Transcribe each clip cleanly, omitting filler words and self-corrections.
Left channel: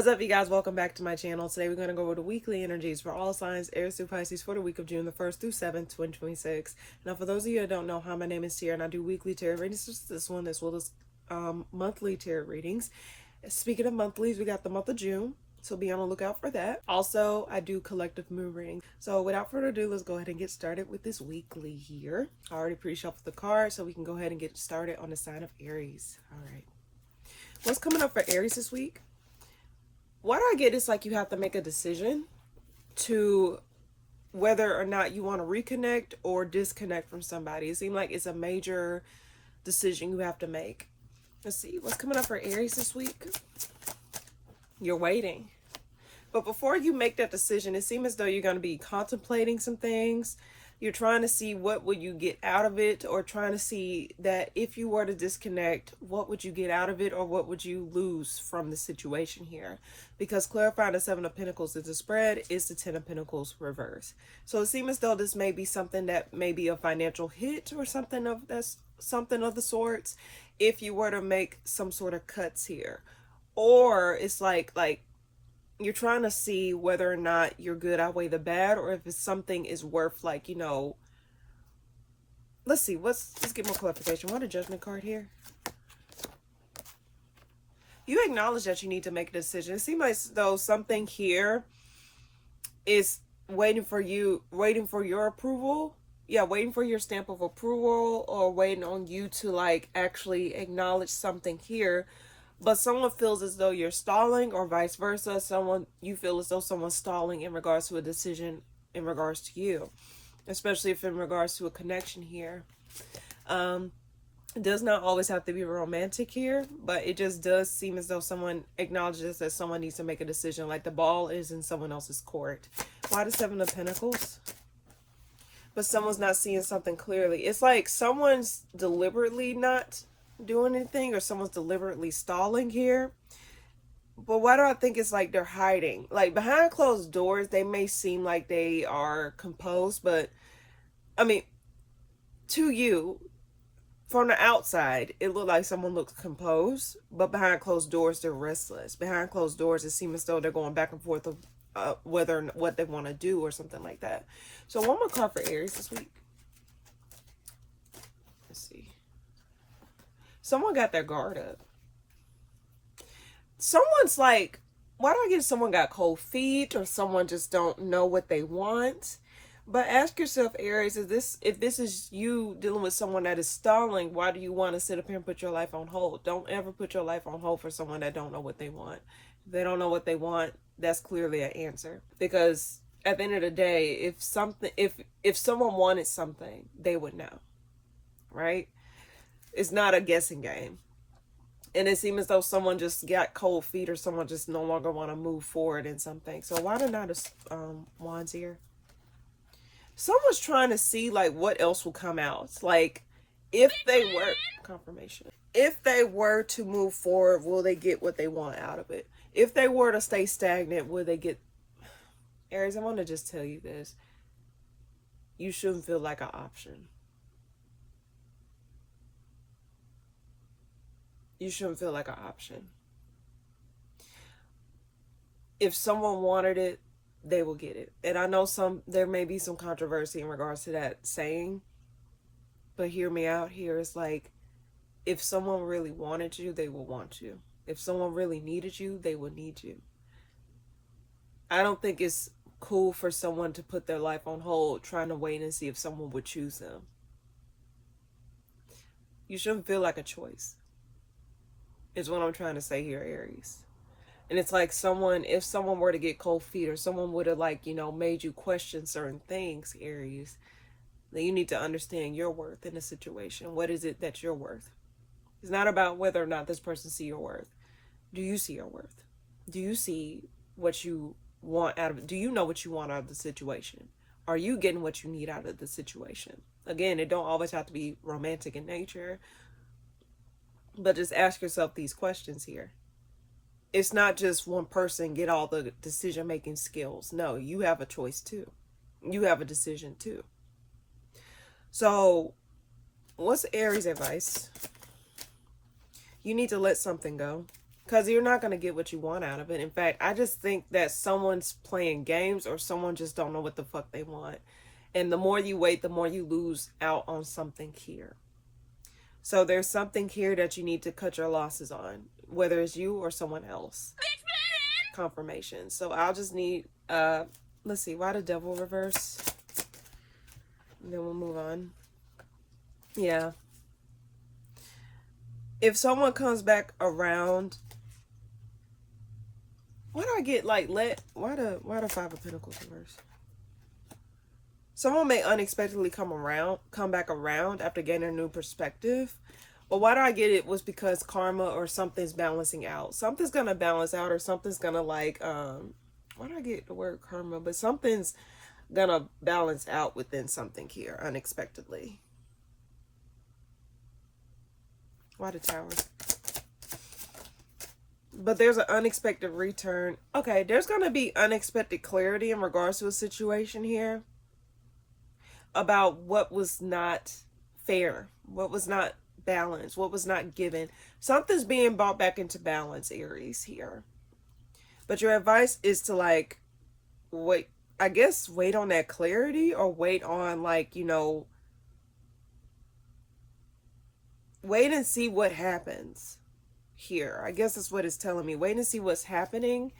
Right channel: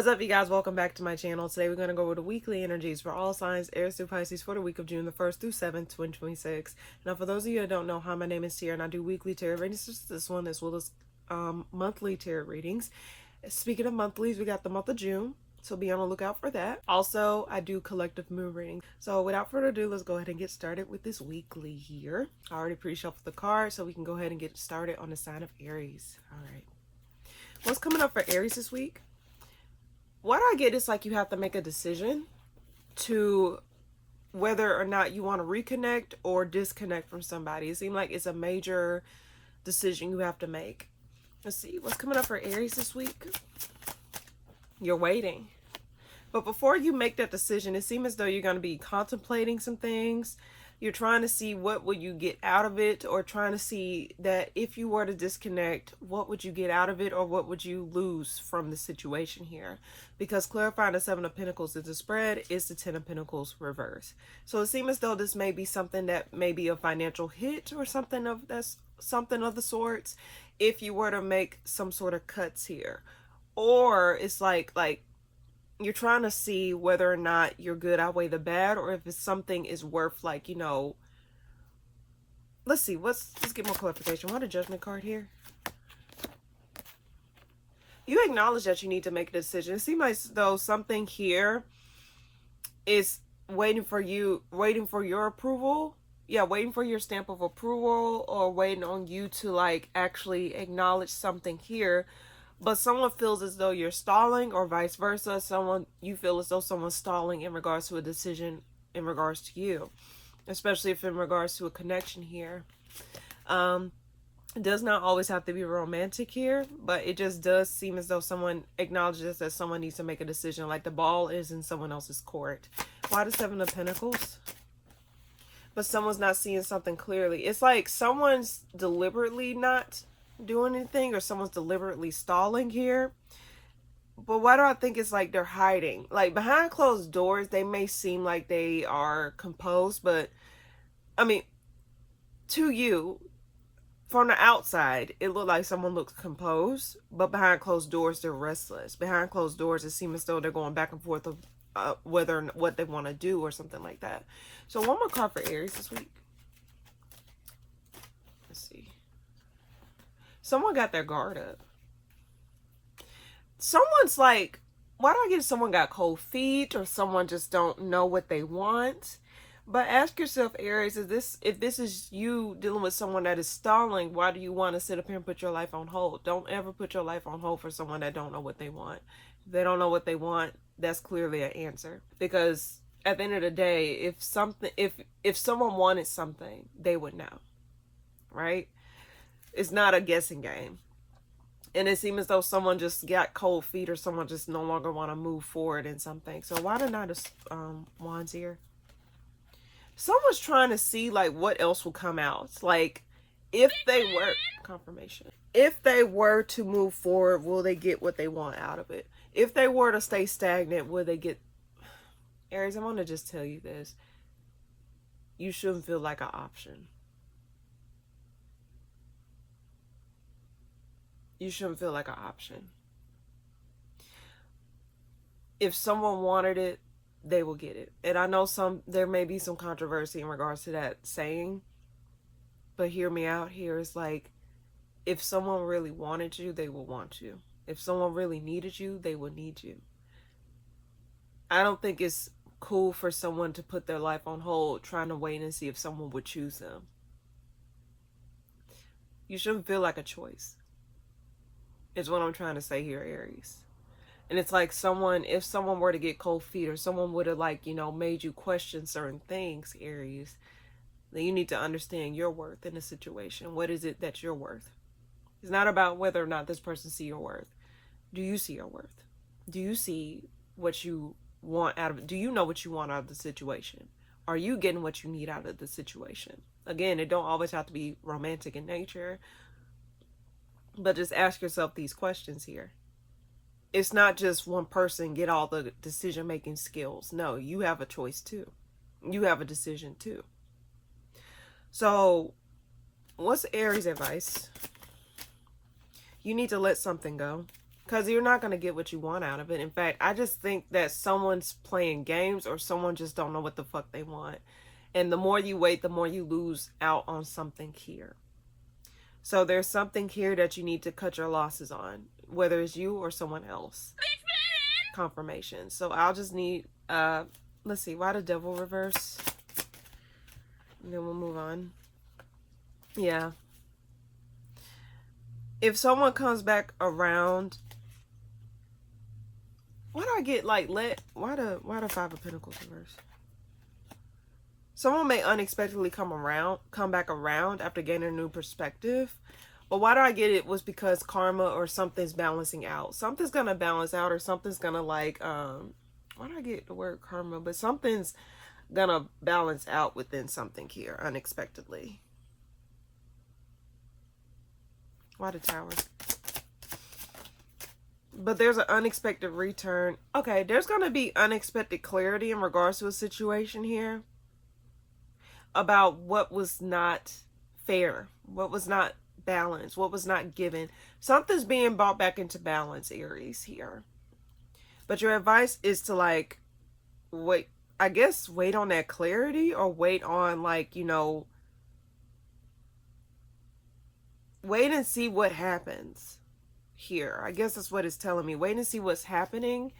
What's up, you guys? Welcome back to my channel. Today we're going to go over the weekly energies for all signs, Aries through Pisces, for the week of June the 1st through 7th, 2026. Now, for those of you who don't know, hi, my name is Tia, and I do weekly tarot readings, this one as well as monthly tarot readings. Speaking of monthlies, we got the month of June, so be on the lookout for that. Also, I do collective moon readings. So without further ado, let's go ahead and get started with this weekly here. I already pre-shuffled the card, so we can go ahead and get started on the sign of Aries. All right. What's coming up for Aries this week? What I get is like you have to make a decision to whether or not you want to reconnect or disconnect from somebody. It seems like it's a major decision you have to make. Let's see what's coming up for Aries this week. You're waiting. But before you make that decision, it seems as though you're going to be contemplating some things. You're trying to see what would you get out of it, or trying to see that if you were to disconnect, what would you get out of it, or what would you lose from the situation here? Because clarifying the Seven of Pentacles is a spread, is the Ten of Pentacles reverse. So it seems as though this may be something that may be a financial hit or something of the sorts if you were to make some sort of cuts here. Or it's like you're trying to see whether or not your good outweigh the bad, or if it's something is worth, like, you know, let's see, let's get more clarification. What a Judgment card here. You acknowledge that you need to make a decision. It seems like though something here is waiting for you, waiting for your approval. Yeah, waiting for your stamp of approval, or waiting on you to like actually acknowledge something here. But someone feels as though you're stalling, or vice versa. You feel as though someone's stalling in regards to a decision in regards to you, especially if in regards to a connection here. It does not always have to be romantic here, but it just does seem as though someone acknowledges that someone needs to make a decision, like the ball is in someone else's court. Why the Seven of Pentacles? But someone's not seeing something clearly. It's like someone's deliberately not doing anything, or someone's deliberately stalling here. But why do I think it's like they're hiding? Like behind closed doors, they may seem like they are composed, but I mean, to you, from the outside, it looked like someone looks composed, but behind closed doors, they're restless. Behind closed doors, it seems as though they're going back and forth of whether or what they want to do or something like that. So one more card for Aries this week. Let's see. Someone got their guard up. Someone's like, why do I get someone got cold feet, or someone just don't know what they want? But ask yourself, Aries, if this is you dealing with someone that is stalling, why do you want to sit up here and put your life on hold? Don't ever put your life on hold for someone that don't know what they want. If they don't know what they want, that's clearly an answer. Because at the end of the day, if someone wanted something, they would know, right? It's not a guessing game. And it seems as though someone just got cold feet, or someone just no longer want to move forward in something. So why the Knight of Wands here? Someone's trying to see like what else will come out. Like if they were, confirmation, if they were to move forward, will they get what they want out of it? If they were to stay stagnant, will they get... Aries, I want to just tell you this. You shouldn't feel like an option. You shouldn't feel like an option. If someone wanted it, they will get it. And I know there may be some controversy in regards to that saying, but hear me out here. It's like, if someone really wanted you, they will want you. If someone really needed you, they will need you. I don't think it's cool for someone to put their life on hold trying to wait and see if someone would choose them. You shouldn't feel like a choice, is what I'm trying to say here, Aries. And it's like if someone were to get cold feet, or someone would have, like, you know, made you question certain things, Aries, then you need to understand your worth in the situation. What is it that you're worth? It's not about whether or not this person see your worth. Do you see your worth? Do you see what you want out of it? Do you know what you want out of the situation? Are you getting what you need out of the situation? Again, it don't always have to be romantic in nature, but just ask yourself these questions here. It's not just one person get all the decision-making skills. No, you have a choice too. You have a decision too. So what's Aries' advice? You need to let something go. Because you're not going to get what you want out of it. In fact, I just think that someone's playing games or someone just don't know what the fuck they want. And the more you wait, the more you lose out on something here. So there's something here that you need to cut your losses on, whether it's you or someone else. Confirmation. So I'll just need, let's see, why the devil reverse? And then we'll move on. Yeah. If someone comes back around, why do I get like why the Five of Pentacles reverse? Someone may unexpectedly come back around after gaining a new perspective. But why do I get it was because karma or something's balancing out. Something's gonna balance out, or something's gonna like why do I get the word karma? But something's gonna balance out within something here unexpectedly. Why the Tower? But there's an unexpected return. Okay, there's gonna be unexpected clarity in regards to a situation here about what was not fair, what was not balanced, what was not given. Something's being brought back into balance, Aries, here. But your advice is to like wait, I guess wait on that clarity, or wait on like, you know, wait and see what happens here. I guess that's what it's telling me. Wait and see what's happening.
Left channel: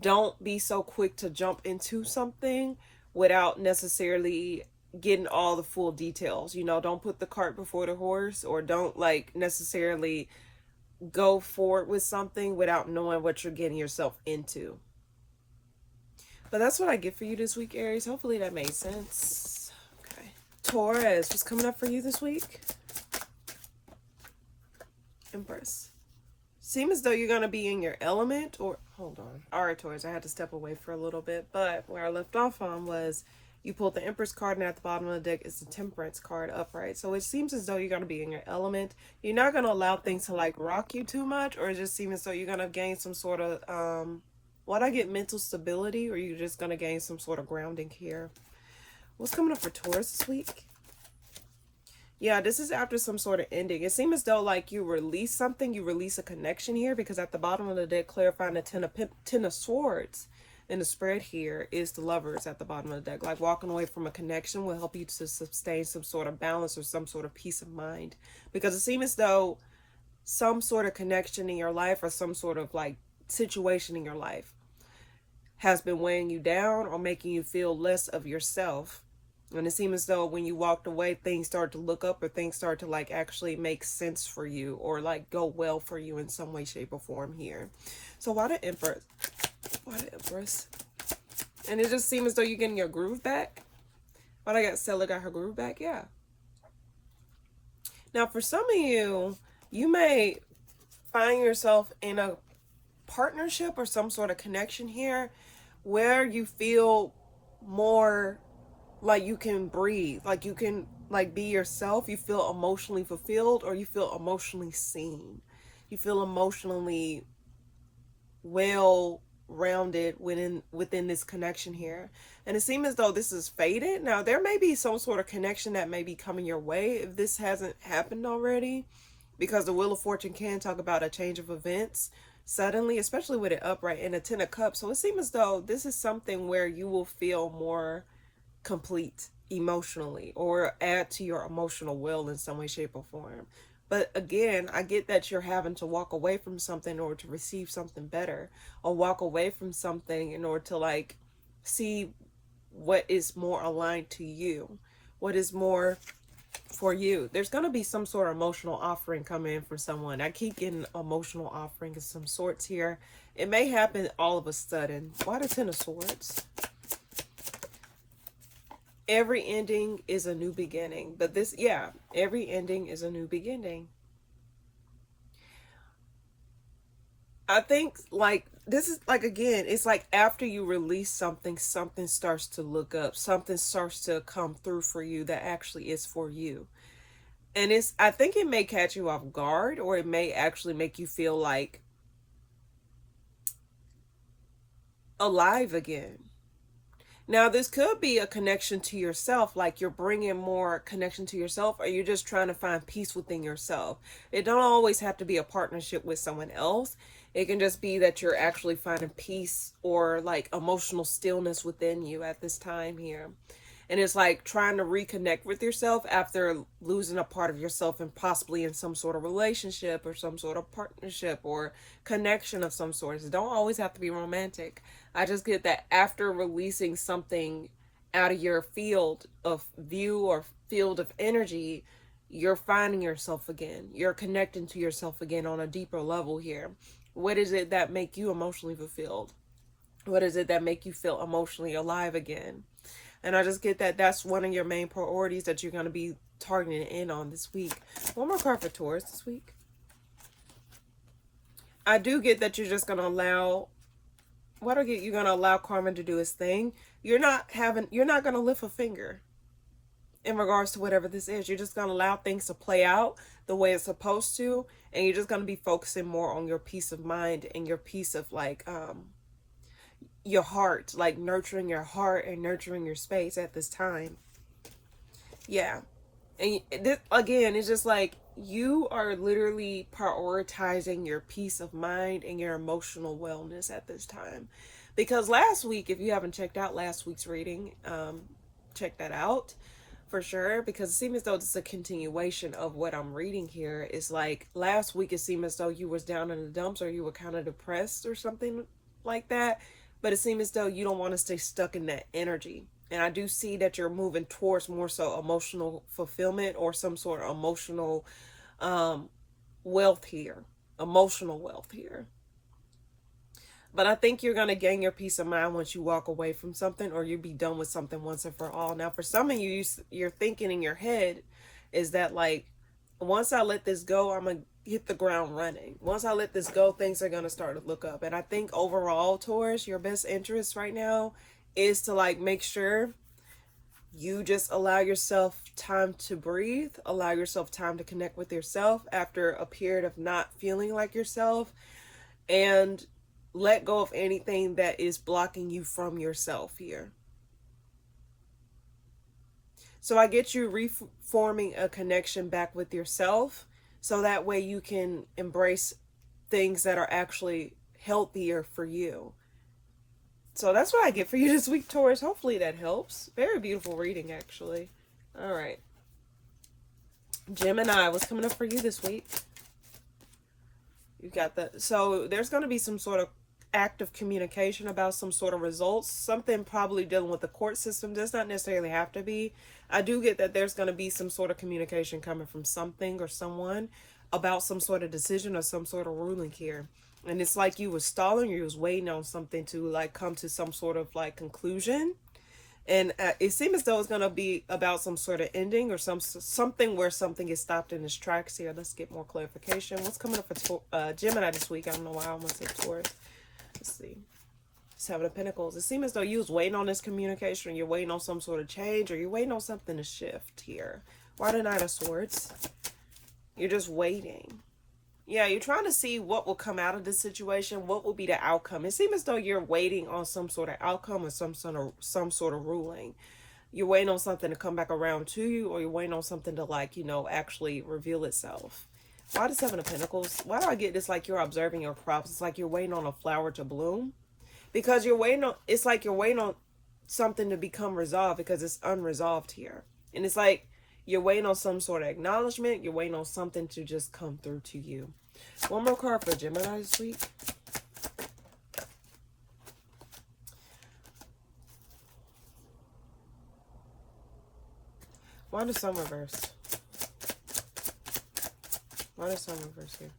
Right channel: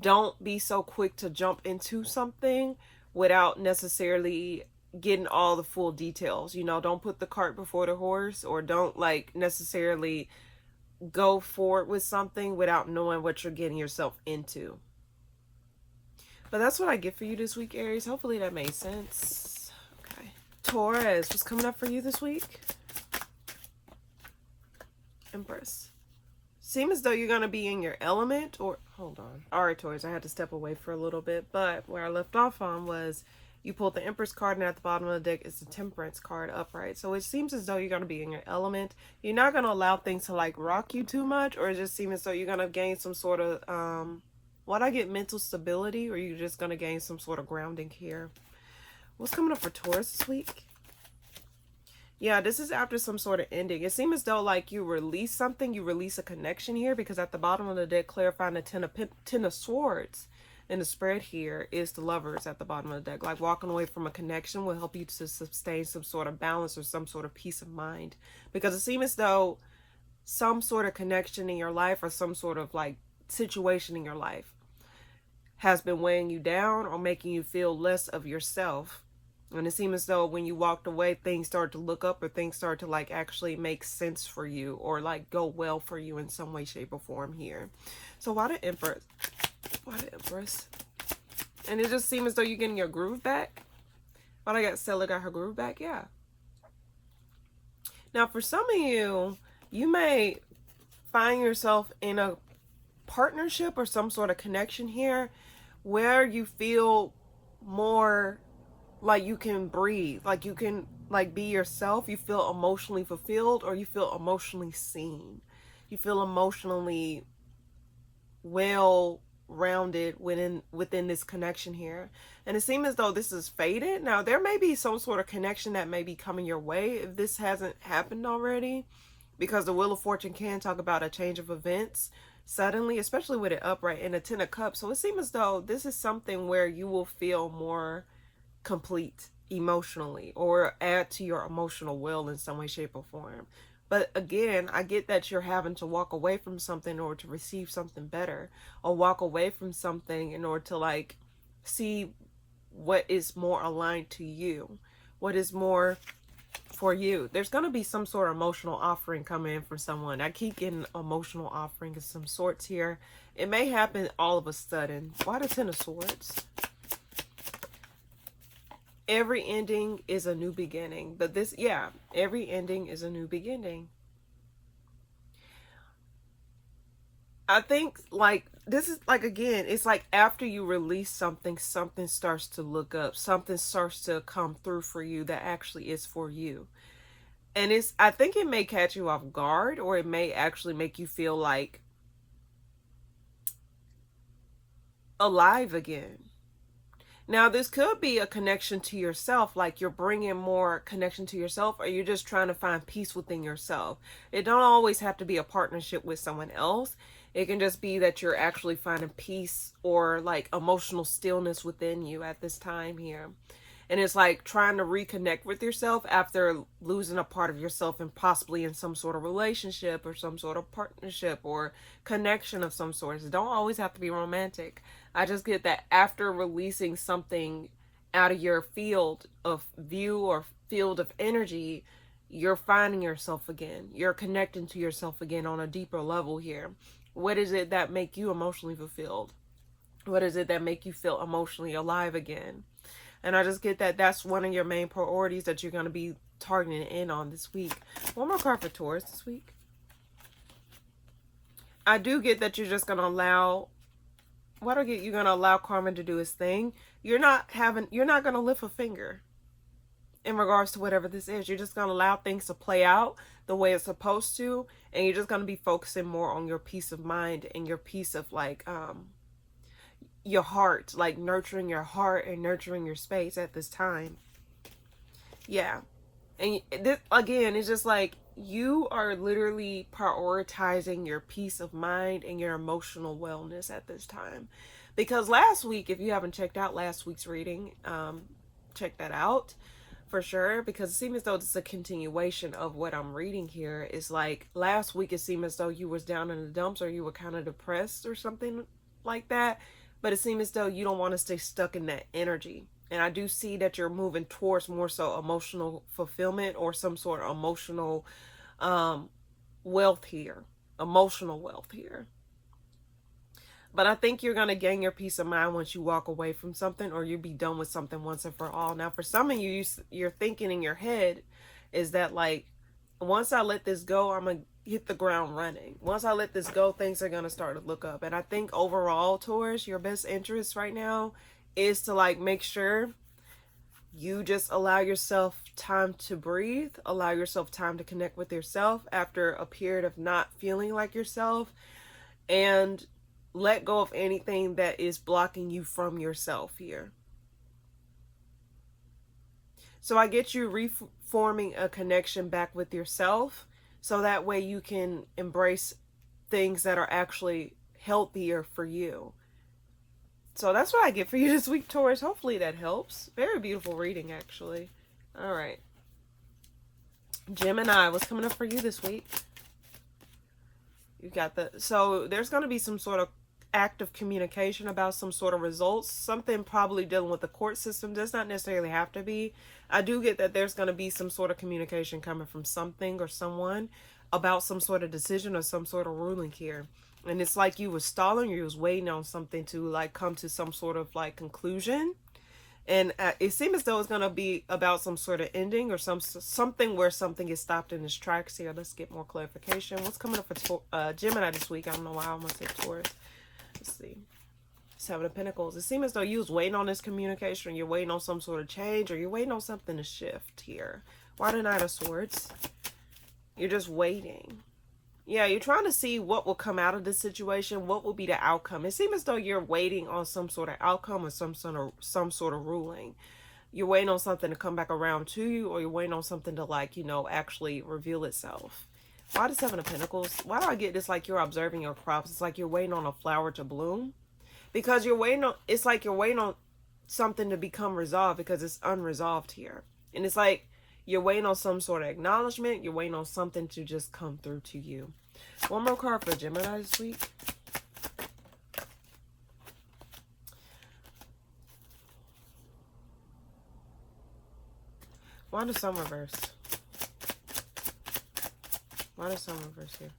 Don't be so quick to jump into something without necessarily getting all the full details. You know, don't put the cart before the horse, or don't like necessarily go forward with something without knowing what you're getting yourself into. But that's what I get for you this week, Aries. Hopefully that made sense. Okay. Taurus, what's coming up for you this week? Empress. Seems as though you're going to be in your element, or hold on. All right, Taurus, I had to step away for a little bit, but where I left off on was you pulled the Empress card, and at the bottom of the deck is the Temperance card upright. So it seems as though you're going to be in your element. You're not going to allow things to like rock you too much, or it just seems as though you're going to gain some sort of, what I get, mental stability, or you're just going to gain some sort of grounding here. What's coming up for Taurus this week? Yeah, this is after some sort of ending. It seems as though like you release something, you release a connection here, because at the bottom of the deck, clarifying the Ten of Swords in the spread here is the Lovers at the bottom of the deck. Like walking away from a connection will help you to sustain some sort of balance or some sort of peace of mind. Because it seems as though some sort of connection in your life or some sort of like situation in your life has been weighing you down or making you feel less of yourself. And it seems as though when you walked away, things start to look up, or things start to like actually make sense for you, or like go well for you in some way, shape, or form here. So why the Empress? Why the Empress? And it just seems as though you're getting your groove back. Why I got Stella got her groove back? Yeah. Now for some of you, you may find yourself in a partnership or some sort of connection here where you feel more like you can breathe, like you can like be yourself. You feel emotionally fulfilled, or you feel emotionally seen. You feel emotionally well rounded within this connection here. And it seems as though this is faded. Now there may be some sort of connection that may be coming your way if this hasn't happened already, because the Wheel of Fortune can talk about a change of events suddenly, especially with it upright in the Ten of Cups. So it seems as though this is something where you will feel more complete emotionally, or add to your emotional will in some way, shape, or form. But again, I get that you're having to walk away from something in order to receive something better, or walk away from something in order to like see what is more aligned to you, what is more for you. There's going to be some sort of emotional offering coming in for someone. I keep getting emotional offering of some sorts here. It may happen all of a sudden. Why the Ten of Swords? Every ending is a new beginning. But this, yeah, every ending is a new beginning. I think like this is like, again, it's like after you release something, something starts to look up, something starts to come through for you that actually is for you. And it's, I think it may catch you off guard, or it may actually make you feel like alive again. Now, this could be a connection to yourself, like you're bringing more connection to yourself, or you're just trying to find peace within yourself. It don't always have to be a partnership with someone else. It can just be that you're actually finding peace or like emotional stillness within you at this time here. And it's like trying to reconnect with yourself after losing a part of yourself and possibly in some sort of relationship or some sort of partnership or connection of some sort. It don't always have to be romantic. I just get that after releasing something out of your field of view or field of energy, you're finding yourself again. You're connecting to yourself again on a deeper level here. What is it that make you emotionally fulfilled? What is it that make you feel emotionally alive again? And I just get that that's one of your main priorities that you're going to be targeting in on this week. One more card for Taurus this week. I do get that you're just going to allow, what I get, you're going to allow karma to do its thing. You're not going to lift a finger in regards to whatever this is. You're just going to allow things to play out the way it's supposed to. And you're just going to be focusing more on your peace of mind and your peace of like, your heart, like nurturing your heart and nurturing your space at this time. Yeah. And this, again, it's just like you are literally prioritizing your peace of mind and your emotional wellness at this time. Because last week, if you haven't checked out last week's reading, check that out for sure. Because it seems as though it's a continuation of what I'm reading here. It's like last week, it seemed as though you was down in the dumps or you were kind of depressed or something like that. But it seems as though you don't want to stay stuck in that energy. And I do see that you're moving towards more so emotional fulfillment or some sort of emotional wealth here. Emotional wealth here. But I think you're going to gain your peace of mind once you walk away from something or you'll be done with something once and for all. Now, for some of you, you're thinking in your head is that like, once I let this go, I'm going to hit the ground running. Once I let this go, things are going to start to look up. And I think overall, Taurus, your best interest right now is to like make sure you just allow yourself time to breathe, allow yourself time to connect with yourself after a period of not feeling like yourself, and let go of anything that is blocking you from yourself here. So I get you reforming a connection back with yourself so that way you can embrace things that are actually healthier for you. So that's what I get for you this week, Taurus. Hopefully that helps. Very beautiful reading, actually. All right. Gemini, what's coming up for you this week? You got the... So there's going to be some sort of active communication about some sort of results. Something probably dealing with the court system. Does not necessarily have to be. I do get that there's going to be some sort of communication coming from something or someone about some sort of decision or some sort of ruling here. And it's like you was stalling, you was waiting on something to like come to some sort of like conclusion. And it seems as though it's going to be about some sort of ending or something where something is stopped in its tracks here. Let's get more clarification. What's coming up for Gemini this week? I don't know why I want to say Taurus. Let's see. Seven of Pentacles. It seems as though you was waiting on this communication. You're waiting on some sort of change or you're waiting on something to shift here. Why the Knight of Swords? You're just waiting. Yeah, you're trying to see what will come out of this situation. What will be the outcome? It seems as though you're waiting on some sort of outcome or some sort of ruling. You're waiting on something to come back around to you, or you're waiting on something to like, you know, actually reveal itself. Why the Seven of Pentacles? Why do I get this like you're observing your crops? It's like you're waiting on a flower to bloom. Because you're waiting on, it's like you're waiting on something to become resolved because it's unresolved here. And it's like you're waiting on some sort of acknowledgement. You're waiting on something to just come through to you. One more card for Gemini this week. Why the Sun reverse? Why the Sun reverse here?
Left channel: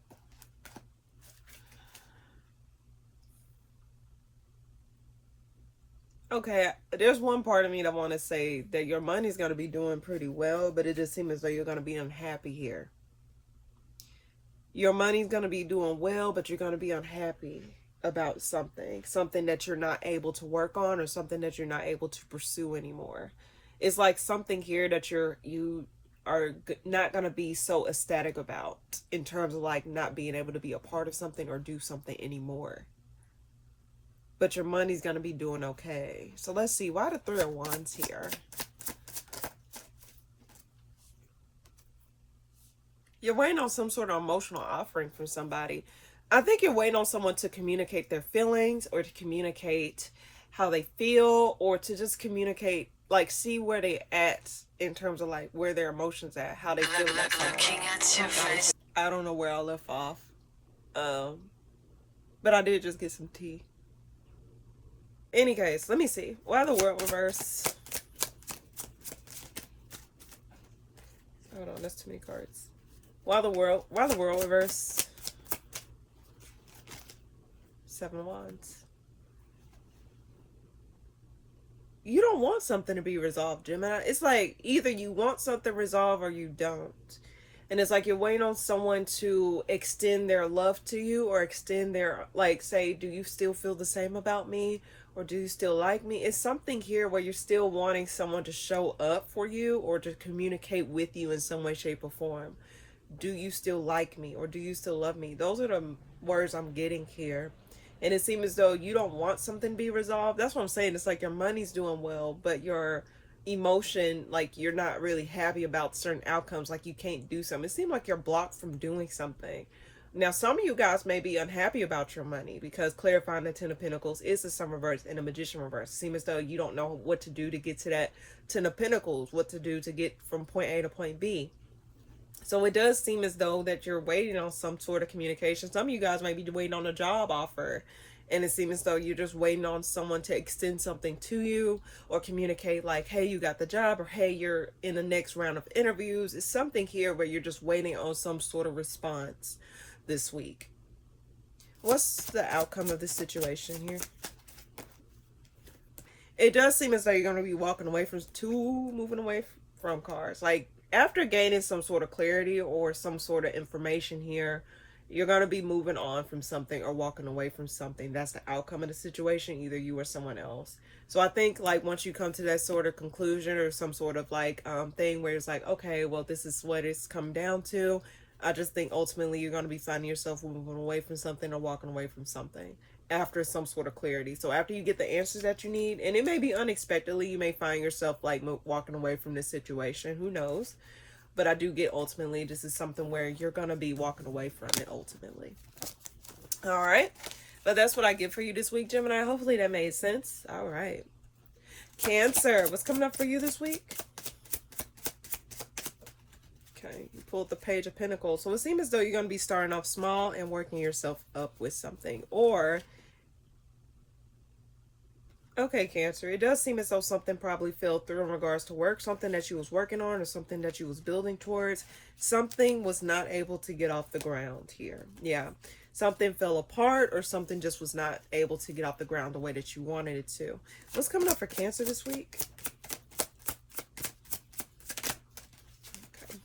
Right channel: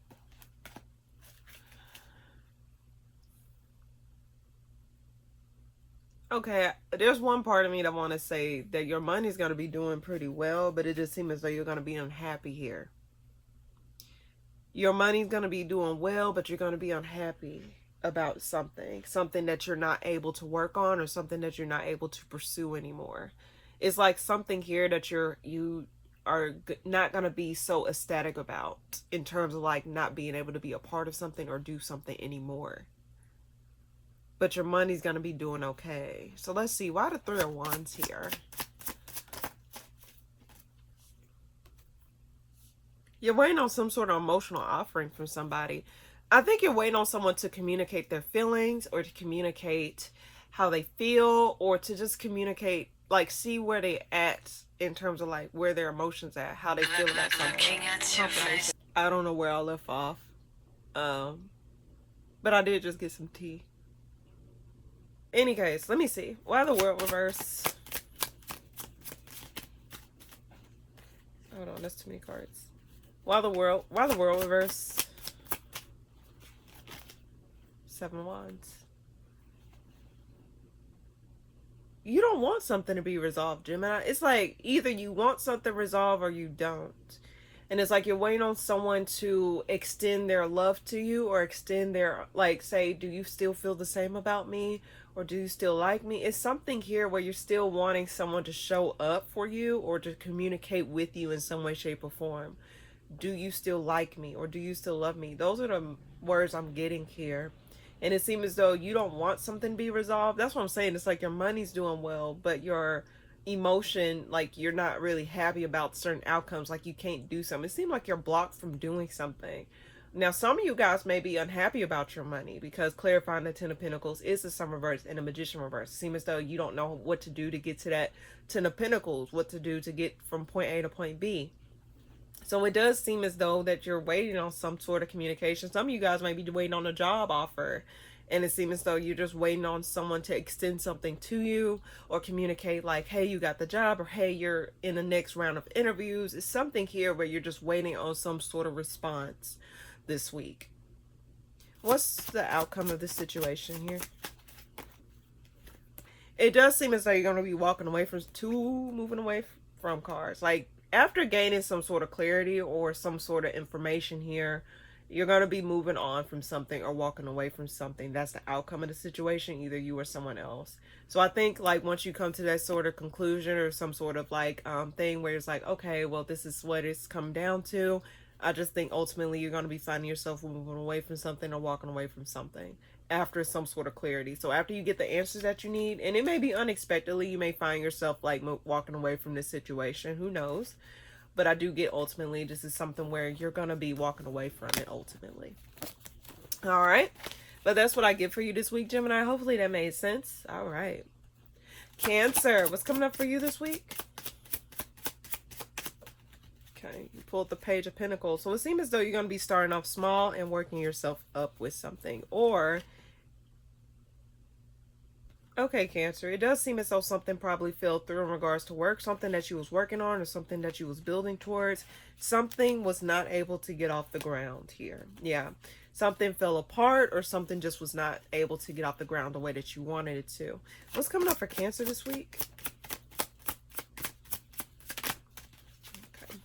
Okay, there's one part of me that want to say that your money's going to be doing pretty well, but it just seems as though you're going to be unhappy here. Your money's going to be doing well, but you're going to be unhappy about something that you're not able to work on or something that you're not able to pursue anymore. It's like something here that you are not going to be so ecstatic about in terms of like not being able to be a part of something or do something anymore. But your money's going to be doing okay. So let's see. Why the Three of Wands here? You're waiting on some sort of emotional offering from somebody. I think you're waiting on someone to communicate their feelings or to communicate how they feel or to just communicate, like, see where they at in terms of like where their emotions at, how they feel about something. I don't know where I left off. Um, but I did just get some tea. Any case, let me see. Why the world reverse? Hold on, that's too many cards. Why the world reverse? 7 wands. You don't want something to be resolved, Gemini. It's like either you want something resolved or you don't. And it's like you're waiting on someone to extend their love to you or extend their, like, say, do you still feel the same about me? Or do you still like me? It's something here where you're still wanting someone to show up for you or to communicate with you in some way, shape, or form. Do you still like me or do you still love me? Those are the words I'm getting here. And it seems as though you don't want something to be resolved. That's what I'm saying. It's like your money's doing well, but your emotion, like you're not really happy about certain outcomes, like you can't do something. It seems like you're blocked from doing something. Now, some of you guys may be unhappy about your money because clarifying the Ten of Pentacles is the Sun reverse and the Magician reverse. It seems as though you don't know what to do to get to that Ten of Pentacles, what to do to get from point A to point B. So it does seem as though that you're waiting on some sort of communication. Some of you guys might be waiting on a job offer. And it seems as though you're just waiting on someone to extend something to you or communicate like, hey, you got the job, or hey, you're in the next round of interviews. It's something here where you're just waiting on some sort of response this week. What's the outcome of this situation here? It does seem as though you're going to be walking away from moving away from cards. Like, after gaining some sort of clarity or some sort of information here, you're going to be moving on from something or walking away from something. That's the outcome of the situation, either you or someone else. So I think like once you come to that sort of conclusion or some sort of like thing where it's like, okay, well, this is what it's come down to. I just think ultimately you're going to be finding yourself moving away from something or walking away from something after some sort of clarity. So after you get the answers that you need, and it may be unexpectedly, you may find yourself like walking away from this situation. Who knows? But I do get ultimately this is something where you're going to be walking away from it ultimately. All right. But that's what I get for you this week, Gemini. Hopefully that made sense. All right. Cancer. What's coming up for you this week? Okay. You pulled the Page of Pentacles. So it seems as though you're going to be starting off small and working yourself up with something. Or... okay, Cancer, it does seem as though something probably fell through in regards to work, something that you was working on or something that you was building towards. Something was not able to get off the ground here. Yeah, something fell apart or something just was not able to get off the ground the way that you wanted it to. What's coming up for Cancer this week? Okay.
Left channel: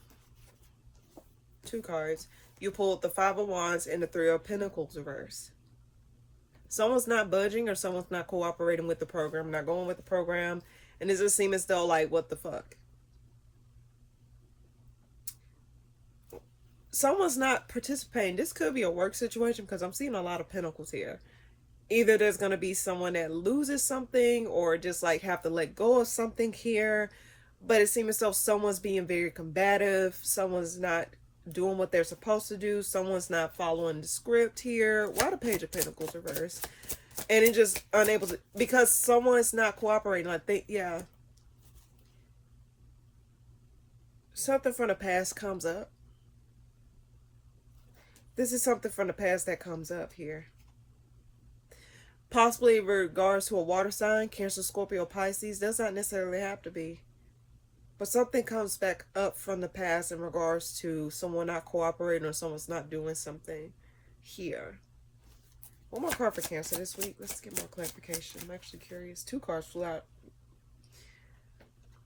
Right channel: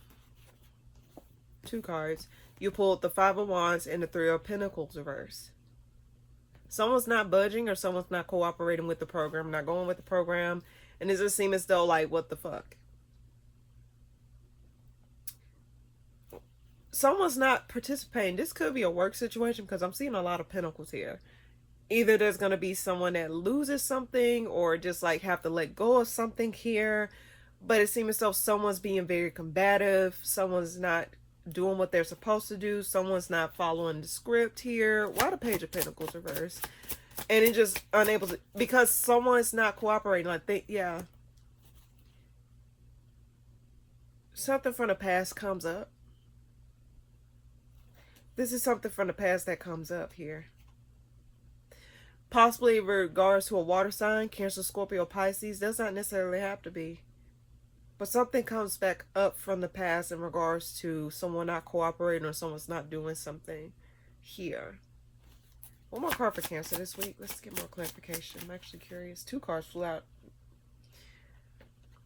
2 cards. You pulled the 5 of Wands and the 3 of Pentacles reverse. Someone's not budging or someone's not cooperating with the program, not going with the program. And it just seems as though, like, what the fuck? Someone's not participating. This could be a work situation because I'm seeing a lot of pentacles here. Either there's going to be someone that loses something or just, like, have to let go of something here. But it seems as though someone's being very combative. Someone's not doing what they're supposed to do. Someone's not following the script here. Why the Page of Pentacles reverse? And it just unable to, because someone's not cooperating. Like they, yeah. Something from the past comes up. This is something from the past that comes up here. Possibly in regards to a water sign, Cancer, Scorpio, Pisces. Does not necessarily have to be. But something comes back up from the past in regards to someone not cooperating or someone's not doing something here. One more card for Cancer this week. Let's get more clarification. I'm actually curious. 2 cards flew out.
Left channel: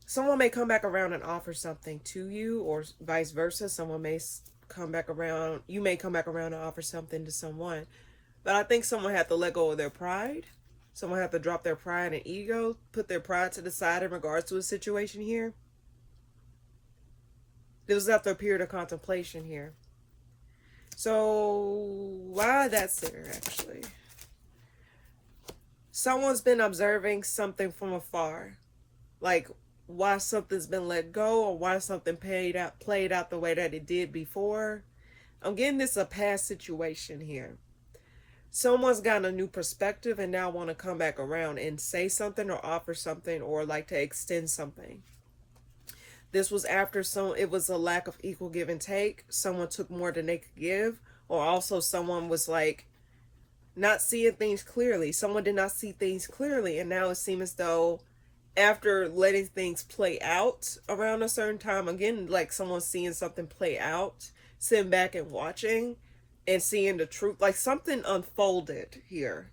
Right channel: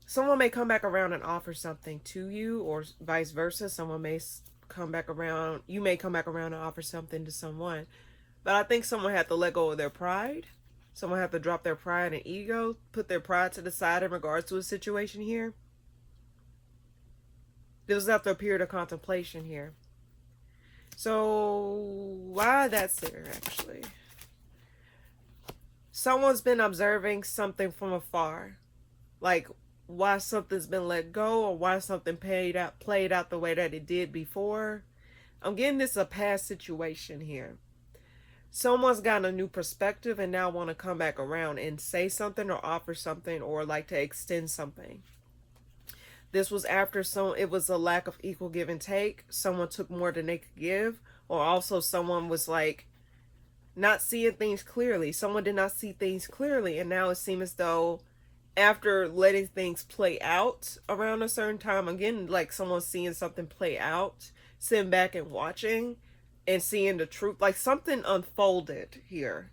Someone may come back around and offer something to you or vice versa. Someone may come back around. You may come back around and offer something to someone. But I think someone had to let go of their pride. Someone had to drop their pride and ego. Put their pride to the side in regards to a situation here. This was after a period of contemplation here. So, why that's there, actually? Someone's been observing something from afar. Like, why something's been let go or why something played out the way that it did before. I'm getting this a past situation here. someone's gotten a new perspective and now want to come back around and say something or offer something or like to extend something. This was after it was a lack of equal give and take. Someone took more than they could give, or also someone was like not seeing things clearly. Someone did not see things clearly, and now it seems as though after letting things play out around a certain time, again, like someone seeing something play out, sitting back and watching and seeing the truth, like something unfolded here.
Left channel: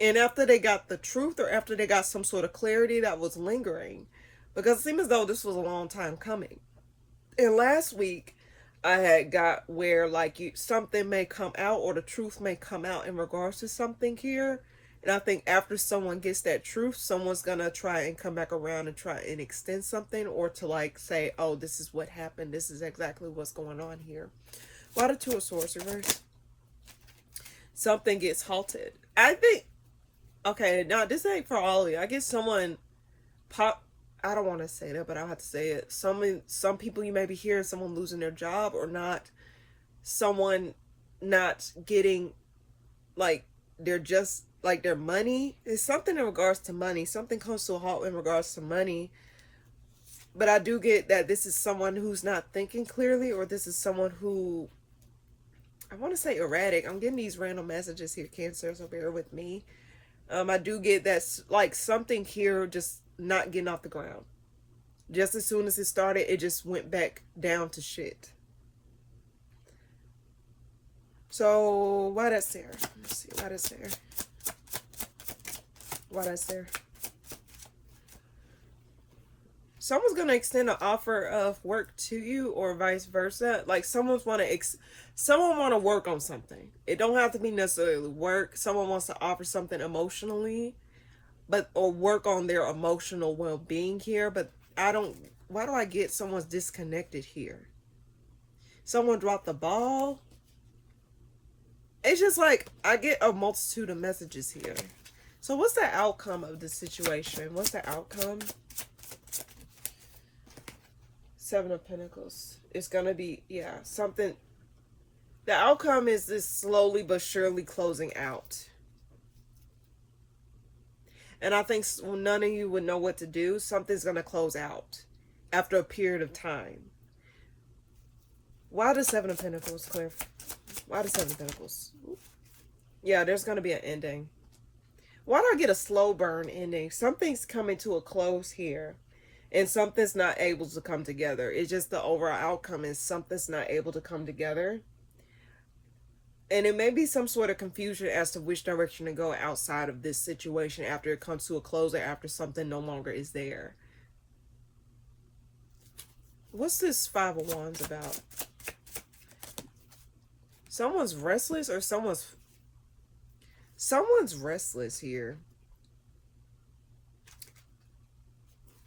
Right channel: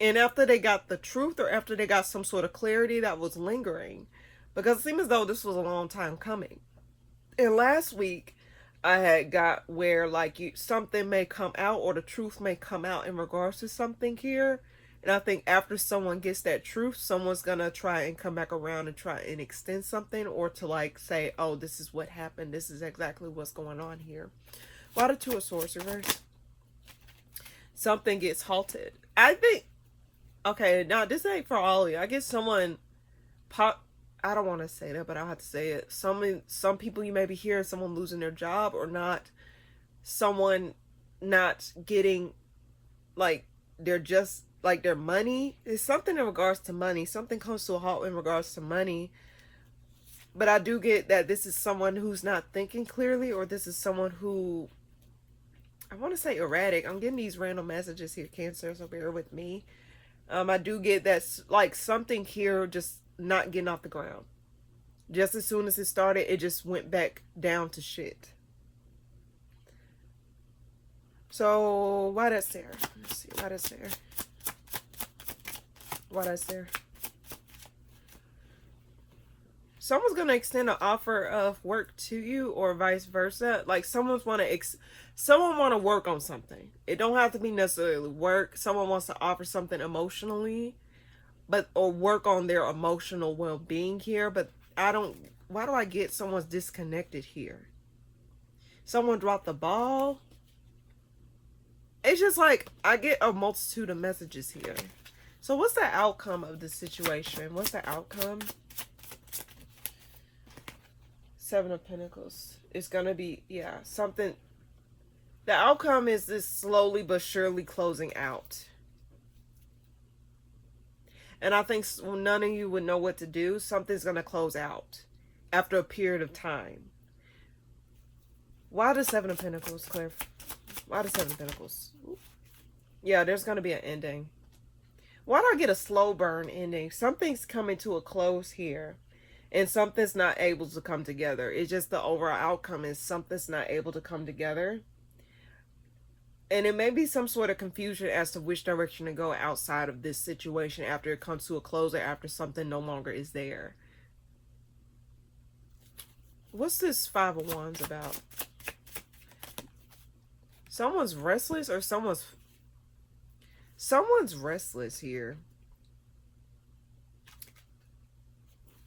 And after they got the truth, or after they got some sort of clarity that was lingering, because it seemed as though this was a long time coming. And last week, I had got where like something may come out, or the truth may come out in regards to something here. And I think after someone gets that truth, someone's gonna try and come back around and try and extend something, or to like say, oh, this is what happened. This is exactly what's going on here. A lot of Two of Swords reverse. Something gets halted. I think, okay, now this ain't for all of you. I guess someone I don't want to say that, but I'll have to say it. Some people you may be hearing someone losing their job, or not, someone not getting like their money. It's something in regards to money. Something comes to a halt in regards to money. But I do get that this is someone who's not thinking clearly, or this is someone who, I want to say erratic. I'm getting these random messages here, Cancer, so bear with me. I do get that like something here just not getting off the ground. Just as soon as it started, it just went back down to shit. So why that's there? Let's see why that's there. Why that's there? Someone's gonna extend an offer of work to you, or vice versa. Like someone want to work on something. It don't have to be necessarily work. Someone wants to offer something emotionally, or work on their emotional well-being here. But why do I get someone's disconnected here? Someone dropped the ball. It's just like I get a multitude of messages here. So what's the outcome of the situation? What's the outcome? Seven of Pentacles. It's gonna be, yeah, something. The outcome is this slowly but surely closing out. And I think none of you would know what to do. Something's going to close out after a period of time. Why the Seven of Pentacles, Cliff? Why the Seven of Pentacles? Yeah, there's going to be an ending. Why do I get a slow burn ending? Something's coming to a close here, and something's not able to come together. It's just the overall outcome is something's not able to come together. And it may be some sort of confusion as to which direction to go outside of this situation after it comes to a close, or after something no longer is there. What's this Five of Wands about? Someone's restless, or someone's restless here.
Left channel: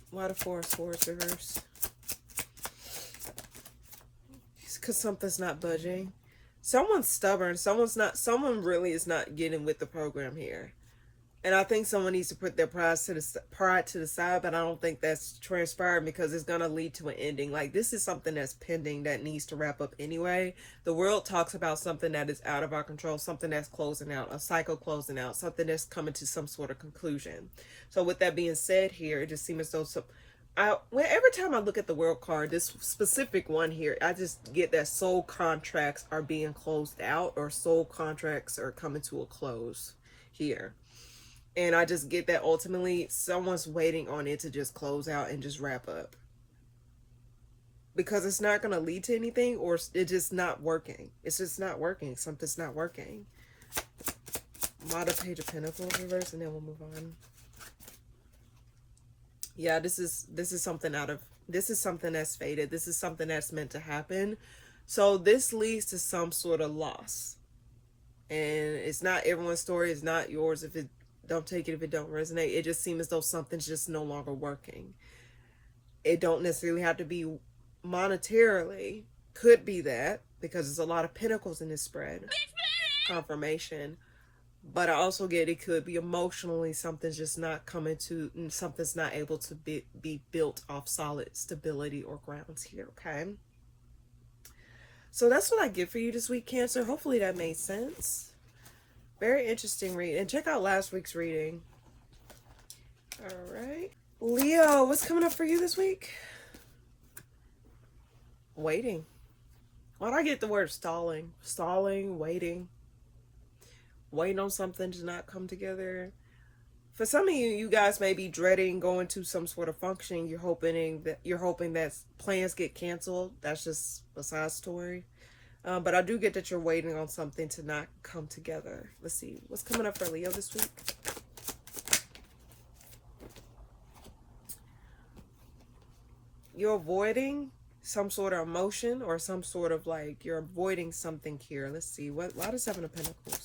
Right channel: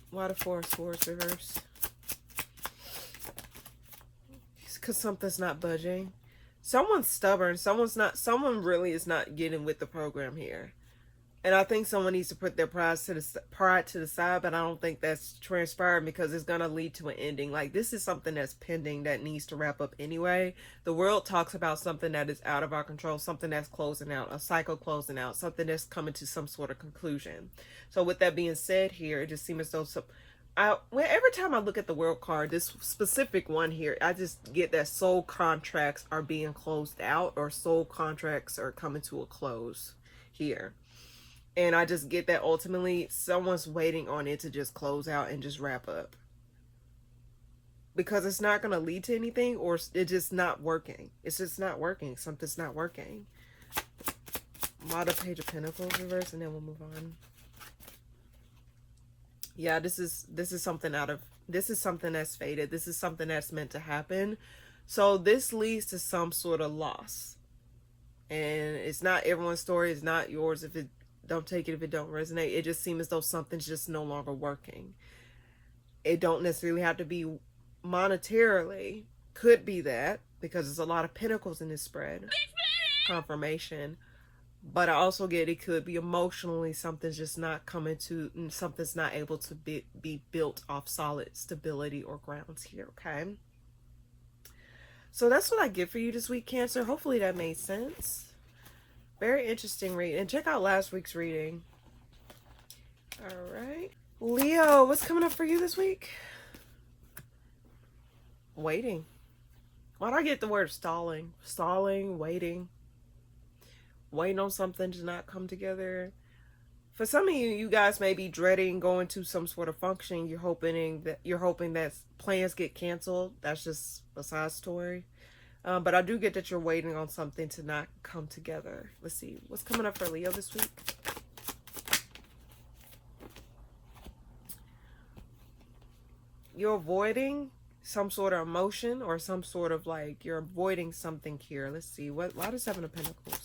Why the Four of Swords reverse? It's because something's not budging. Someone's stubborn. Someone really is not getting with the program here. And I think someone needs to put their pride to the side, but I don't think that's transpired, because it's going to lead to an ending. Like, this is something that's pending that needs to wrap up anyway. The world talks about something that is out of our control, something that's closing out, a cycle closing out, something that's coming to some sort of conclusion. So with that being said here, it just seems as though every time I look at the world card, this specific one here, I just get that soul contracts are being closed out, or soul contracts are coming to a close here. And I just get that ultimately someone's waiting on it to just close out and just wrap up, because it's not going to lead to anything, or it's just not working. It's just not working. Something's not working. Model Page of Pentacles reverse, and then we'll move on. Yeah, this is something this is something that's fated. This is something that's meant to happen. So this leads to some sort of loss. And it's not everyone's story. It's not yours. Don't take it if it don't resonate. It just seems as though something's just no longer working. It don't necessarily have to be monetarily. Could be that, because there's a lot of pentacles in this spread. Confirmation. But I also get it could be emotionally, something's just not coming to, something's not able to be built off solid stability or grounds here, okay? So that's what I get for you this week, Cancer. Hopefully that made sense. Very interesting read. And check out last week's reading. All right. Leo, what's coming up for you this week? Waiting. Why'd I get the word stalling? Stalling, waiting. Waiting on something to not come together. For some of you, you guys may be dreading going to some sort of function. You're hoping that plans get canceled. That's just a side story. But I do get that you're waiting on something to not come together. Let's see. What's coming up for Leo this week? You're avoiding some sort of emotion or some sort of like you're avoiding something here. Let's see. Why the Seven of Pentacles?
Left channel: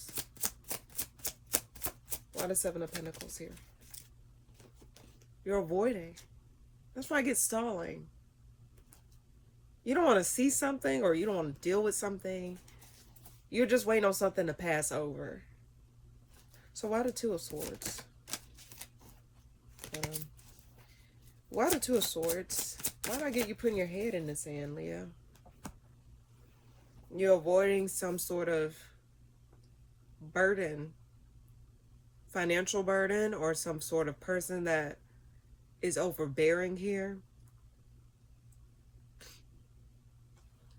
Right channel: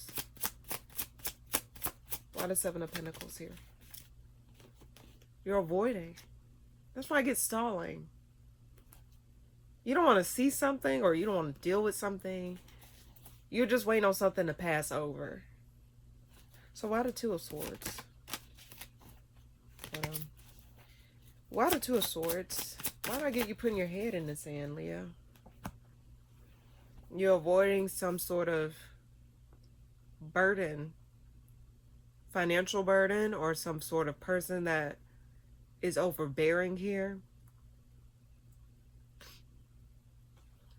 Why the Seven of Pentacles here? You're avoiding. That's why I get stalling. You don't want to see something or you don't want to deal with something. You're just waiting on something to pass over. So why the Two of Swords? Why the Two of Swords? Why did I get you putting your head in the sand, Leo? You're avoiding some sort of burden, financial burden, or some sort of person that is overbearing here.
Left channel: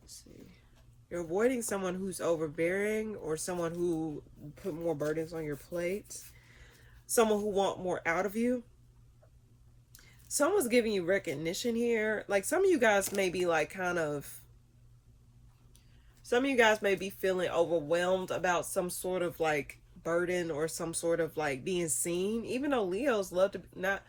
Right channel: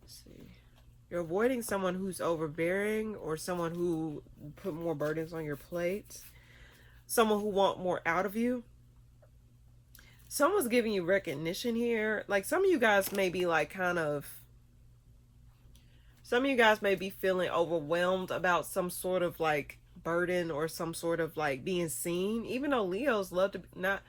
Let's see. You're avoiding someone who's overbearing or someone who put more burdens on your plate. Someone who wants more out of you. Someone's giving you recognition here. Like some of you guys may be like some of you guys may be feeling overwhelmed about some sort of like burden or some sort of like being seen. Even though Leos love to not,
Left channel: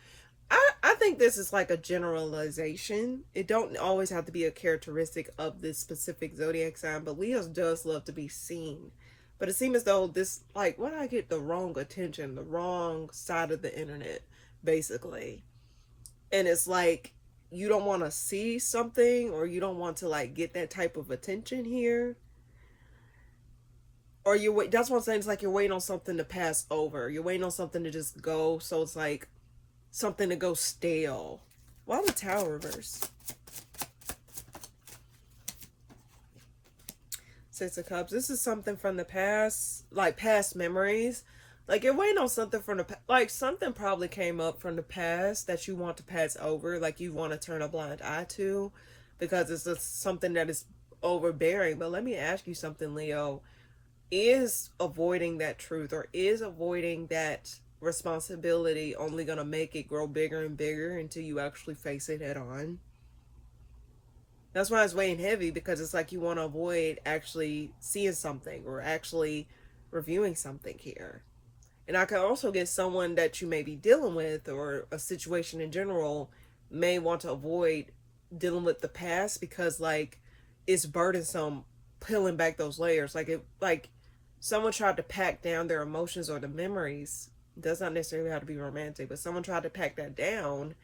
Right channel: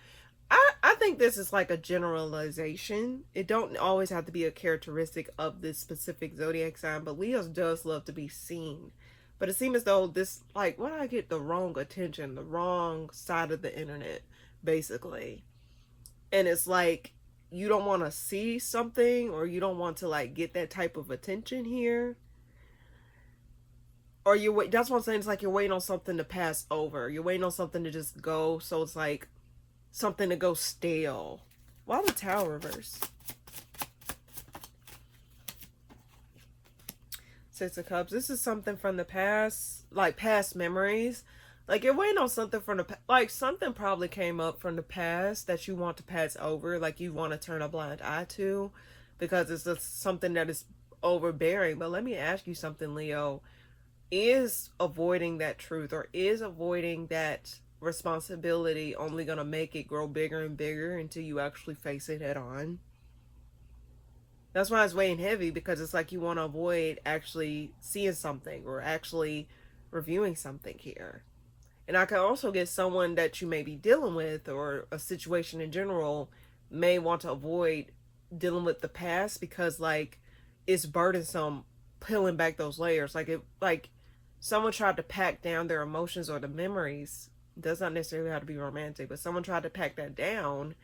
I think this is like a generalization. It don't always have to be a characteristic of this specific zodiac sign, but Leos does love to be seen. But it seems as though this, like, why did I get the wrong attention, the wrong side of the internet, basically. And it's like, you don't want to see something or you don't want to like get that type of attention here. Or that's what I'm saying. It's like you're waiting on something to pass over. You're waiting on something to just go. So it's like something to go stale. Why the Tower reverse? Six of Cups. This is something from the past, like past memories. Like you're waiting on something from the like something probably came up from the past that you want to pass over, like you want to turn a blind eye to, because it's just something that is overbearing. But let me ask you something, Leo. Is avoiding that truth or is avoiding that responsibility only going to make it grow bigger and bigger until you actually face it head on? That's why it's weighing heavy, because it's like you want to avoid actually seeing something or actually reviewing something here. And I can also get someone that you may be dealing with or a situation in general may want to avoid dealing with the past because like it's burdensome peeling back those layers. Like someone tried to pack down their emotions or the memories. It does not necessarily have to be romantic, but someone tried to pack that down,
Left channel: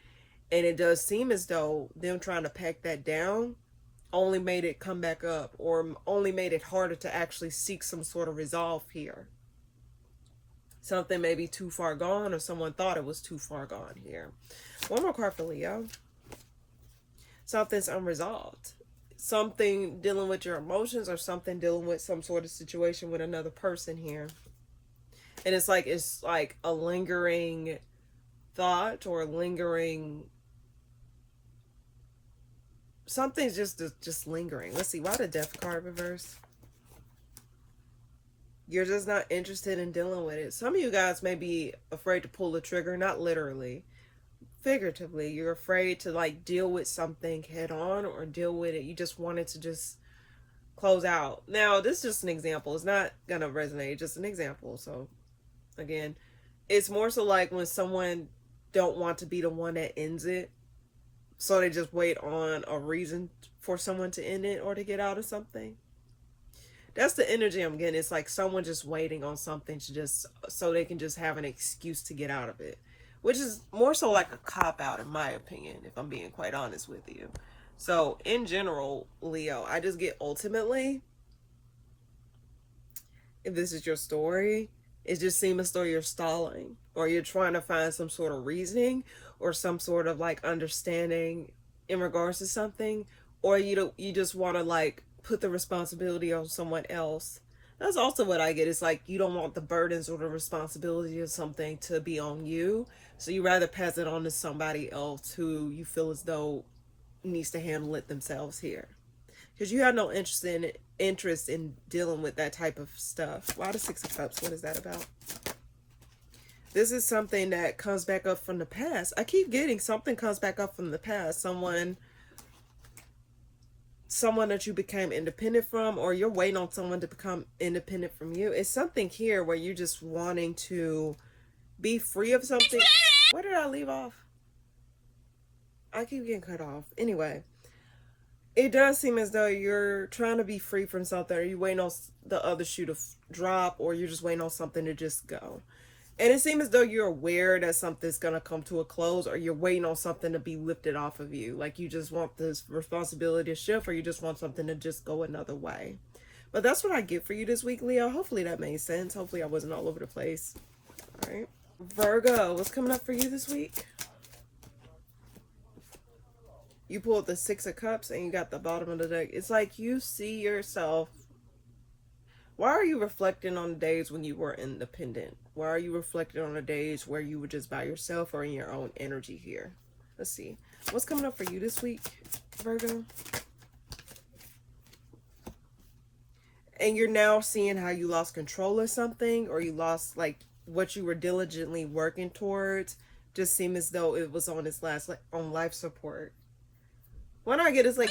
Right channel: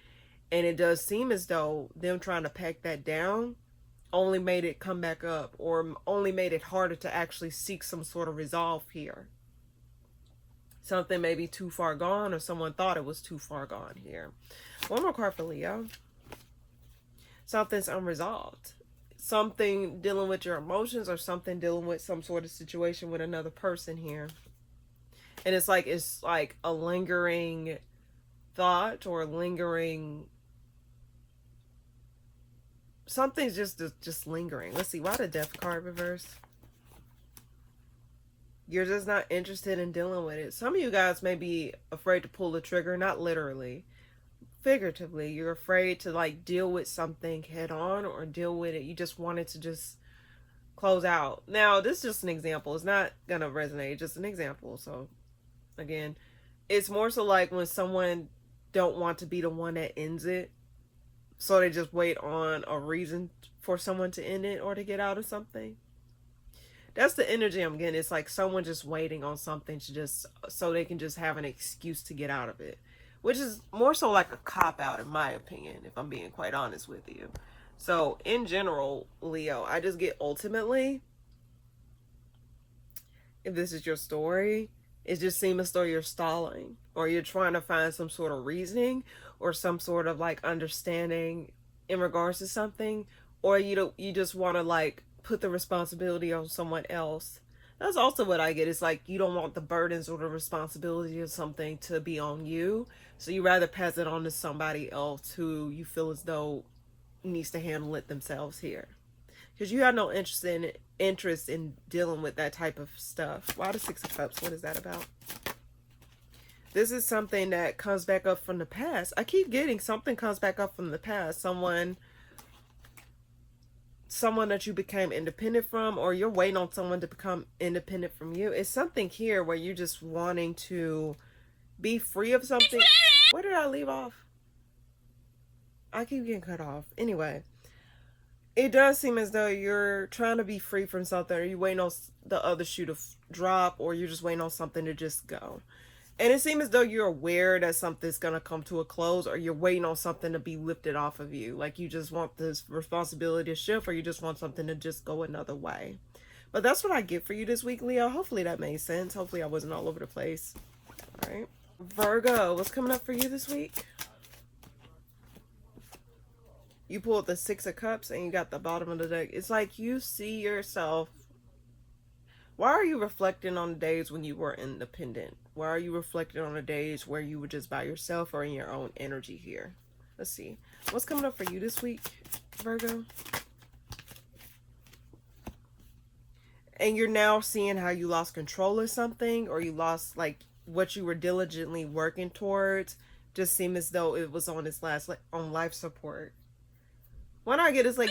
and it does seem as though them trying to pack that down only made it come back up or only made it harder to actually seek some sort of resolve here. Something may be too far gone or someone thought it was too far gone here. One more card for Leo. Something's unresolved. Something dealing with your emotions or something dealing with some sort of situation with another person here. And it's like a lingering thought or lingering... Something's just lingering. Let's see. Why the Death card reverse? You're just not interested in dealing with it. Some of you guys may be afraid to pull the trigger, not literally, figuratively. You're afraid to like deal with something head on or deal with it. You just want it to just close out. Now, this is just an example. It's not going to resonate. It's just an example. So, again, it's more so like when someone don't want to be the one that ends it. So they just wait on a reason for someone to end it or to get out of something. That's the energy I'm getting. It's like someone just waiting on something to just, so they can just have an excuse to get out of it. Which is more so like a cop-out in my opinion, if I'm being quite honest with you. So in general, Leo, I just get ultimately, if this is your story, it just seems as though you're stalling. Or you're trying to find some sort of reasoning or some sort of like understanding in regards to something. Or you just want to like put the responsibility on someone else. That's also what I get. It's like you don't want the burdens or the responsibility of something to be on you. So you rather pass it on to somebody else who you feel as though needs to handle it themselves here. Because you have no interest in dealing with that type of stuff. Why the Six of Cups? What is that about? This is something that comes back up from the past. I keep getting something comes back up from the past. Someone that you became independent from, or you're waiting on someone to become independent from you. It's something here where you're just wanting to be free of something. Where did I leave off? I keep getting cut off. Anyway, it does seem as though you're trying to be free from something, or you're waiting on the other shoe to drop, or you're just waiting on something to just go. And it seems as though you're aware that something's going to come to a close, or you're waiting on something to be lifted off of you. Like you just want this responsibility to shift, or you just want something to just go another way. But that's what I get for you this week, Leo. Hopefully that made sense. Hopefully I wasn't all over the place. All right. Virgo, what's coming up for you this week? You pulled the Six of Cups and you got the bottom of the deck. It's like you see yourself. Why are you reflecting on the days when you were independent? Why are you reflecting on the days where you were just by yourself or in your own energy here? Let's see. What's coming up for you this week, Virgo? And you're now seeing how you lost control of something, or you lost like what you were diligently working towards. Just seemed as though it was on its last, like on life support. What I get is like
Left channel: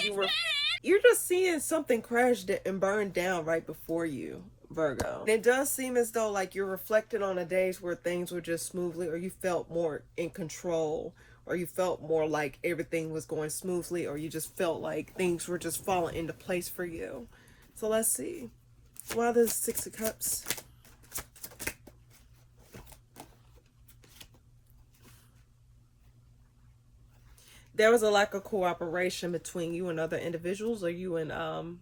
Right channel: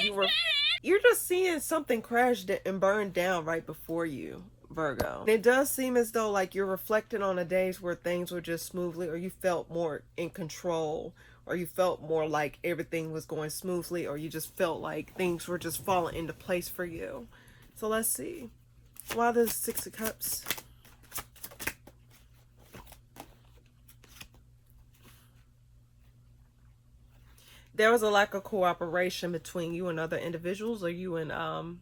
you're just seeing something crash and burn down right before you, Virgo. It does seem as though like you're reflecting on the days where things were just smoothly, or you felt more in control, or you felt more like everything was going smoothly, or you just felt like things were just falling into place for you. So let's see. Why the Six of Cups? There was a lack of cooperation between you and other individuals, or you and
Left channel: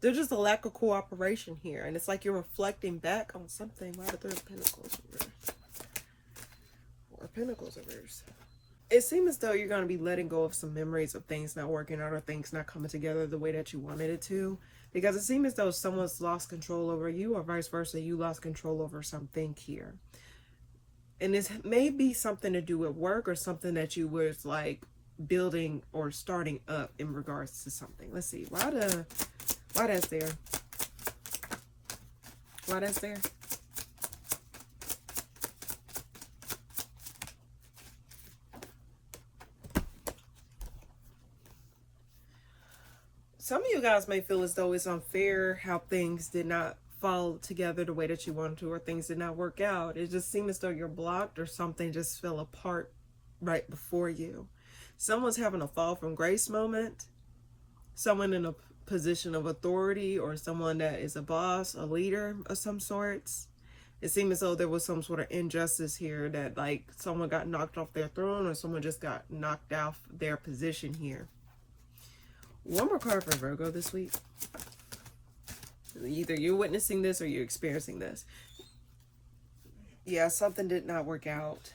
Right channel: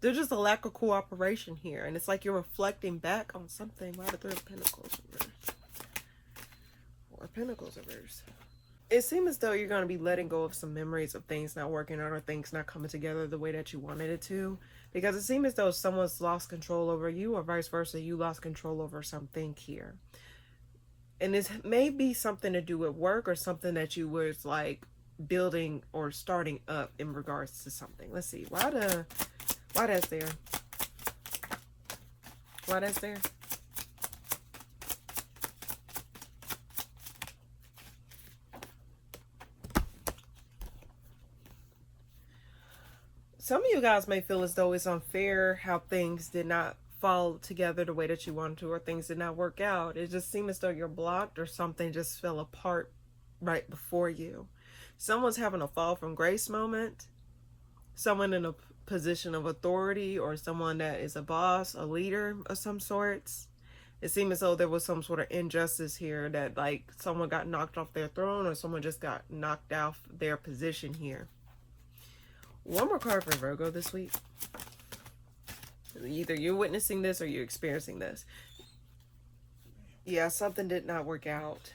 there's just a lack of cooperation here, and it's like you're reflecting back on something. Why the Three of Pentacles reversed? Four of Pentacles reversed. It seems as though you're going to be letting go of some memories of things not working out, or things not coming together the way that you wanted it to, because it seems as though someone's lost control over you, or vice versa, you lost control over something here. And this may be something to do with work, or something that you was like building or starting up in regards to something. Let's see. Why that's there? Why that's there? Some of you guys may feel as though it's unfair how things did not fall together the way that you wanted to, or things did not work out. It just seems as though you're blocked, or something just fell apart right before you. Someone's having a fall from grace moment. Someone in a position of authority, or someone that is a boss, a leader of some sorts. It seems as though there was some sort of injustice here, that like someone got knocked off their throne, or someone just got knocked off their position here. One more card for Virgo this week. Either you're witnessing this or you're experiencing this. Yeah, something did not work out.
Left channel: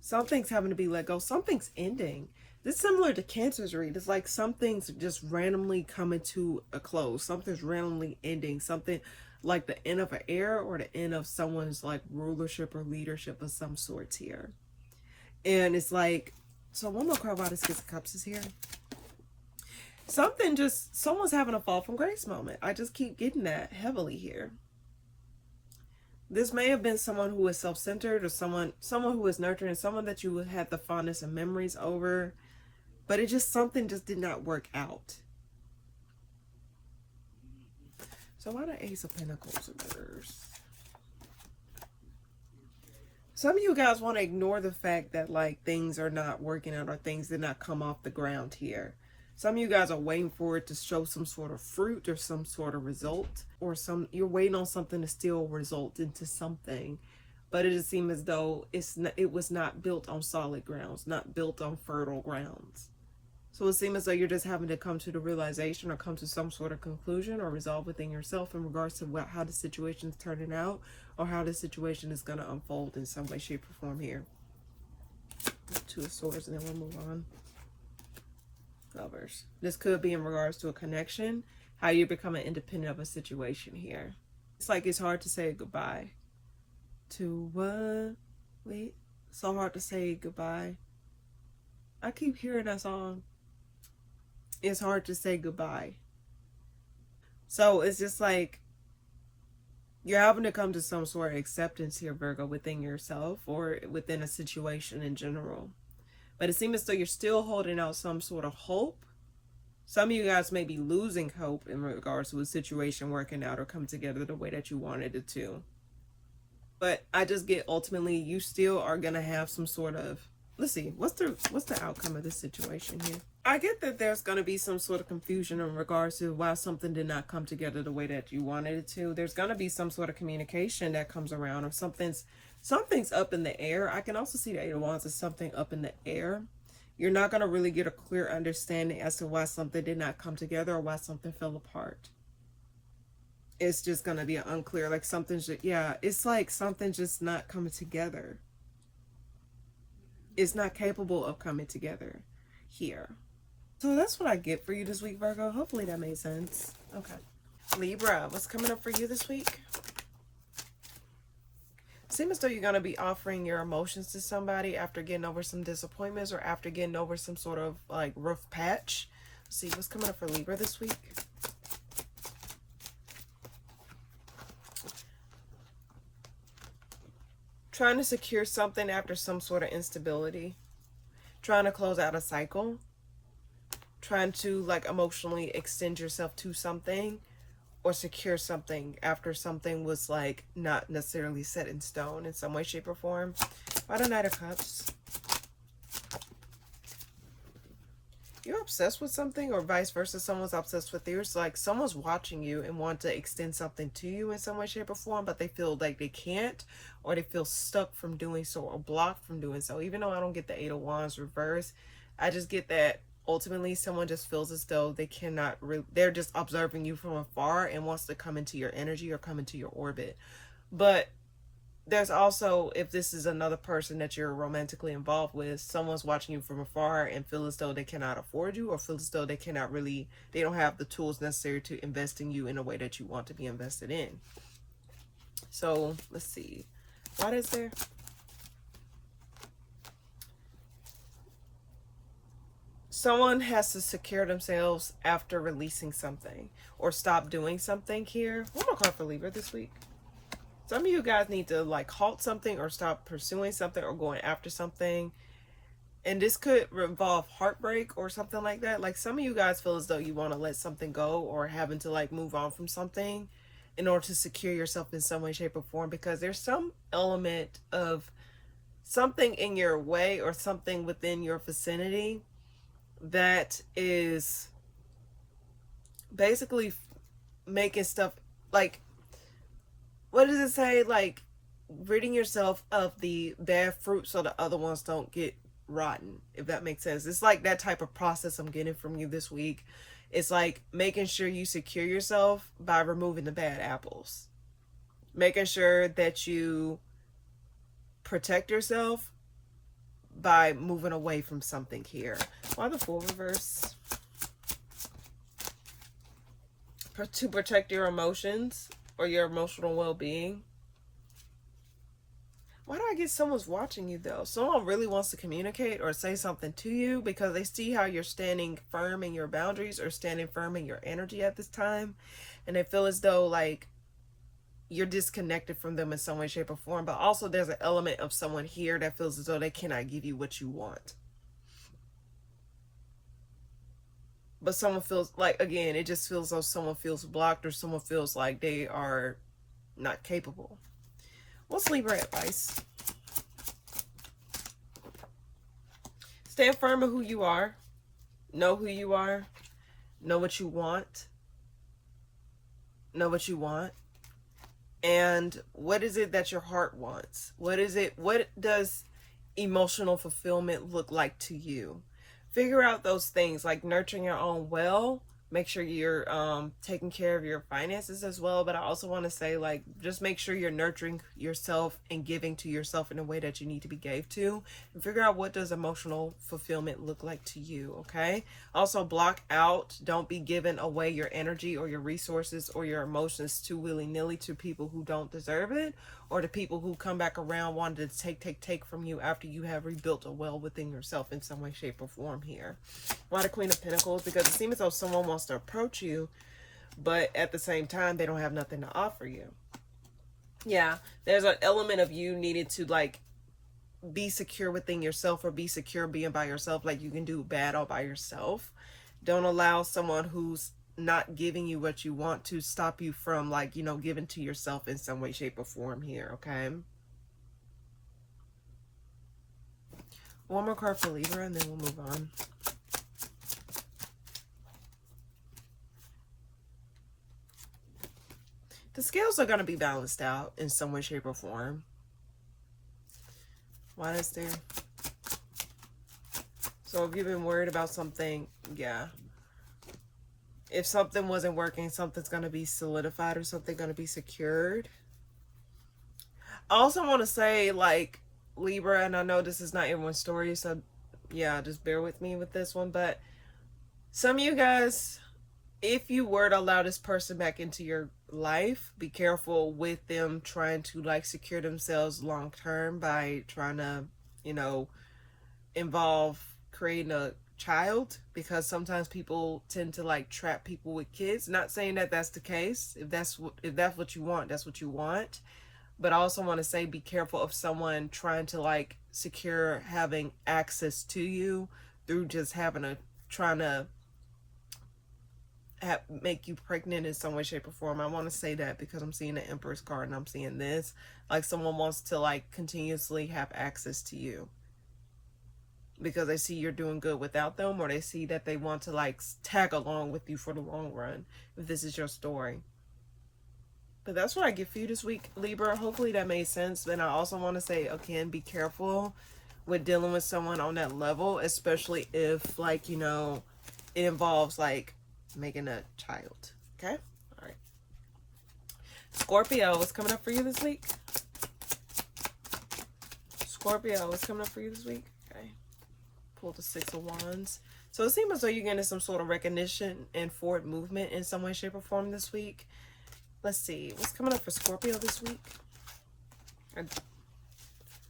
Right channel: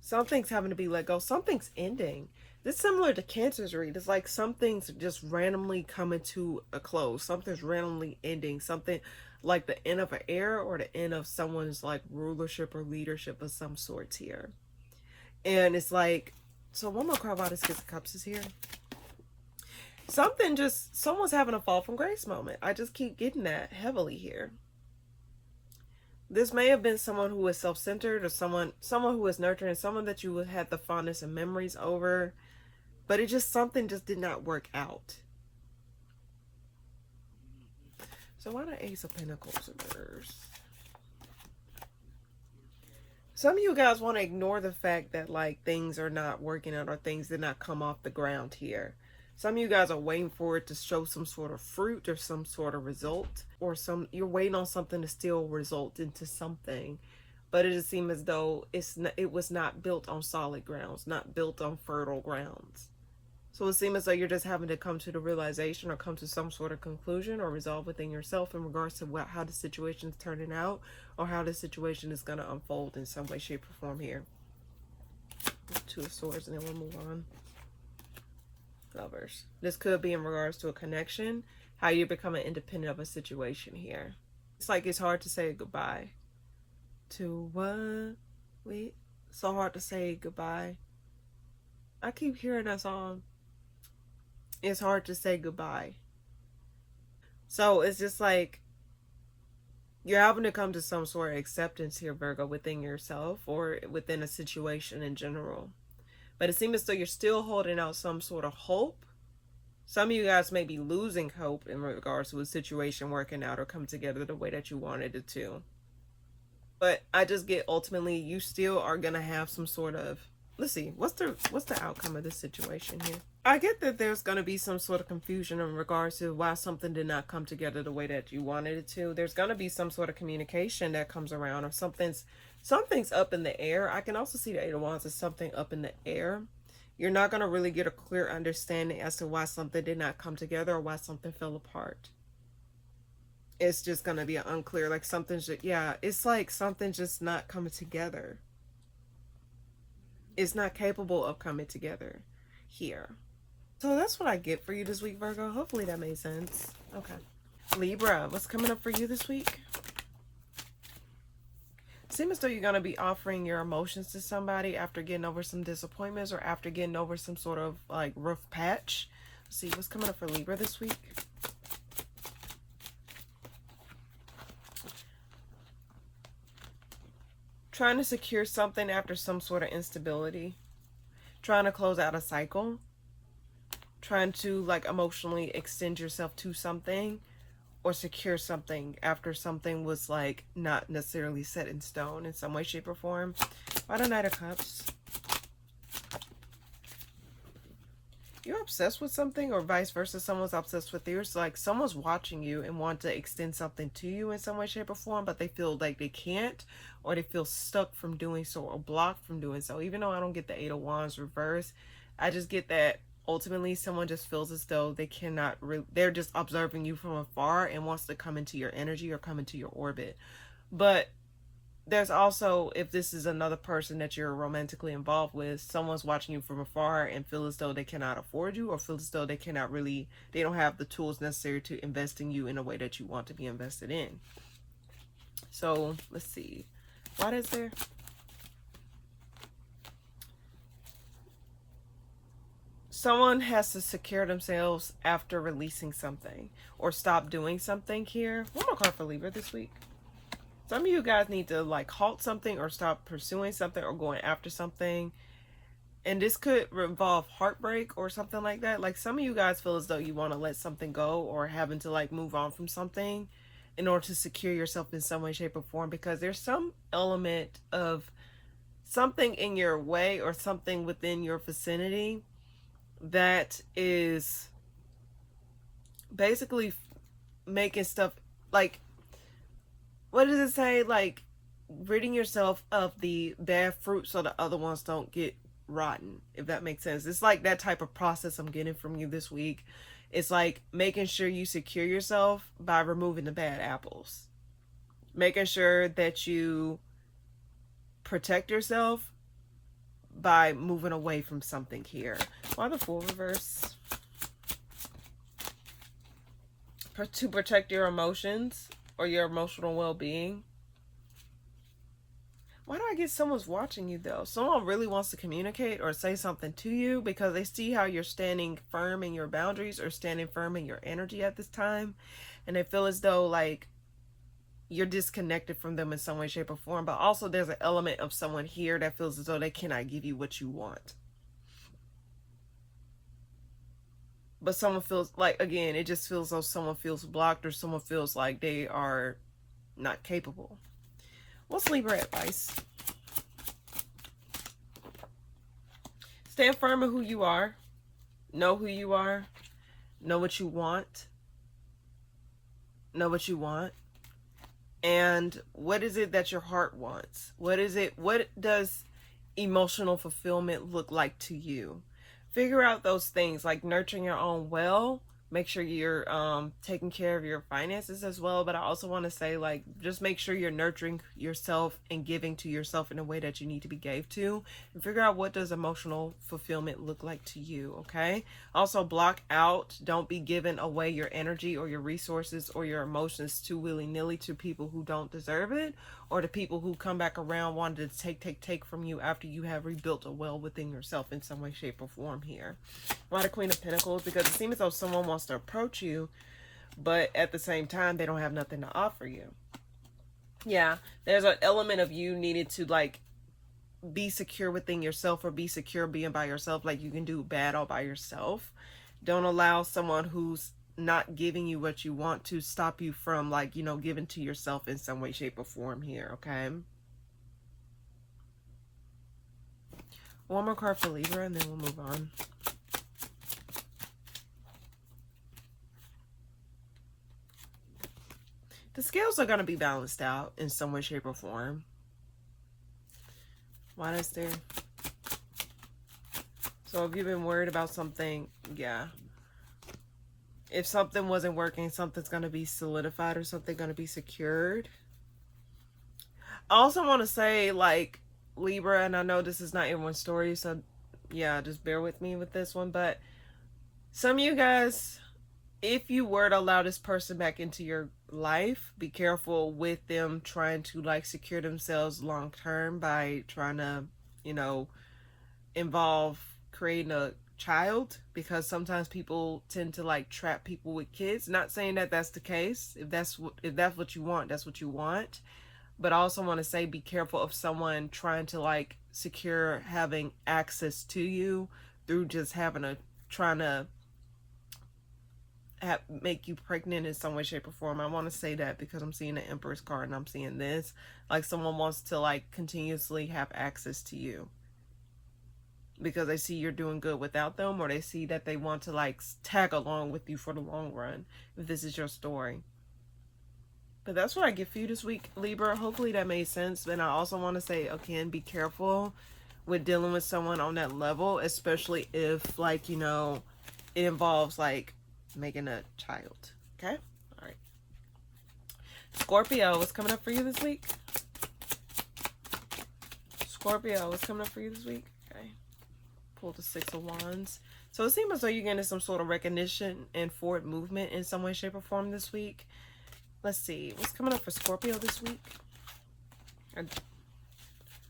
Something's having to be let go. Something's ending. This is similar to Cancer's read. It's like something's just randomly coming to a close. Something's randomly ending. Something like the end of an era, or the end of someone's like rulership or leadership of some sorts here. And it's like, so one more card about the Six of Cups is here. Someone's having a fall from grace moment. I just keep getting that heavily here. This may have been someone who is self-centered, or someone who is nurturing, someone that you had the fondness and memories over, but something just did not work out. So why the Ace of Pentacles reversed? Some of you guys want to ignore the fact that like things are not working out, or things did not come off the ground here. Some of you guys are waiting for it to show some sort of fruit, or some sort of result, or you're waiting on something to still result into something, but it just seems as though it was not built on solid grounds, not built on fertile grounds. So it seems as though you're just having to come to the realization, or come to some sort of conclusion, or resolve within yourself in regards to how the situation is turning out, or how the situation is going to unfold in some way, shape, or form here. Two of Swords, and then we'll move on. Lovers. This could be in regards to a connection, how you're becoming independent of a situation here. It's like it's hard to say goodbye to what? Wait, so hard to say goodbye. I keep hearing that song. It's hard to say goodbye. So it's just like you're having to come to some sort of acceptance here, Virgo, within yourself or within a situation in general. But it seems as though you're still holding out some sort of hope. Some of you guys may be losing hope in regards to a situation working out or come together the way that you wanted it to. But I just get ultimately you still are gonna have some sort of, let's see, what's the outcome of this situation here? I get that there's gonna be some sort of confusion in regards to why something did not come together the way that you wanted it to. There's gonna be some sort of communication that comes around, or something's up in the air. I can also see the Eight of Wands as something up in the air. You're not gonna really get a clear understanding as to why something did not come together or why something fell apart. It's just gonna be unclear, like something's just, yeah, it's like something just not coming together. It's not capable of coming together here. So that's what I get for you this week, Virgo. Hopefully that made sense. Okay. Libra, what's coming up for you this week? Seems as though you're going to be offering your emotions to somebody after getting over some disappointments or after getting over some sort of like rough patch. Let's see what's coming up for Libra this week. Trying to secure something after some sort of instability. Trying to close out a cycle. Trying to like emotionally extend yourself to something or secure something after something was like not necessarily set in stone in some way, shape, or form. By the Knight of Cups. You're obsessed with something or vice versa. Someone's obsessed with you. It's like someone's watching you and want to extend something to you in some way, shape, or form, but they feel like they can't, or they feel stuck from doing so or blocked from doing so. Even though I don't get the Eight of Wands reverse, I just get that ultimately someone just feels as though they cannot they're just observing you from afar and wants to come into your energy or come into your orbit. But there's also, if this is another person that you're romantically involved with, someone's watching you from afar and feel as though they cannot afford you, or feel as though they don't have the tools necessary to invest in you in a way that you want to be invested in. So let's see, what is there? Someone has to secure themselves after releasing something or stop doing something here. One more card for Libra this week. Some of you guys need to like halt something or stop pursuing something or going after something. And this could involve heartbreak or something like that. Like some of you guys feel as though you want to let something go or having to like move on from something in order to secure yourself in some way, shape, or form, because there's some element of something in your way or something within your vicinity that is basically making stuff like, what does it say? Like ridding yourself of the bad fruit so the other ones don't get rotten, if that makes sense. It's like that type of process I'm getting from you this week. It's like making sure you secure yourself by removing the bad apples. Making sure that you protect yourself by moving away from something here. Why the Fool reverse? To protect your emotions or your emotional well-being. Why do I get someone's watching you though? Someone really wants to communicate or say something to you because they see how you're standing firm in your boundaries or standing firm in your energy at this time. And they feel as though like you're disconnected from them in some way, shape, or form. But also there's an element of someone here that feels as though they cannot give you what you want. But someone feels like, again, it just feels though someone feels blocked or someone feels like they are not capable. What's Libra advice? Stand firm in who you are. Know who you are. Know what you want. Know what you want. And what is it that your heart wants? What does emotional fulfillment look like to you? Figure out those things, like nurturing your own well, make sure you're taking care of your finances as well. But I also want to say, like, just make sure you're nurturing yourself and giving to yourself in a way that you need to be gave to, and figure out what does emotional fulfillment look like to you. Okay, also block out, don't be giving away your energy or your resources or your emotions too willy-nilly to people who don't deserve it, or to people who come back around wanting to take from you after you have rebuilt a well within yourself in some way, shape, or form here. Why the Queen of Pentacles? Because it seems as though someone wants to approach you, but at the same time, they don't have nothing to offer you. Yeah, there's an element of you needed to, like, be secure within yourself, or be secure being by yourself. Like, you can do bad all by yourself. Don't allow someone who's not giving you what you want to stop you from, like, you know, giving to yourself in some way, shape, or form here, okay? One more card for Libra, and then we'll move on. The scales are going to be balanced out in some way, shape, or form. Why is there? So if you've been worried about something, yeah. If something wasn't working, something's going to be solidified, or something going to be secured. I also want to say, like, Libra, and I know this is not everyone's story, so yeah, just bear with me with this one, but some of you guys, if you were to allow this person back into your life, be careful with them trying to, like, secure themselves long term by trying to, you know, involve creating a child, because sometimes people tend to, like, trap people with kids. Not saying that that's the case. If that's what you want, that's what you want. But I also want to say, be careful of someone trying to, like, secure having access to you through just trying to make you pregnant in some way, shape, or form. I want to say that because I'm seeing the Empress card and I'm seeing this. Like, someone wants to, like, continuously have access to you because they see you're doing good without them, or they see that they want to, like, tag along with you for the long run, if this is your story. But that's what I get for you this week, Libra. Hopefully that made sense. And I also want to say, again, be careful with dealing with someone on that level, especially if, like, you know, it involves, like, making a child. Okay? All right. Scorpio, what's coming up for you this week? Scorpio, what's coming up for you this week? Okay. Pull the Six of Wands. So it seems as though you're getting some sort of recognition and forward movement in some way, shape, or form this week. Let's see. What's coming up for Scorpio this week?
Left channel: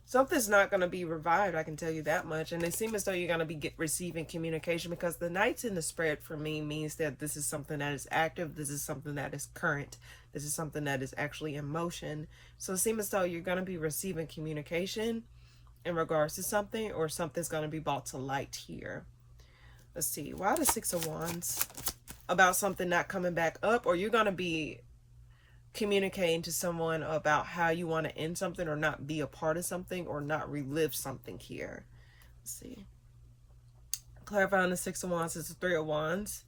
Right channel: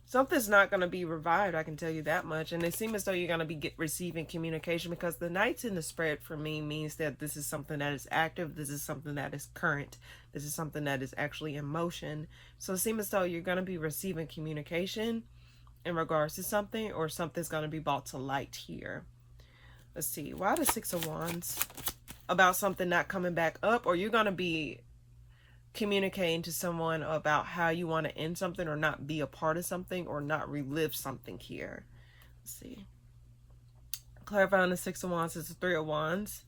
Something's not going to be revived, I can tell you that much. And it seems as though you're going to be receiving communication, because the Knights in the spread for me means that this is something that is active. This is something that is current. This is something that is actually in motion. So it seems as though you're going to be receiving communication in regards to something, or something's going to be brought to light here. Let's see. Why the Six of Wands? About something not coming back up, or you're going to be communicating to someone about how you want to end something, or not be a part of something, or not relive something here. Let's see. Clarifying the Six of Wands is the Three of Wands.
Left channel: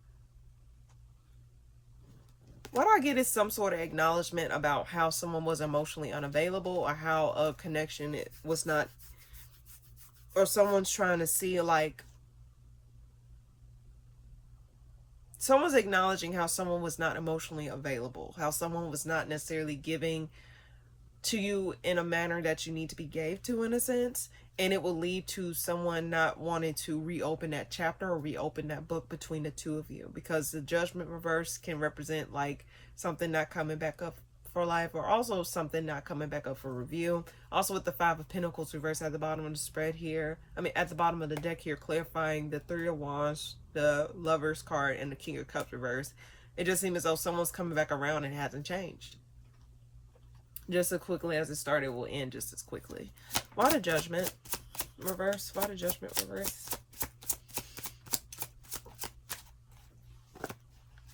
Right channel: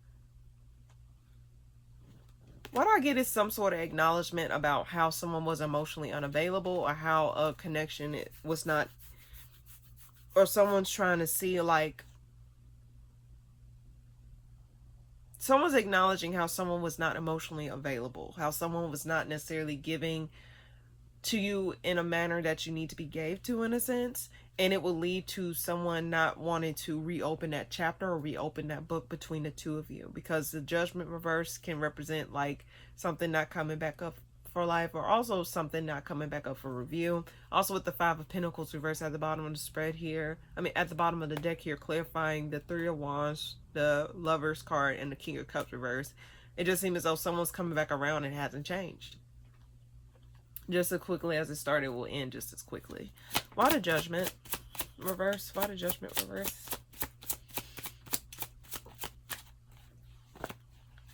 What I get is some sort of acknowledgement about how someone was emotionally unavailable, or how a connection was not, or someone's trying to see, like, someone's acknowledging how someone was not emotionally available, how someone was not necessarily giving to you in a manner that you need to be gave to, in a sense. And it will lead to someone not wanting to reopen that chapter or reopen that book between the two of you, because the Judgment reverse can represent, like, something not coming back up for life, or also something not coming back up for review. Also with the Five of Pentacles reverse at the bottom of the spread here, at the bottom of the deck here, clarifying the Three of Wands, the Lovers card, and the King of Cups reverse. It just seems as though someone's coming back around and hasn't changed. Just as quickly as it started, will end just as quickly. Why the Judgment reverse? Why the Judgment reverse?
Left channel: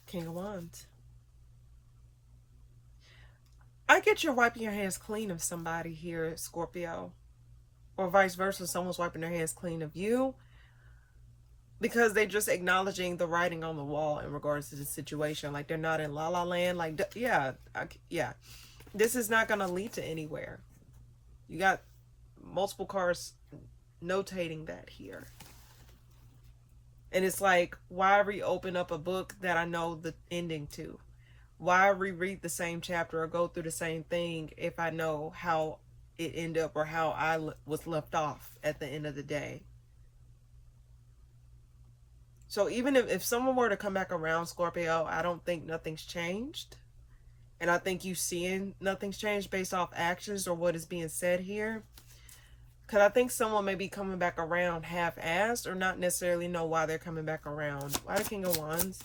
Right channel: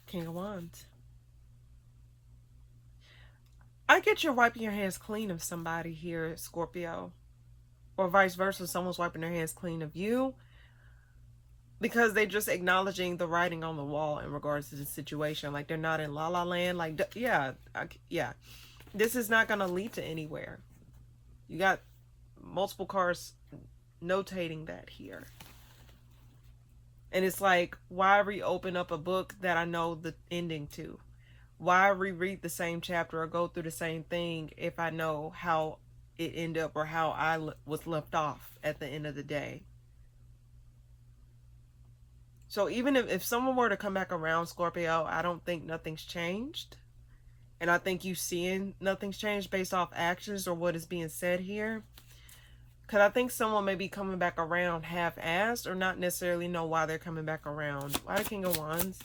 King of Wands. I get you're wiping your hands clean of somebody here, Scorpio. Or vice versa, someone's wiping their hands clean of you, because they're just acknowledging the writing on the wall in regards to the situation. Like, they're not in la la land. Like, yeah. This is not going to lead to anywhere. You got multiple cards notating that here. And it's like, why reopen up a book that I know the ending to? Why reread the same chapter or go through the same thing if I know how it ended up or how I was left off at the end of the day? So even if someone were to come back around, Scorpio, I don't think nothing's changed. And I think you seeing nothing's changed based off actions or what is being said here. Because I think someone may be coming back around half-assed or not necessarily know why they're coming back around. Why the King of Wands?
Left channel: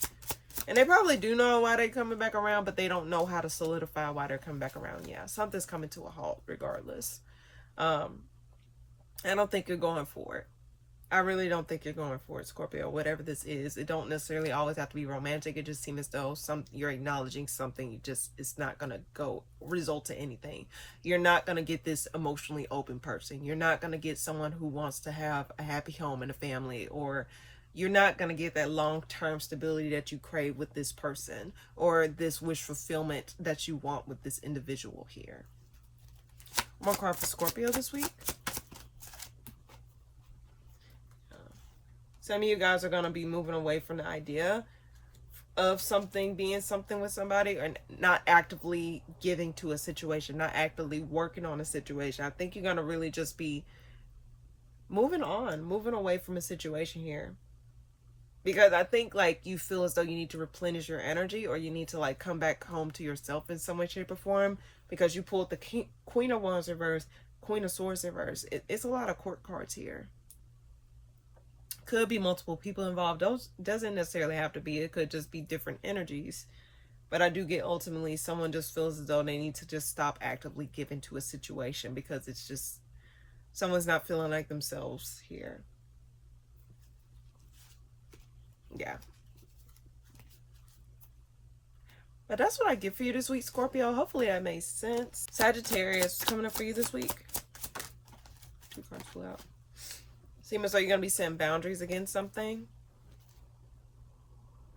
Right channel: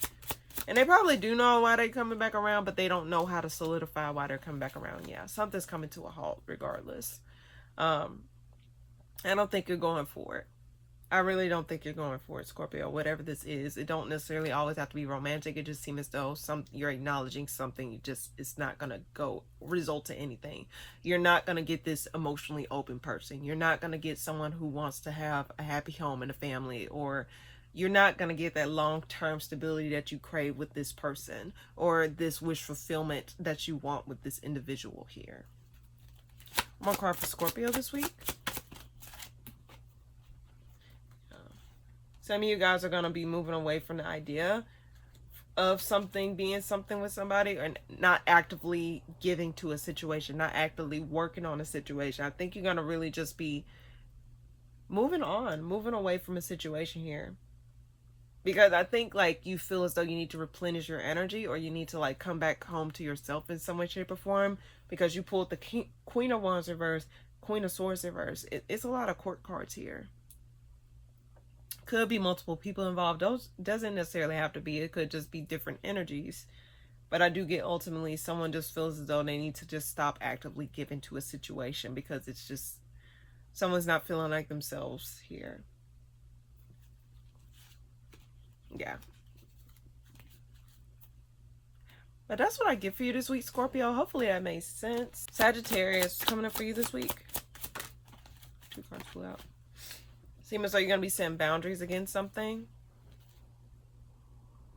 And they probably do know why they're coming back around, but they don't know how to solidify why they're coming back around. Yeah, something's coming to a halt regardless. I don't think you're going for it. I really don't think you're going for it, Scorpio. Whatever this is, it don't necessarily always have to be romantic. It just seems as though you're acknowledging something. It's not gonna go result to anything. You're not gonna get this emotionally open person. You're not gonna get someone who wants to have a happy home and a family, or you're not gonna get that long-term stability that you crave with this person, or this wish fulfillment that you want with this individual here. One card for Scorpio this week. Some of you guys are going to be moving away from the idea of something being something with somebody, or not actively giving to a situation, not actively working on a situation. I think you're going to really just be moving away from a situation here. Because I think like you feel as though you need to replenish your energy, or you need to like come back home to yourself in some way, shape, or form, because you pulled the Queen of Wands reverse, Queen of Swords reverse. It's a lot of court cards here. Could be multiple people involved. Those doesn't necessarily have to be. It could just be different energies. But I do get ultimately someone just feels as though they need to just stop actively giving to a situation, because it's just someone's not feeling like themselves here. Yeah. But that's what I get for you this week, Scorpio. Hopefully that made sense. Sagittarius coming up for you this week. 2 cards flew out. Seems as though you're going to be setting boundaries against something.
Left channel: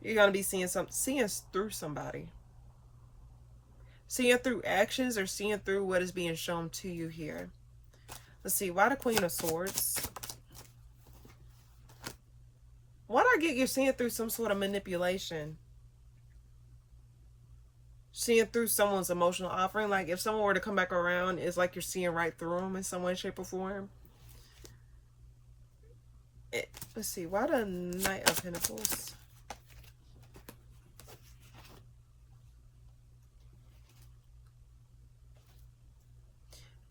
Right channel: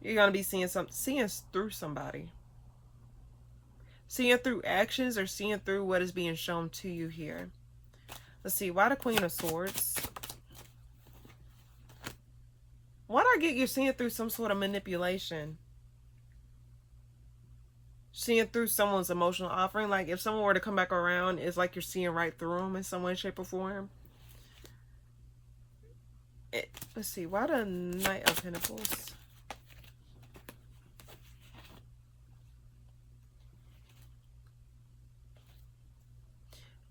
You're going to be seeing through somebody. Seeing through actions, or seeing through what is being shown to you here. Let's see. Why the Queen of Swords? Why do I get you're seeing through some sort of manipulation? Seeing through someone's emotional offering. Like if someone were to come back around, it's like you're seeing right through them in some way, shape, or form. Let's see, why the Knight of Pentacles?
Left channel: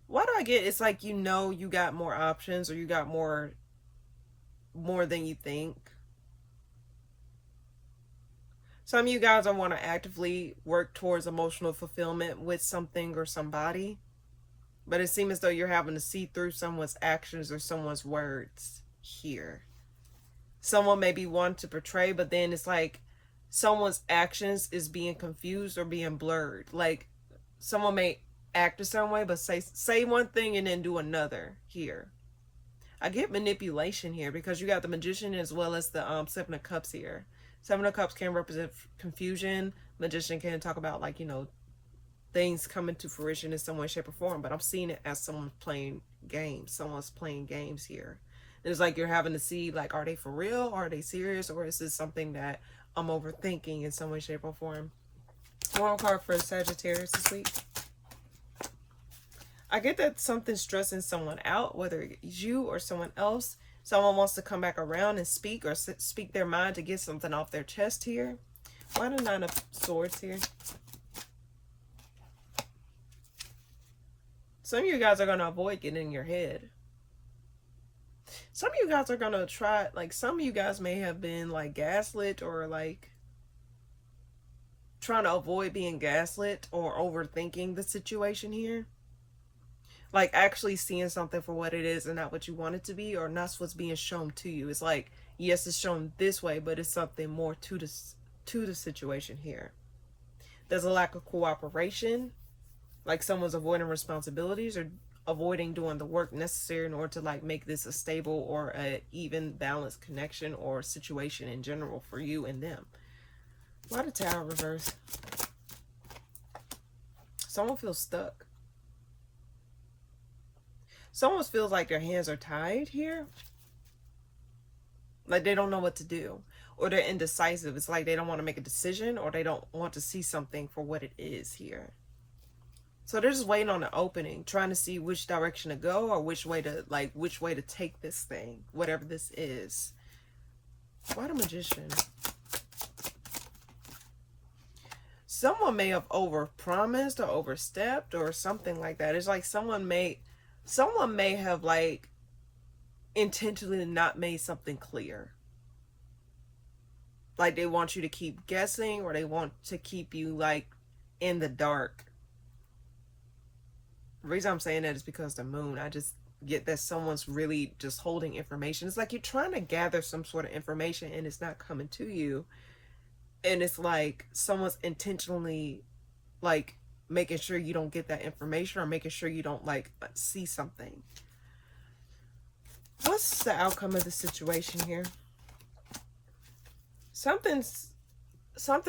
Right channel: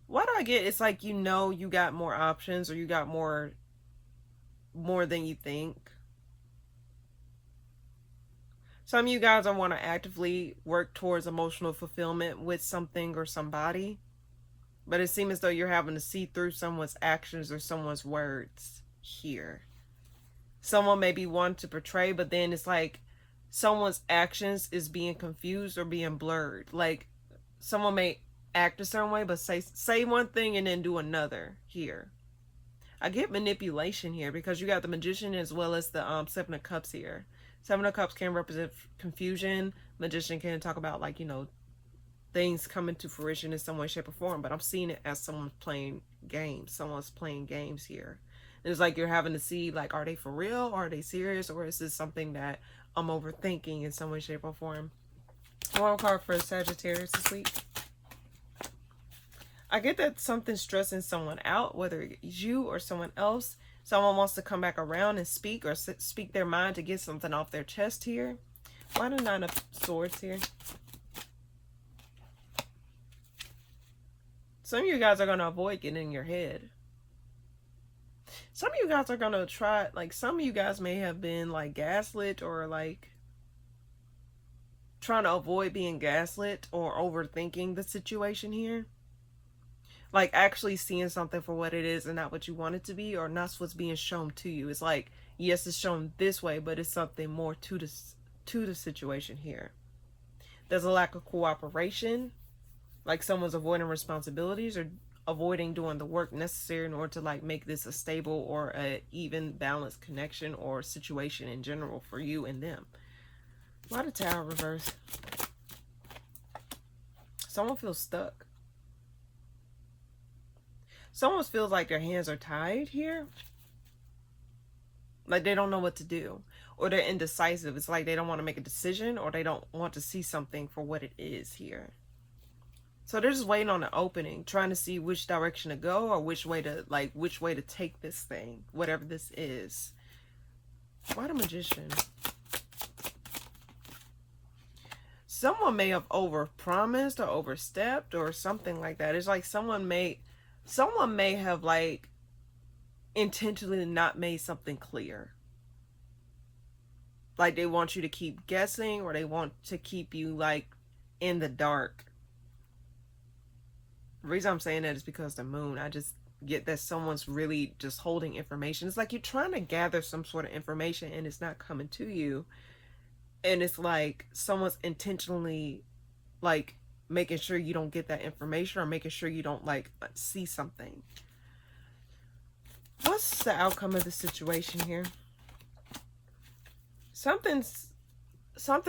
Why do I get it's like you know you got more options, or you got more than you think? Some of you guys want to actively work towards emotional fulfillment with something or somebody, but it seems as though you're having to see through someone's actions or someone's words here. Someone may be wanting to portray, but then it's like someone's actions is being confused or being blurred. Like someone may act a certain way, but say one thing and then do another here. I get manipulation here, because you got the Magician as well as the 7 of Cups here. 7 of Cups can represent confusion. Magician can talk about, like, you know, things coming to fruition in some way, shape, or form. But I'm seeing it as someone playing games. Someone's playing games here. It's like you're having to see, like, are they for real? Are they serious? Or is this something that I'm overthinking in some way, shape, or form? One card for Sagittarius this week. I get that something's stressing someone out, whether it's you or someone else. Someone wants to come back around and speak, or speak their mind to get something off their chest here. Why the 9 of Swords here? Some of you guys are going to avoid getting in your head. Some of you guys are going to try, like, some of you guys may have been, like, gaslit, or, like, trying to avoid being gaslit or overthinking the situation here. Like, actually seeing something for what it is and not what you want it to be, or not what's being shown to you. It's like, yes, it's shown this way, but it's something more to the situation here. There's a lack of cooperation, like someone's avoiding responsibilities, or avoiding doing the work necessary in order to, like, make this a stable or a even balanced connection or situation in general for you and them. Why the Tower reverse? Someone feels stuck. Someone feels like their hands are tied here. Like they don't know what to do, or they're indecisive. It's like they don't want to make a decision, or they don't want to see something for what it is here. So they're just waiting on the opening, trying to see which direction to go, or which way to take this thing, whatever this is. Why the Magician? Someone may have overpromised or overstepped or something like that. It's like someone may have like intentionally not made something clear. Like they want you to keep guessing, or they want to keep you like in the dark. The reason I'm saying that is because the moon, I just get that someone's really just holding information. It's like you're trying to gather some sort of information and it's not coming to you. And it's like someone's intentionally like making sure you don't get that information, or making sure you don't like see something. What's the outcome of the situation here? Something's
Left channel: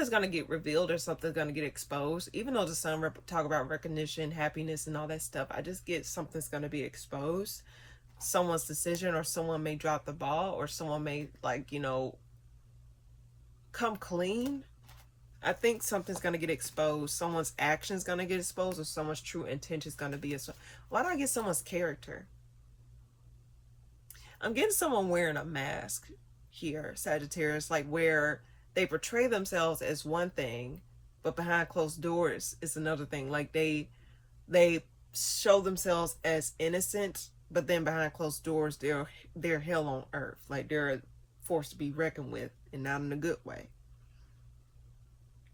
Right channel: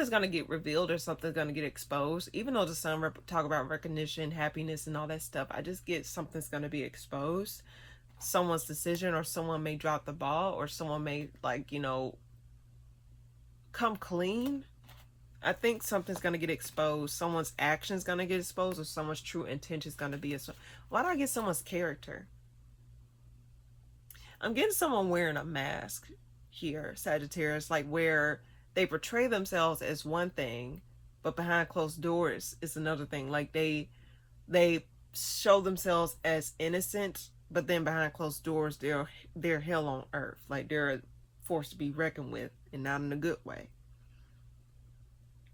going to get revealed, or something's going to get exposed. Even though the sun talk about recognition, happiness, and all that stuff, I just get something's going to be exposed. Someone's decision, or someone may drop the ball, or someone may like, you know, come clean. I think something's going to get exposed. Someone's action's going to get exposed, or someone's true intention is going to be exposed. Why do I get someone's character? I'm getting someone wearing a mask here, Sagittarius, like where they portray themselves as one thing, but behind closed doors is another thing. Like they show themselves as innocent, but then behind closed doors they're hell on earth. Like they're a force to be reckoned with, and not in a good way.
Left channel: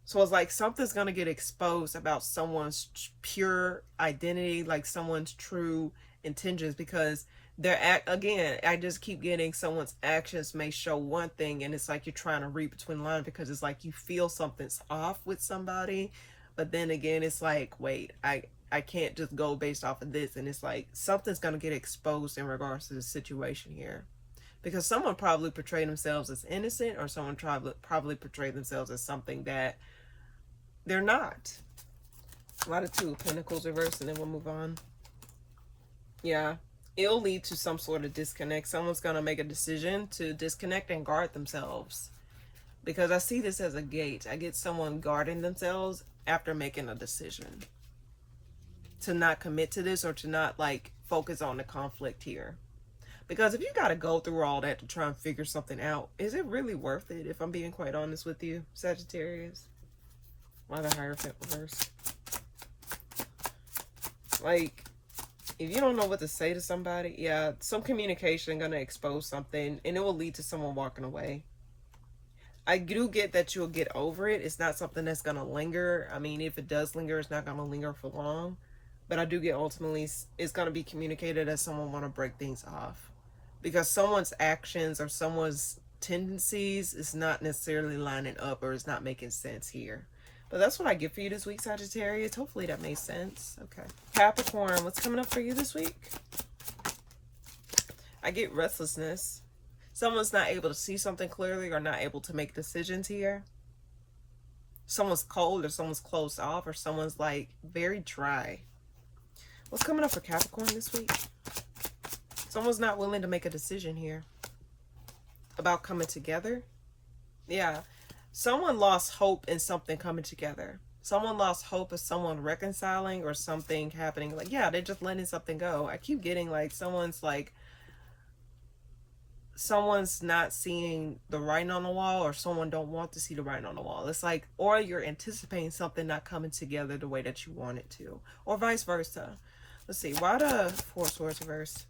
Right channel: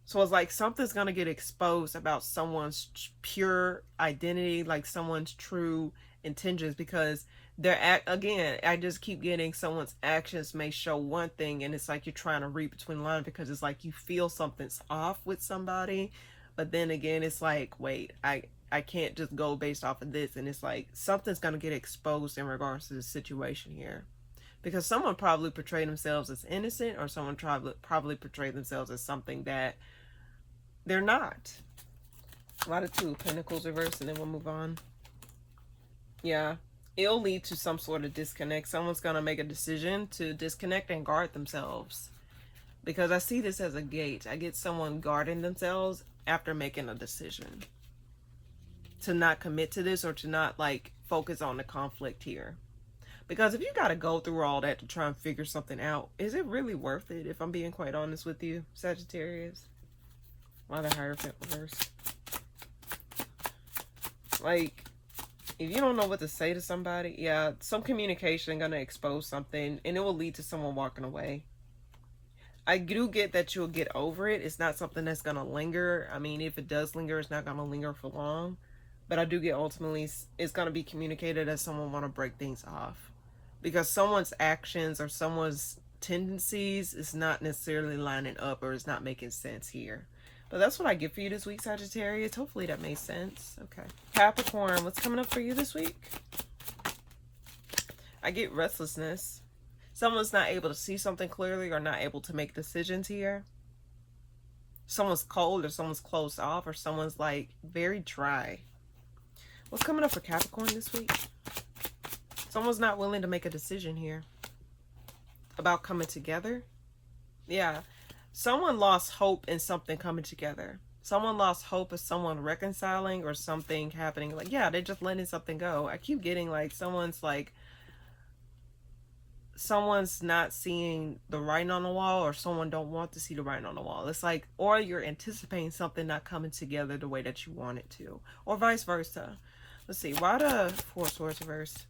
So it's like something's going to get exposed about someone's pure identity, like someone's true intentions, because again, I just keep getting someone's actions may show one thing, and it's like you're trying to read between lines, because it's like you feel something's off with somebody, but then again, it's like, wait, I can't just go based off of this, and it's like something's going to get exposed in regards to the situation here. Because someone probably portrayed themselves as innocent, or someone probably portrayed themselves as something that they're not. A lot of Two of Pentacles reversed, and then we'll move on. Yeah, it'll lead to some sort of disconnect. Someone's going to make a decision to disconnect and guard themselves. Because I see this as a gate. I get someone guarding themselves after making a decision to not commit to this, or to not like focus on the conflict here. Because if you got to go through all that to try and figure something out, is it really worth it, if I'm being quite honest with you, Sagittarius? Why the Hierophant reverse? Like, if you don't know what to say to somebody, yeah, some communication going to expose something, and it will lead to someone walking away. I do get that you'll get over it. It's not something that's going to linger. I mean, if it does linger, it's not going to linger for long. But I do get ultimately it's going to be communicated as someone want to break things off. Because someone's actions or someone's tendencies is not necessarily lining up, or is not making sense here. But that's what I get for you this week, Sagittarius. Hopefully that made sense. Okay. Capricorn, what's coming up for you this week? I get restlessness. Someone's not able to see something clearly, or not able to make decisions here. Someone's cold, or someone's closed off, or someone's like very dry. What's coming up for Capricorn this week? Someone's not willing to make a decision here about coming together. Yeah. Someone lost hope in something coming together. Someone lost hope of someone reconciling, or something happening. Like, yeah, they're just letting something go. I keep getting like someone's not seeing the writing on the wall, or someone don't want to see the writing on the wall. It's like, or you're anticipating something not coming together the way that you want it to, or vice versa. Let's see. Why the Four of Swords reverse?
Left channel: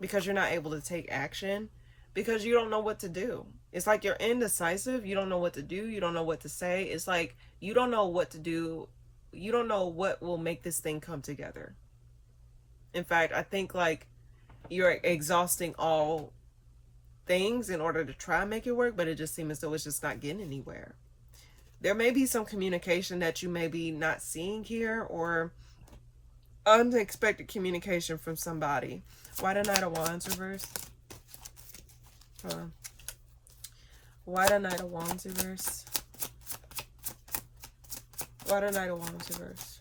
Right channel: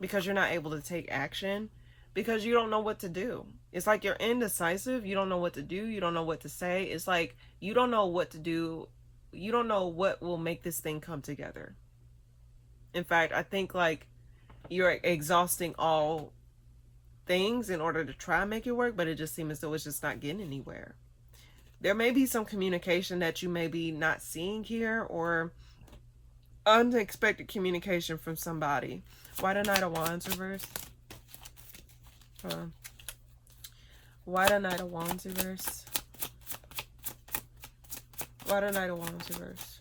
Because you're not able to take action, because you don't know what to do. It's like you're indecisive. You don't know what to do. You don't know what to say. It's like you don't know what to do. You don't know what will make this thing come together. In fact, I think like you're exhausting all things in order to try and make it work, but it just seems as though it's just not getting anywhere. There may be some communication that you may be not seeing here, or unexpected communication from somebody. Why the Knight of Wands reverse? Hold on. Why the Knight of Wands reverse? Why the Knight of Wands reverse?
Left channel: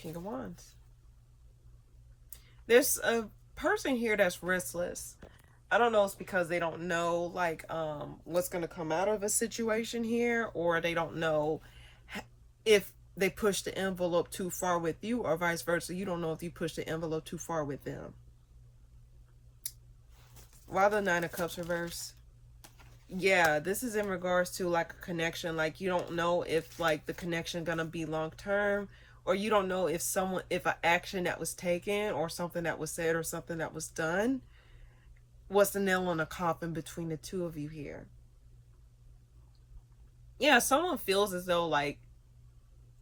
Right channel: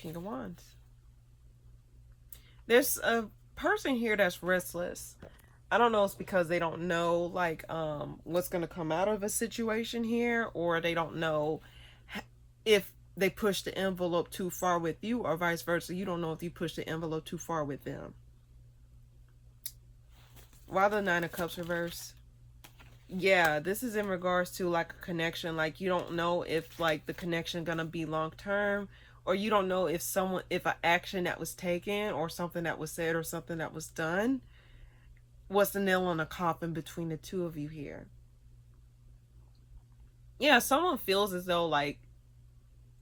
King of Wands. There's a person here that's restless. I don't know, it's because they don't know, like, what's going to come out of a situation here, or they don't know if they push the envelope too far with you, or vice versa. You don't know if you push the envelope too far with them. Why the Nine of Cups reverse? Yeah, this is in regards to like a connection. Like, you don't know if like the connection gonna be long term, or you don't know if someone, if an action that was taken or something that was said or something that was done was the nail on the coffin between the two of you here. Yeah, someone feels as though like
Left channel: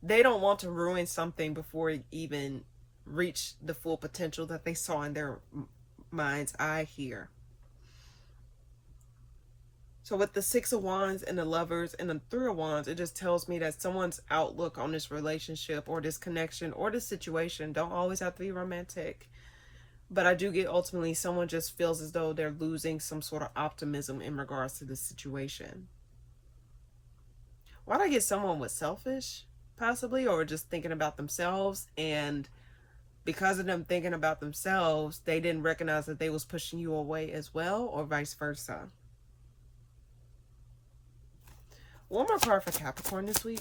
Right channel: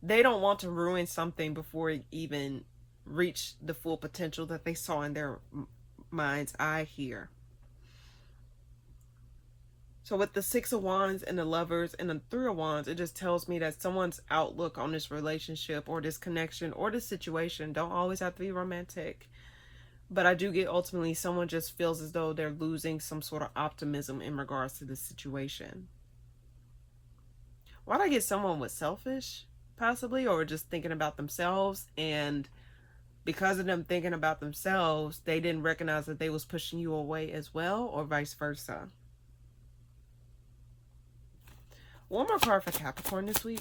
they don't want to ruin something before it even reach the full potential that they saw in their mind's eye here. So with the Six of Wands and the Lovers and the Three of Wands, it just tells me that someone's outlook on this relationship or this connection or this situation don't always have to be romantic. But I do get ultimately someone just feels as though they're losing some sort of optimism in regards to this situation. Why do I get someone was selfish, possibly, or just thinking about themselves, and because of them thinking about themselves, they didn't recognize that they was pushing you away as well, or vice versa? One more card for Capricorn this week.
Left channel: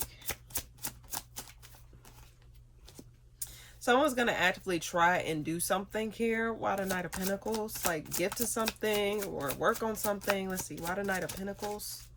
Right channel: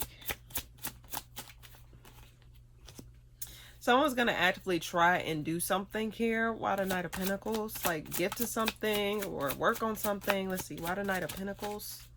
Someone's going to actively try and do something here. Why the Knight of Pentacles? Like gift to something or work on something. Let's see. Why the Knight of Pentacles?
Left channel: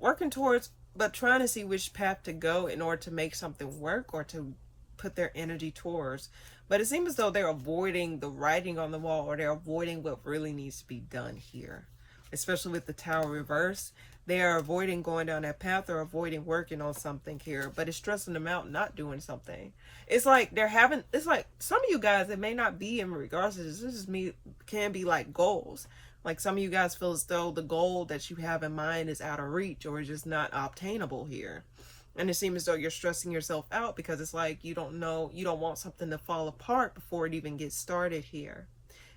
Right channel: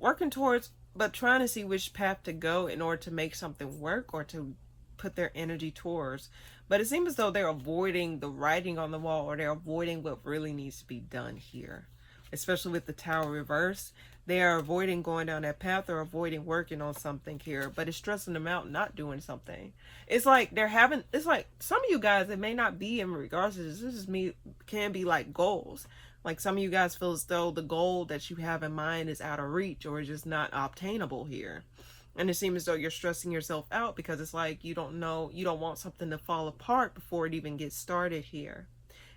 Working towards, but trying to see which path to go in order to make something work or to put their energy towards. But it seems as though they're avoiding the writing on the wall, or they're avoiding what really needs to be done here. Especially with the Tower reverse, they are avoiding going down that path or avoiding working on something here, but it's stressing them out not doing something. It's like they're having, it's like some of you guys, it may not be in regards to this is me, can be like goals. Like some of you guys feel as though the goal that you have in mind is out of reach or is just not obtainable here. And it seems as though you're stressing yourself out because it's like you don't know, you don't want something to fall apart before it even gets started here.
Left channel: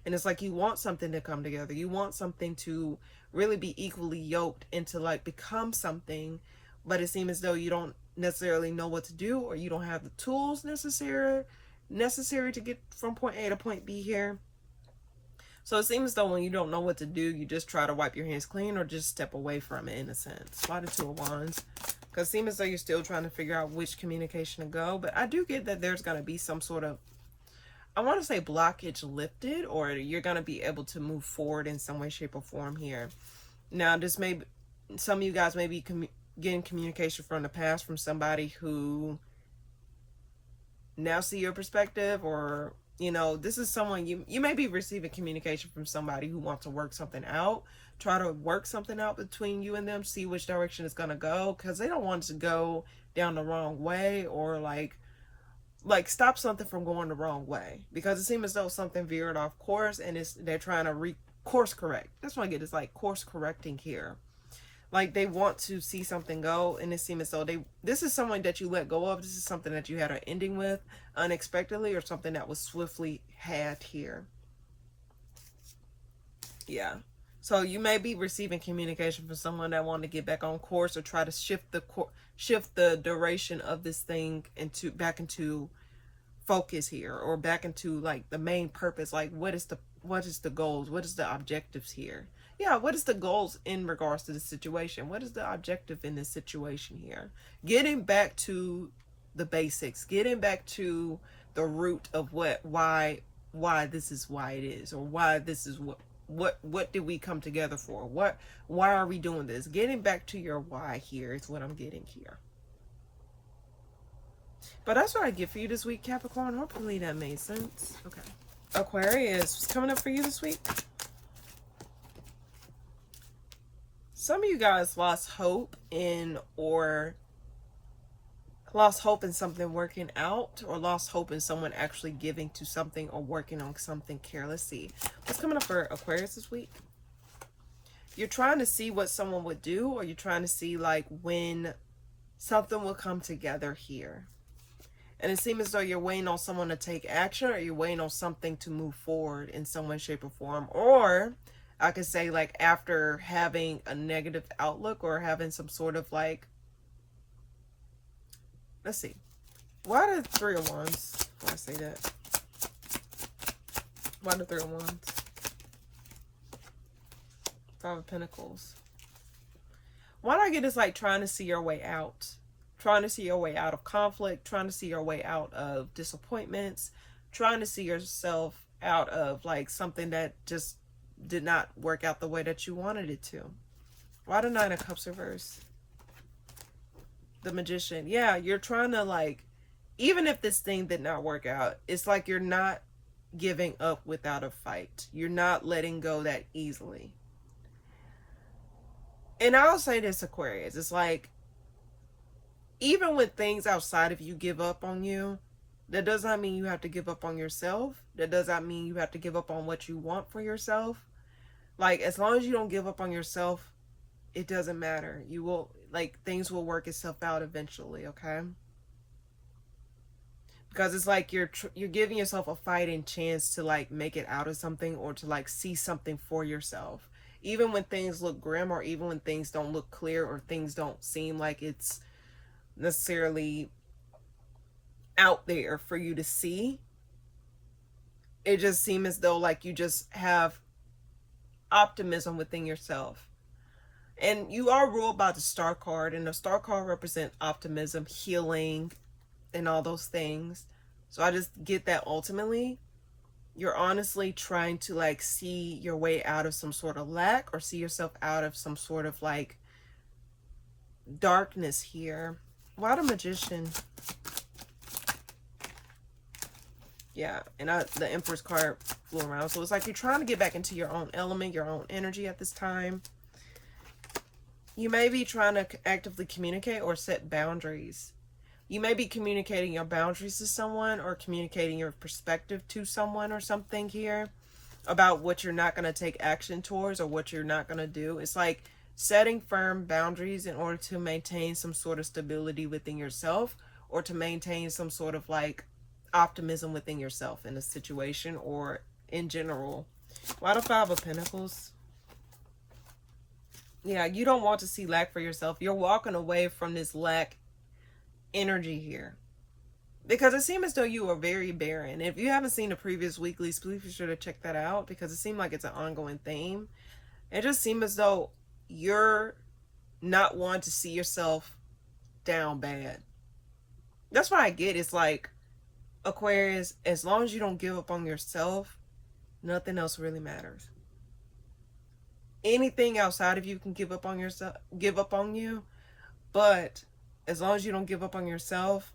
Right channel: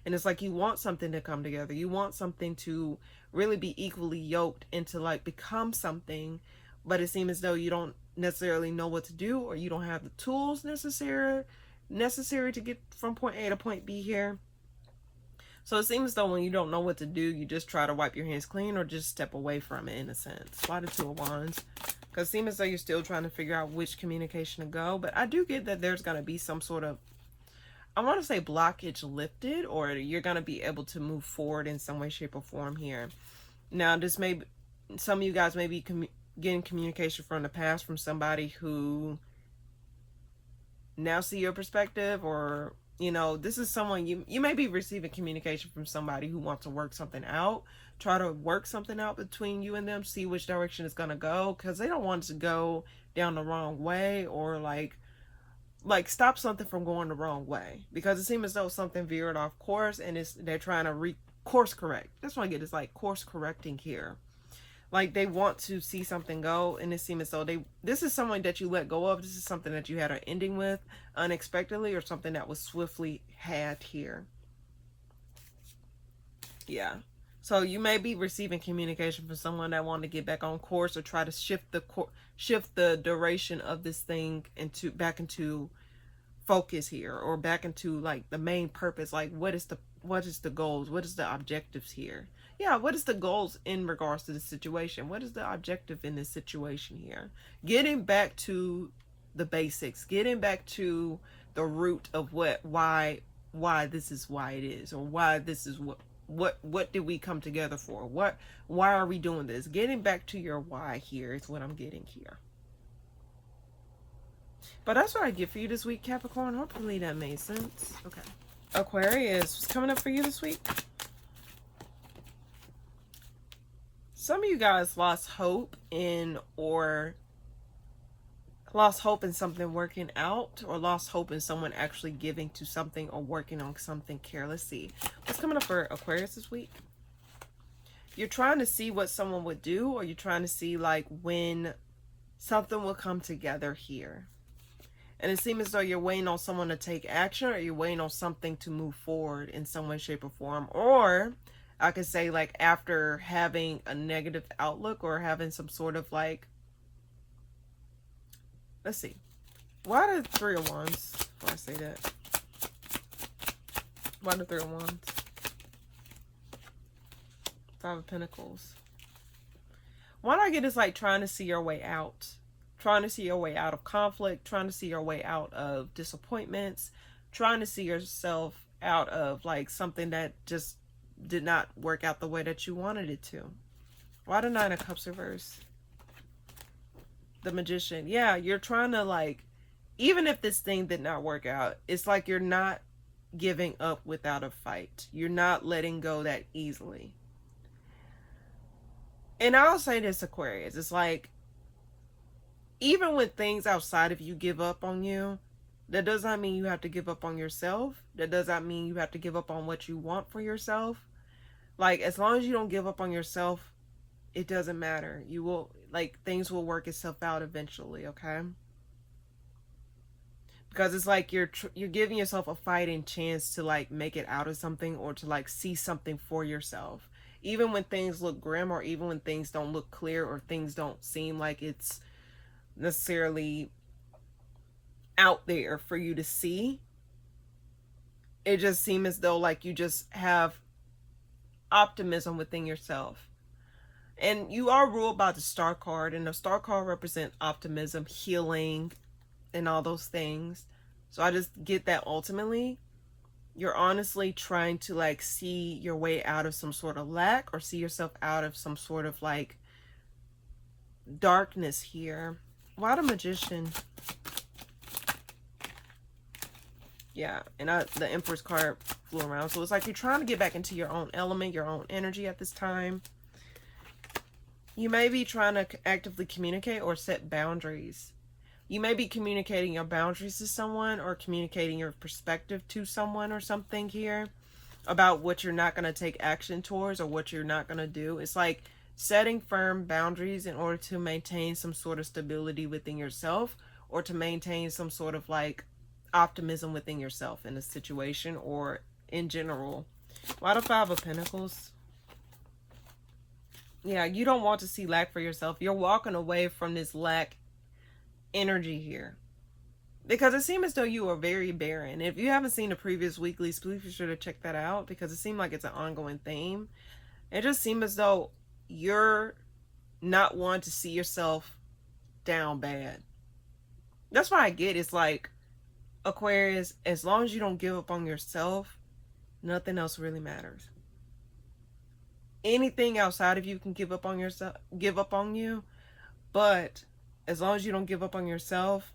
And it's like you want something to come together. You want something to really be equally yoked and to like become something. But it seems as though you don't necessarily know what to do, or you don't have the tools necessary to get from point A to point B here. So it seems as though when you don't know what to do, you just try to wipe your hands clean or just step away from it in a sense. Why the Two of Wands? Because it seems as though you're still trying to figure out which communication to go. But I do get that there's going to be some sort of, I want to say blockage lifted, or you're going to be able to move forward in some way, shape, or form here. Now, this may, some of you guys may be getting communication from the past from somebody who now see your perspective, or, you know, this is someone, you may be receiving communication from somebody who wants to work something out, try to work something out between you and them, see which direction it's going to go, because they don't want it to go down the wrong way, or like stop something from going the wrong way, because it seems as though something veered off course and they're trying to course correct. That's what I get, is like course correcting here. Like they want to see something go, and it seems as though this is someone that you let go of. This is something that you had an ending with unexpectedly, or something that was swiftly had here. Yeah. So you may be receiving communication from someone that wanted to get back on course, or try to shift the duration of this thing back into focus here, or back into like the main purpose. Like what is the goals? What is the objectives here? Yeah, what is the goals in regards to the situation? What is the objective in this situation here? Getting back to the basics, getting back to the root of why this is why it is, or why this is what did we come together for? Why are we doing this? Getting back to your why here is what I'm getting here. But that's what I get for you this week, Capricorn. Hopefully that made sense. Okay. Aquarius, what's coming up for you this week? Some of you guys lost hope in something working out, or lost hope in someone actually giving to something or working on something carelessly. What's coming up for Aquarius this week? You're trying to see what someone would do, or you're trying to see like when something will come together here. And it seems as though you're waiting on someone to take action, or you're waiting on something to move forward in some way, shape, or form. Or I could say like after having a negative outlook, or having some sort of like, let's see. Why the Three of Wands? Why I say that? Why the Three of Wands? Five of Pentacles. Why do I get this like trying to see your way out? Trying to see your way out of conflict, trying to see your way out of disappointments, trying to see yourself out of like something that just did not work out the way that you wanted it to. Why the Nine of Cups reverse? The Magician. Yeah, you're trying to like, even if this thing did not work out, it's like you're not giving up without a fight. You're not letting go that easily. And I'll say this, Aquarius, it's like, even when things outside of you give up on you, that does not mean you have to give up on yourself. That does not mean you have to give up on what you want for yourself. Like, as long as you don't give up on yourself, it doesn't matter. You will, like, things will work itself out eventually, okay? Because it's like you're giving yourself a fighting chance to, like, make it out of something or to, like, see something for yourself. Even when things look grim, or even when things don't look clear, or things don't seem like it's necessarily out there for you to see, it just seems as though like you just have optimism within yourself. And you are ruled by the Star card, and the Star card represents optimism, healing, and all those things. So I just get that ultimately you're honestly trying to like see your way out of some sort of lack, or see yourself out of some sort of like darkness here. Why the Magician? Yeah, and the Empress card flew around. So it's like you're trying to get back into your own element, your own energy at this time. You may be trying to actively communicate or set boundaries. You may be communicating your boundaries to someone, or communicating your perspective to someone or something here about what you're not going to take action towards, or what you're not going to do. It's like setting firm boundaries in order to maintain some sort of stability within yourself, or to maintain some sort of like optimism within yourself in a situation or in general. Why the Five of Pentacles? Yeah, you don't want to see lack for yourself. You're walking away from this lack energy here, because it seems as though you are very barren. If you haven't seen the previous weeklies, please be sure to check that out, because it seemed like it's an ongoing theme. It just seems as though you're not wanting to see yourself down bad. That's why I get it's like, Aquarius, as long as you don't give up on yourself, nothing else really matters. Anything outside of you can give up on yourself, give up on you, but as long as you don't give up on yourself,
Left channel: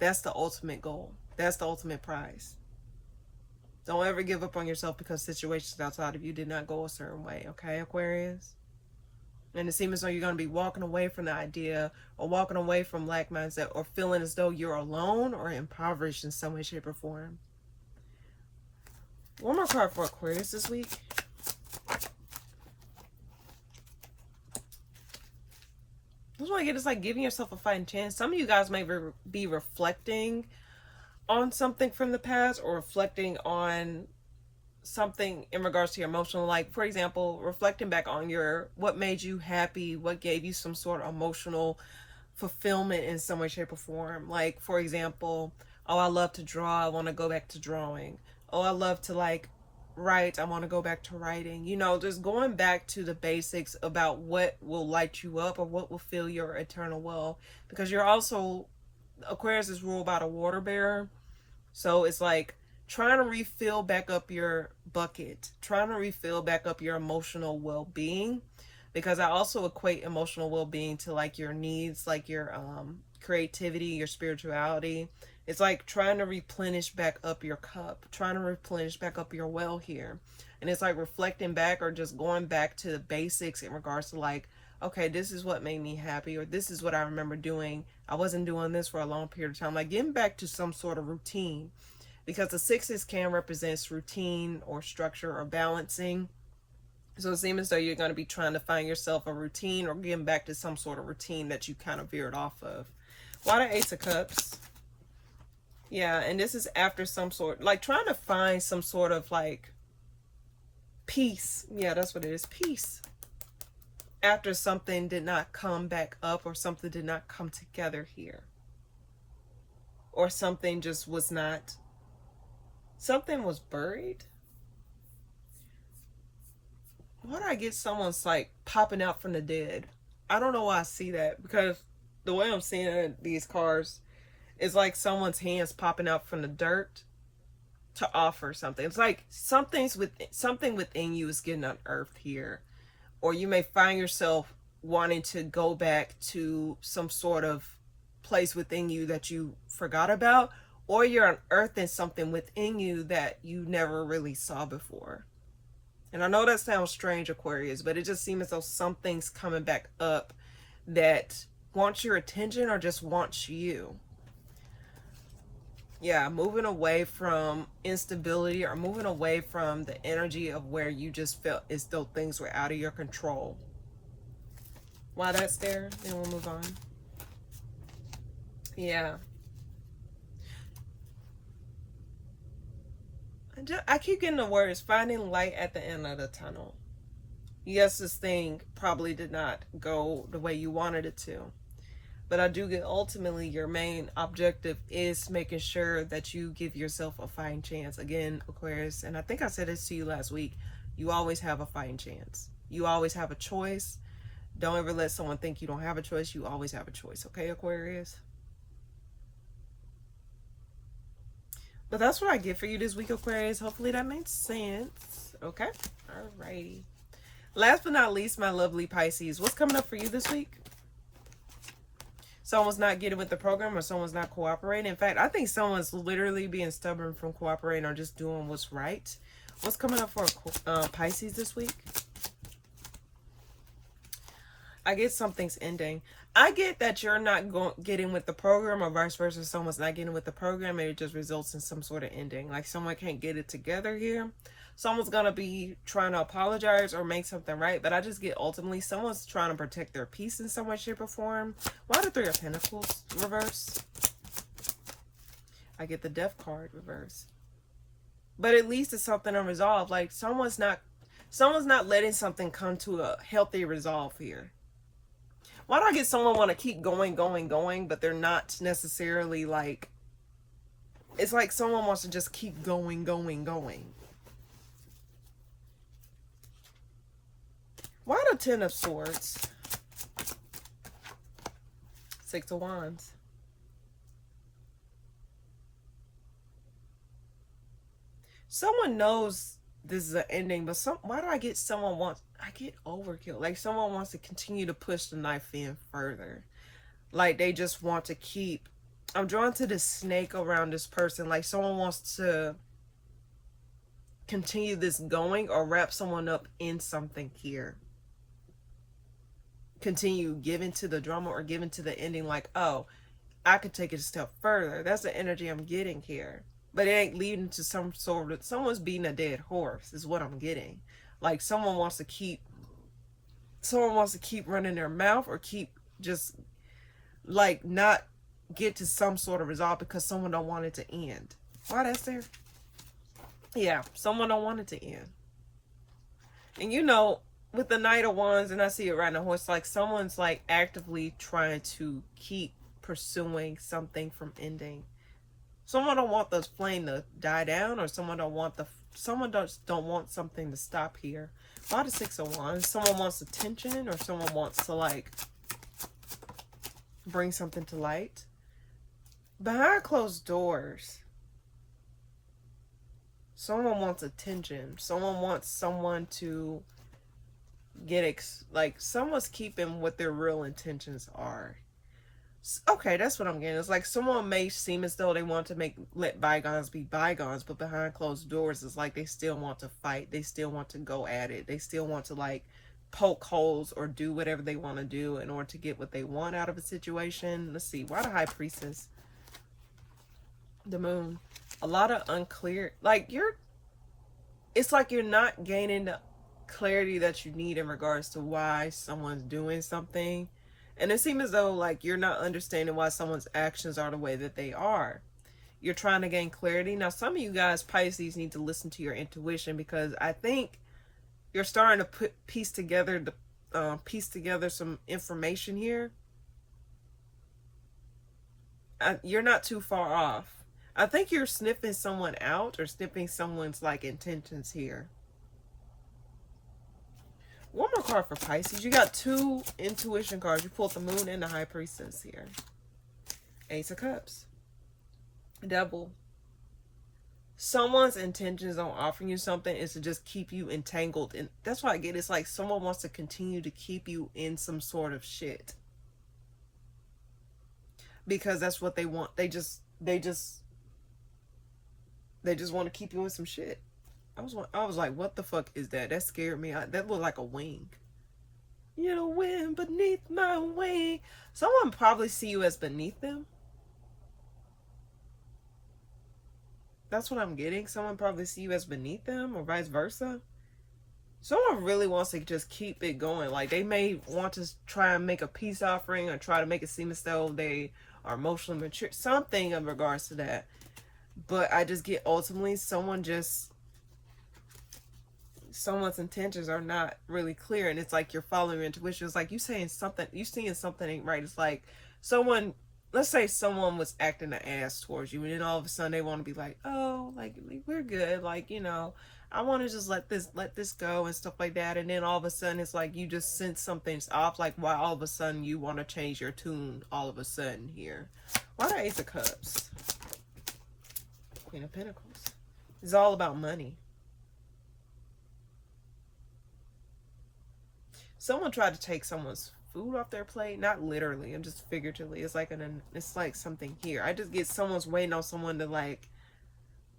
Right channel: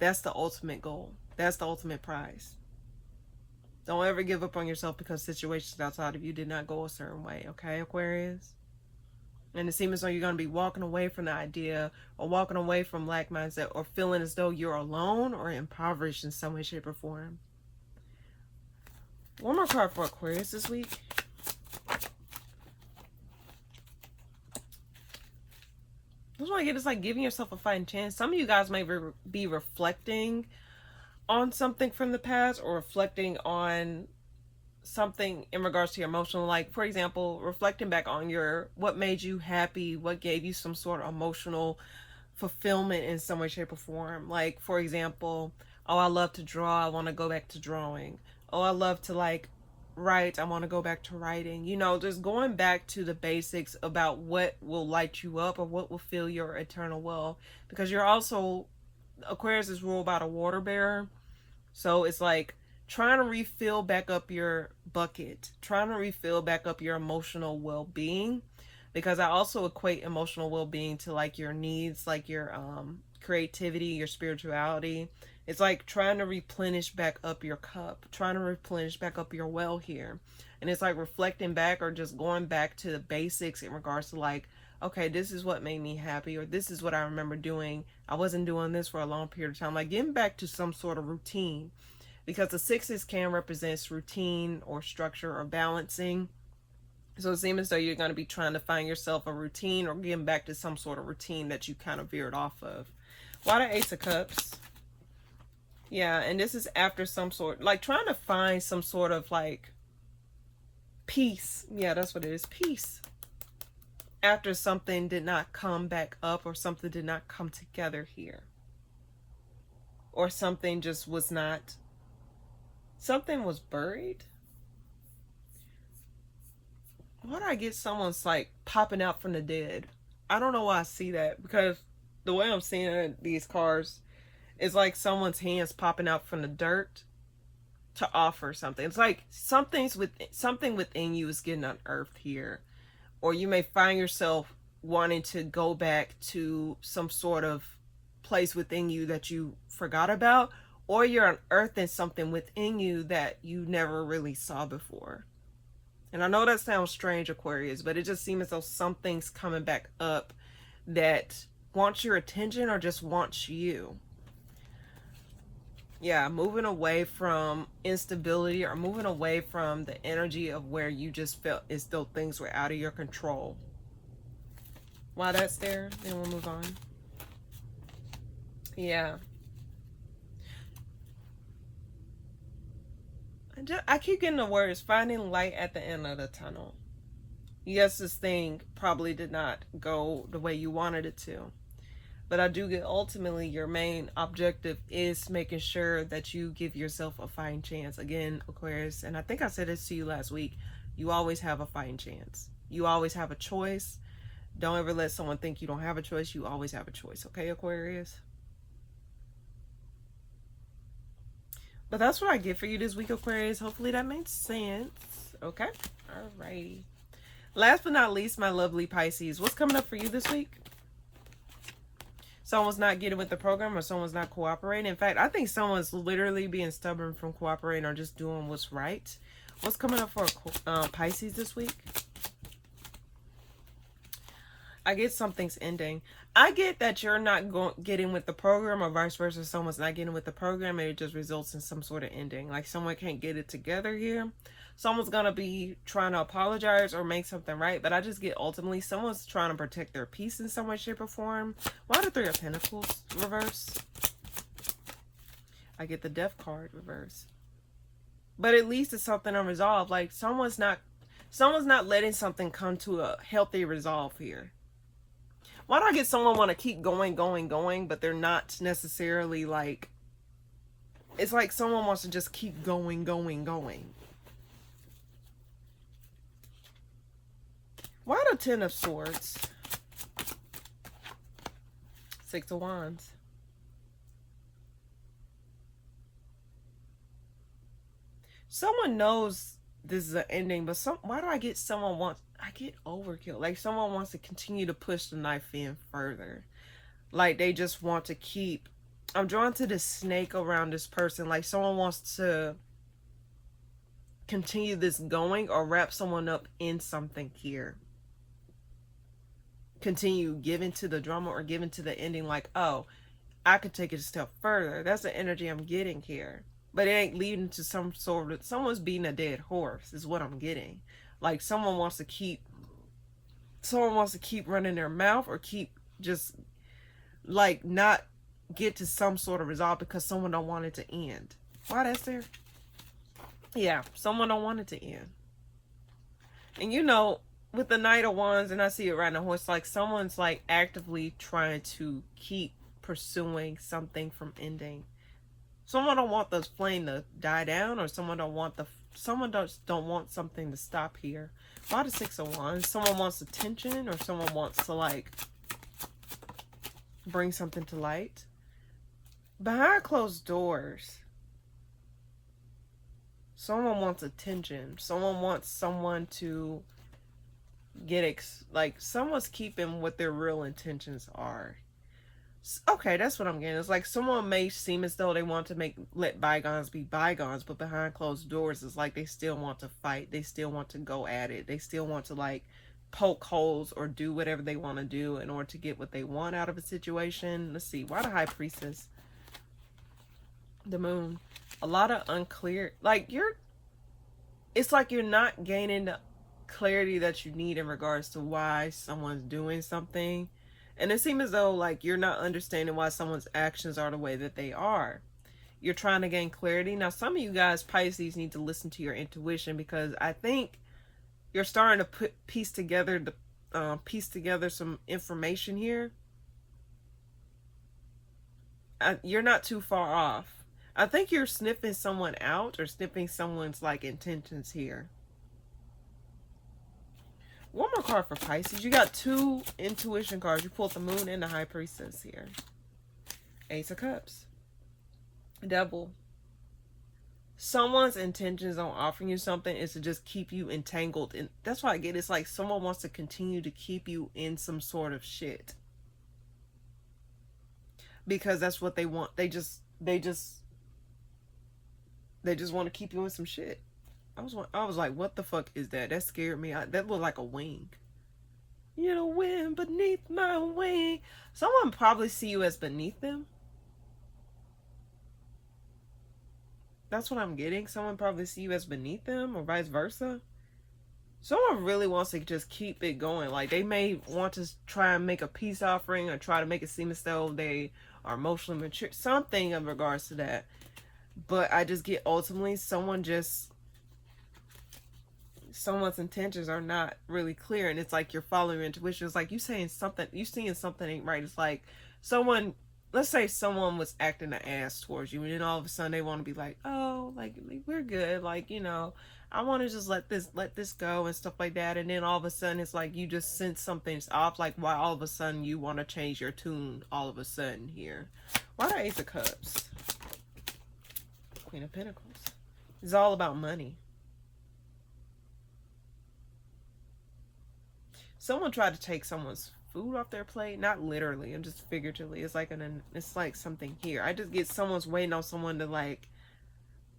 that's the ultimate goal. That's the ultimate prize. Don't ever give up on yourself because situations outside of you did not go a certain way, okay, Aquarius? And it seems as though you're going to be walking away from the idea, or walking away from lack mindset, or feeling as though you're alone or impoverished in some way, shape, or form. One more card for Aquarius this week. That's what I get. It's like giving yourself a fighting chance. Some of you guys may be reflecting on something from the past, or reflecting on something in regards to your emotional, like for example, reflecting back on what made you happy, what gave you some sort of emotional fulfillment in some way, shape, or form. Like for example, oh, I love to draw, I want to go back to drawing. Oh, I love to like write, I want to go back to writing. You know, just going back to the basics about what will light you up, or what will fill your eternal well. Because you're also, Aquarius is ruled by the water bearer, so it's like trying to refill back up your bucket, trying to refill back up your emotional well-being, because I also equate emotional well-being to like your needs, like your creativity, your spirituality. It's like trying to replenish back up your cup, trying to replenish back up your well here. And it's like reflecting back, or just going back to the basics in regards to like, okay, this is what made me happy, or this is what I remember doing. I wasn't doing this for a long period of time. Like getting back to some sort of routine, because the sixes can represent routine or structure or balancing. So it seems as though you're going to be trying to find yourself a routine, or getting back to some sort of routine that you kind of veered off of. Why the Ace of Cups? Yeah, and this is after some sort, like trying to find some sort of like peace. Yeah, that's what it is, peace. After something did not come back up, or something did not come together here. Or something just was not, something was buried. why do I get someone's like popping out from the dead? I don't know why I see that, because the way I'm seeing these cards is like someone's hands popping out from the dirt to offer something. It's like something within you is getting unearthed here, or you may find yourself wanting to go back to some sort of place within you that you forgot about, or you're unearthing something within you that you never really saw before. And I know that sounds strange, Aquarius, but it just seems as though something's coming back up that wants your attention or just wants you. Yeah, moving away from instability, or moving away from the energy of where you just felt as though things were out of your control. While that's there, then we'll move on. Yeah. I keep getting the words finding light at the end of the tunnel. Yes, this thing probably did not go the way you wanted it to. But I do get ultimately your main objective is making sure that you give yourself a fighting chance. Again, Aquarius, and I think I said this to you last week, you always have a fighting chance. You always have a choice. Don't ever let someone think you don't have a choice. You always have a choice, okay, Aquarius? But that's what I get for you this week, Aquarius. Hopefully that makes sense. Okay? Alrighty. Last but not least, my lovely Pisces. What's coming up for you this week? Someone's not getting with the program, or someone's not cooperating. In fact, I think someone's literally being stubborn from cooperating or just doing what's right. What's coming up for Pisces this week? I get something's ending. I get that you're not getting with the program, or vice versa. Someone's not getting with the program and it just results in some sort of ending. Like someone can't get it together here. Someone's going to be trying to apologize or make something right. But I just get ultimately someone's trying to protect their peace in some way, shape, or form. Why the Three of Pentacles reverse? I get the Death card reverse. But at least it's something unresolved. Like someone's not letting something come to a healthy resolve here. Why do I get someone want to keep going, but they're not necessarily like, it's like someone wants to just keep going. Why the Ten of Swords? Six of Wands. Someone knows this is an ending, but why do I get someone wants, I get overkill. Like someone wants to continue to push the knife in further. Like they just want to keep, I'm drawn to the snake around this person. Like someone wants to continue this going or wrap someone up in something here. Continue giving to the drama or giving to the ending, like, oh, I could take it a step further. That's the energy I'm getting here. But it ain't leading to some sort of, someone's beating a dead horse is what I'm getting. Like someone wants to keep running their mouth, or keep just like not get to some sort of resolve because someone don't want it to end. Why that's there? Yeah, someone don't want it to end. And you know, with the Knight of Wands, and I see it riding a horse, like someone's like actively trying to keep pursuing something from ending. Someone don't want the flame to die down, or someone don't want something to stop here. Why the Six of Wands? Someone wants attention, or someone wants to like bring something to light. Behind closed doors, someone wants attention. Someone wants someone to get like someone's keeping what their real intentions are. Okay, that's what I'm getting. It's like someone may seem as though they want to let bygones be bygones, but behind closed doors, it's like they still want to fight. They still want to go at it. They still want to like poke holes or do whatever they want to do in order to get what they want out of a situation. Let's see. Why the High Priestess? The Moon. A lot of unclear. Like it's like you're not gaining the clarity that you need in regards to why someone's doing something. And it seems as though like you're not understanding why someone's actions are the way that they are. You're trying to gain clarity. Now, some of you guys, Pisces, need to listen to your intuition, because I think you're starting to piece together some information here. You're not too far off. I think you're sniffing someone out, or sniffing someone's like intentions here. One more card for Pisces. You got 2 intuition cards. You pulled the Moon and the High Priestess here. Ace of Cups. Devil. Someone's intentions on offering you something is to just keep you entangled. And that's why I get it. It's like someone wants to continue to keep you in some sort of shit. Because that's what they want. They just want to keep you in some shit. I was like, what the fuck is that? That scared me. That looked like a wing. You know, wind beneath my wing. Someone probably see you as beneath them. That's what I'm getting. Someone probably see you as beneath them, or vice versa. Someone really wants to just keep it going. Like, they may want to try and make a peace offering, or try to make it seem as though they are emotionally mature. Something in regards to that. But I just get ultimately someone's intentions are not really clear, and it's like you're following your intuition. It's like you seeing something ain't right. It's like someone, let's say someone was acting an ass towards you, and then all of a sudden they want to be like, oh, like, we're good, like, you know, I want to just let this go and stuff like that. And then all of a sudden it's like you just sense something's off. Like, why all of a sudden you want to change your tune all of a sudden here? Why the Ace of Cups? Queen of Pentacles. It's all about money. Someone tried to take someone's food off their plate, not literally, and just figuratively. It's like something here. I just get someone's waiting on someone to like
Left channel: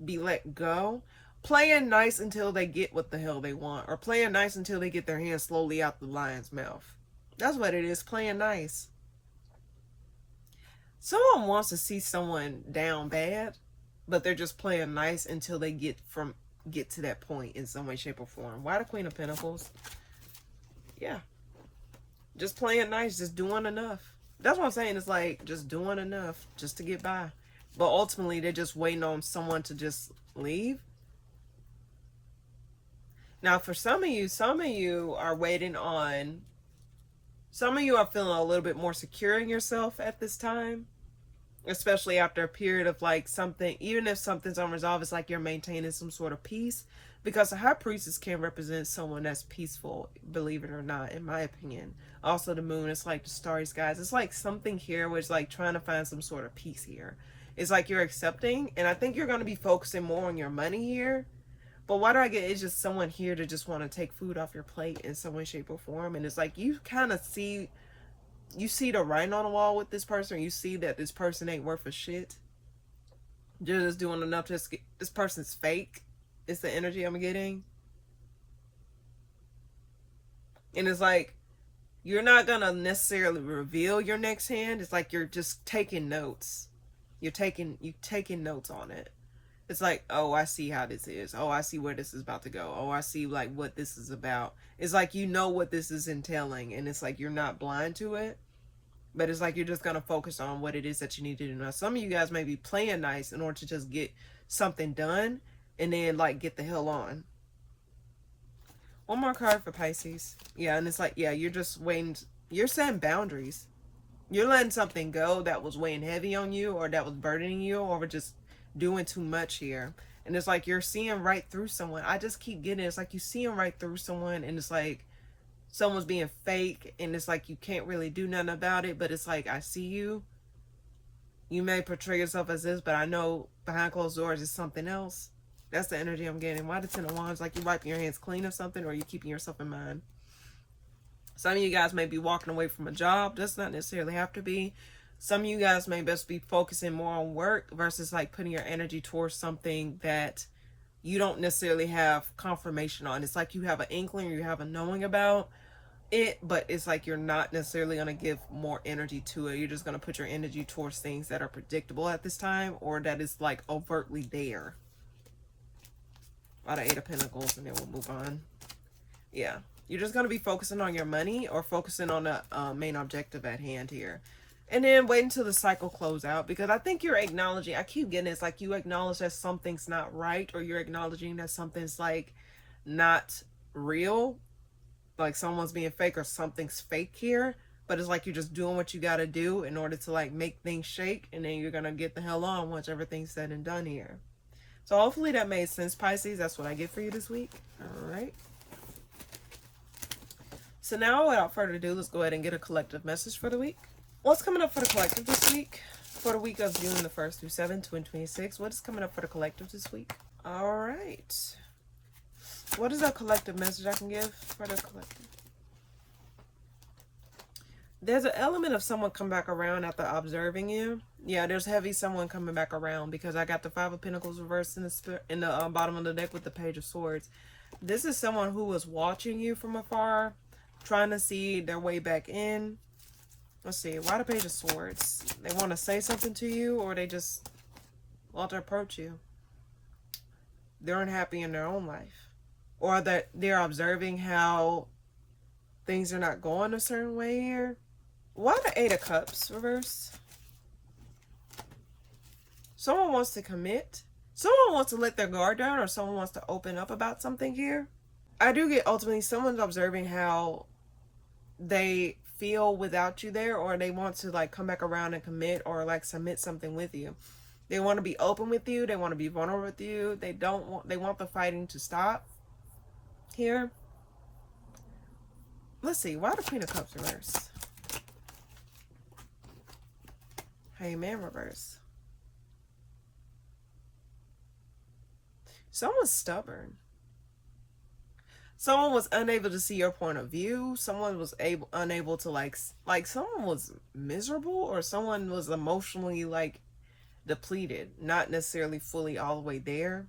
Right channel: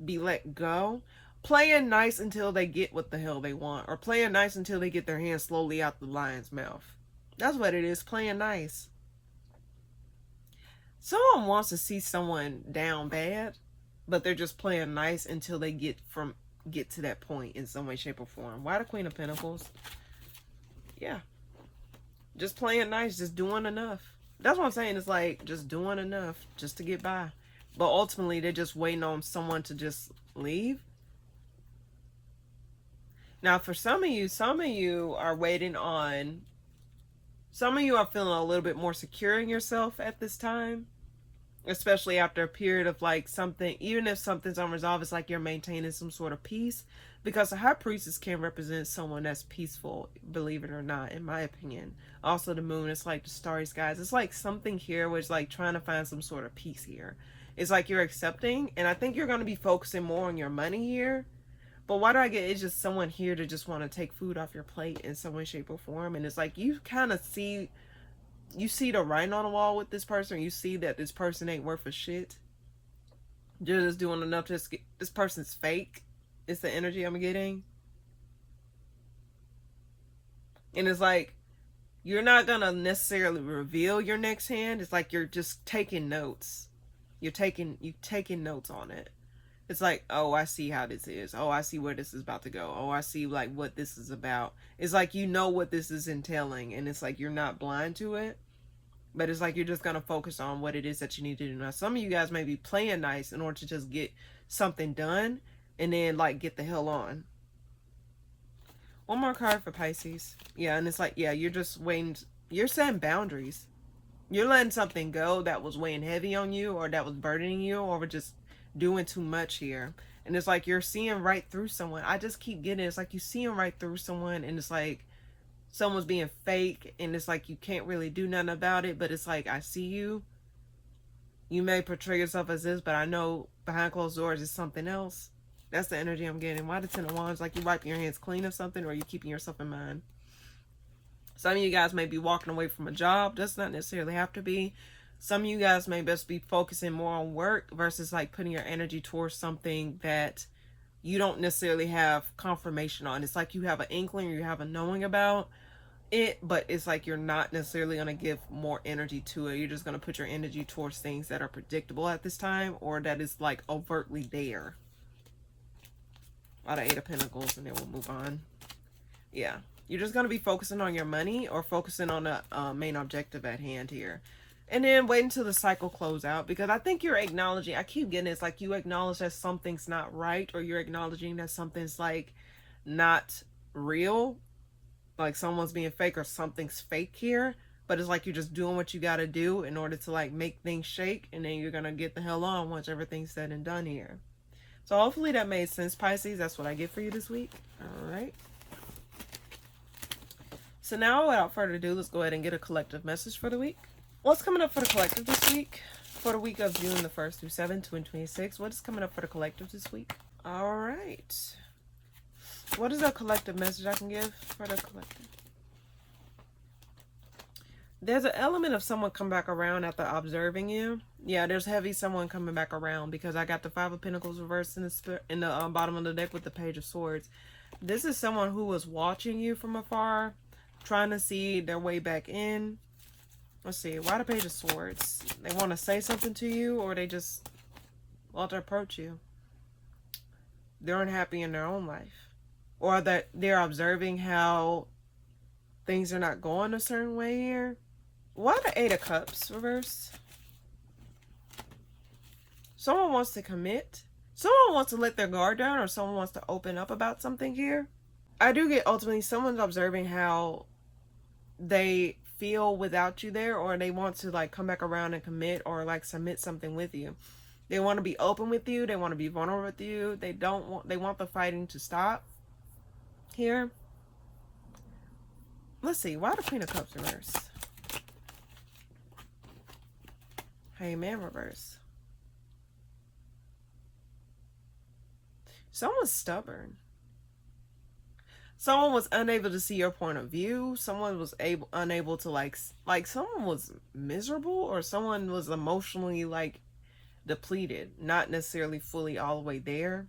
be let go, playing nice until they get what the hell they want, or playing nice until they get their hand slowly out the lion's mouth. That's what it is, playing nice. Someone wants to see someone down bad, but they're just playing nice until they get to that point in some way, shape, or form. Why the Queen of Pentacles? Yeah. Just playing nice, just doing enough. That's what I'm saying. It's like just doing enough just to get by. But ultimately, they're just waiting on someone to just leave. Now, for some of you are waiting on... Some of you are feeling a little bit more secure in yourself at this time. Especially after a period of like something, even if something's unresolved, it's like you're maintaining some sort of peace. Because the High Priestess can represent someone that's peaceful, believe it or not, in my opinion. Also, the Moon, it's like the starry skies. It's like something here where it's like trying to find some sort of peace here. It's like you're accepting, and I think you're going to be focusing more on your money here. But what I get is just someone here to just want to take food off your plate in some way, shape, or form. And it's like you kind of see... You see the writing on the wall with this person. You see that this person ain't worth a shit. You're just doing enough to get... This person's fake. It's the energy I'm getting. And it's like, you're not going to necessarily reveal your next hand. It's like you're just taking notes. You're taking notes on it. It's like, oh, I see how this is. Oh, I see where this is about to go. Oh, I see like what this is about. It's like you know what this is entailing, and it's like you're not blind to it. But it's like you're just going to focus on what it is that you need to do. Now, some of you guys may be playing nice in order to just get something done and then like get the hell on. One more card for Pisces. Yeah, and it's like, yeah, you're just waiting. You're setting boundaries. You're letting something go that was weighing heavy on you, or that was burdening you, or just doing too much here. And it's like you're seeing right through someone. I just keep getting it. It's like you seeing right through someone, and it's like someone's being fake, and it's like you can't really do nothing about it, but it's like, I see you. You may portray yourself as this, but I know behind closed doors is something else. That's the energy I'm getting. Why the Ten of Wands? Like you wiping your hands clean of something, or you keeping yourself in mind. Some of you guys may be walking away from a job. Does not necessarily have to be. Some of you guys may best be focusing more on work versus like putting your energy towards something that you don't necessarily have confirmation on. It's like you have an inkling, or you have a knowing about it, but it's like you're not necessarily going to give more energy to it. You're just going to put your energy towards things that are predictable at this time, or that is like overtly there. Out of 8 of Pentacles, and then we'll move on. Yeah, you're just going to be focusing on your money, or focusing on the main objective at hand here. And then wait until the cycle close out, because I think you're acknowledging, I keep getting it's like you acknowledge that something's not right, or you're acknowledging that something's like not real, like someone's being fake, or something's fake here. But it's like you're just doing what you got to do in order to like make things shake, and then you're going to get the hell on once everything's said and done here. So hopefully that made sense, Pisces. That's what I get for you this week. All right. So now, without further ado, let's go ahead and get a collective message for the week. What's coming up for the collective this week? For the week of June the 1st through 7th, 2026. What is coming up for the collective this week? All right. What is a collective message I can give for the collective? There's an element of someone come back around after observing you. Yeah, there's heavy someone coming back around because I got the Five of Pentacles reversed in the bottom of the deck with the Page of Swords. This is someone who was watching you from afar, trying to see their way back in. Let's see, why the Page of Swords? They want to say something to you, or they just want to approach you. They're unhappy in their own life, or that they're observing how things are not going a certain way here. Why the Eight of Cups reversed? Someone wants to commit. Someone wants to let their guard down, or someone wants to open up about something here. I do get ultimately someone's observing how they feel without you there, or they want to like come back around and commit or like submit something with you. They want to be open with you. They want to be vulnerable with you. They want the fighting to stop here. Let's see, why the Queen of Cups reverse? Hangman reverse. Someone's stubborn. Someone was unable to see your point of view. Someone was unable to like someone was miserable, or someone was emotionally like depleted, not necessarily fully all the way there.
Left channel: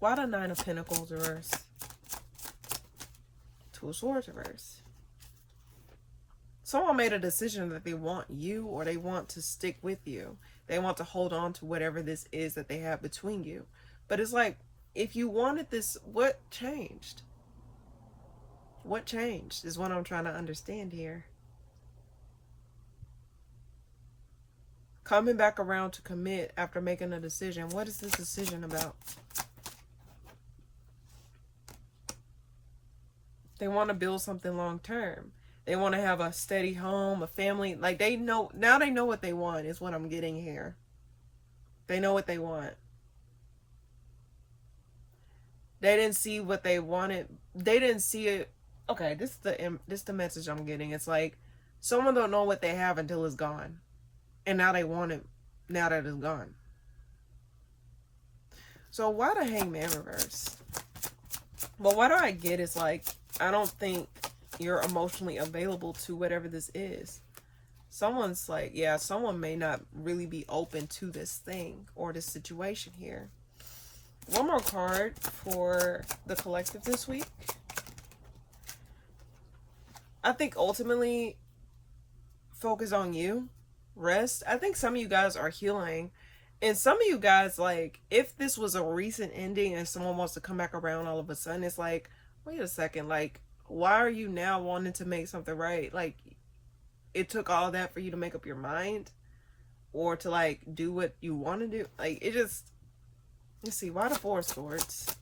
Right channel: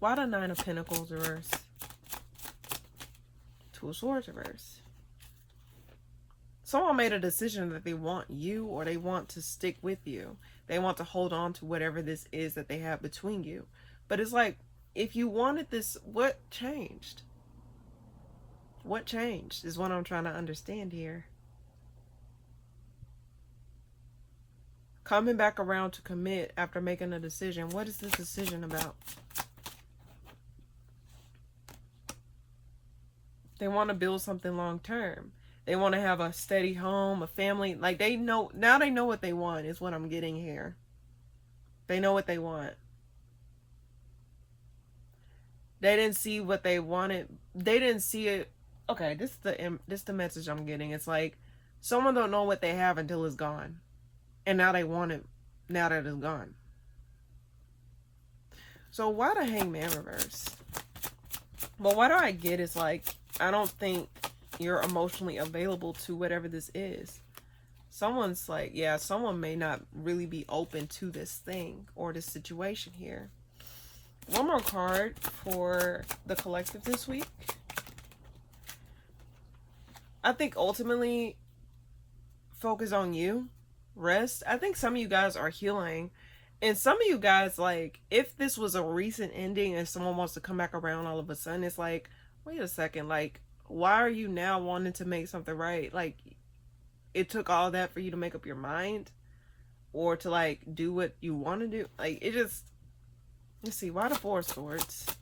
Why the Nine of Pentacles reverse? Two of Swords reverse. Someone made a decision that they want you, or they want to stick with you. They want to hold on to whatever this is that they have between you. But it's like, if you wanted this, what changed? What changed is what I'm trying to understand here. Coming back around to commit after making a decision. What is this decision about? They want to build something long term. They want to have a steady home, a family. Like they know, now they know what they want is what I'm getting here. They know what they want. They didn't see what they wanted. They didn't see it. Okay, this is the message I'm getting. It's like someone don't know what they have until it's gone. And now they want it now that it's gone. So why the Hangman reverse? Well, what I get is like, I don't think you're emotionally available to whatever this is. Someone's like, yeah, someone may not really be open to this thing or this situation here. One more card for the collective this week. I think ultimately focus on you. Rest. I think some of you guys are healing. And some of you guys, like, if this was a recent ending and someone wants to come back around all of a sudden, it's like, wait a second, like, why are you now wanting to make something right? Like, it took all that for you to make up your mind or to, like, do what you want to do. Like, it just, let's see, why the Four of Swords?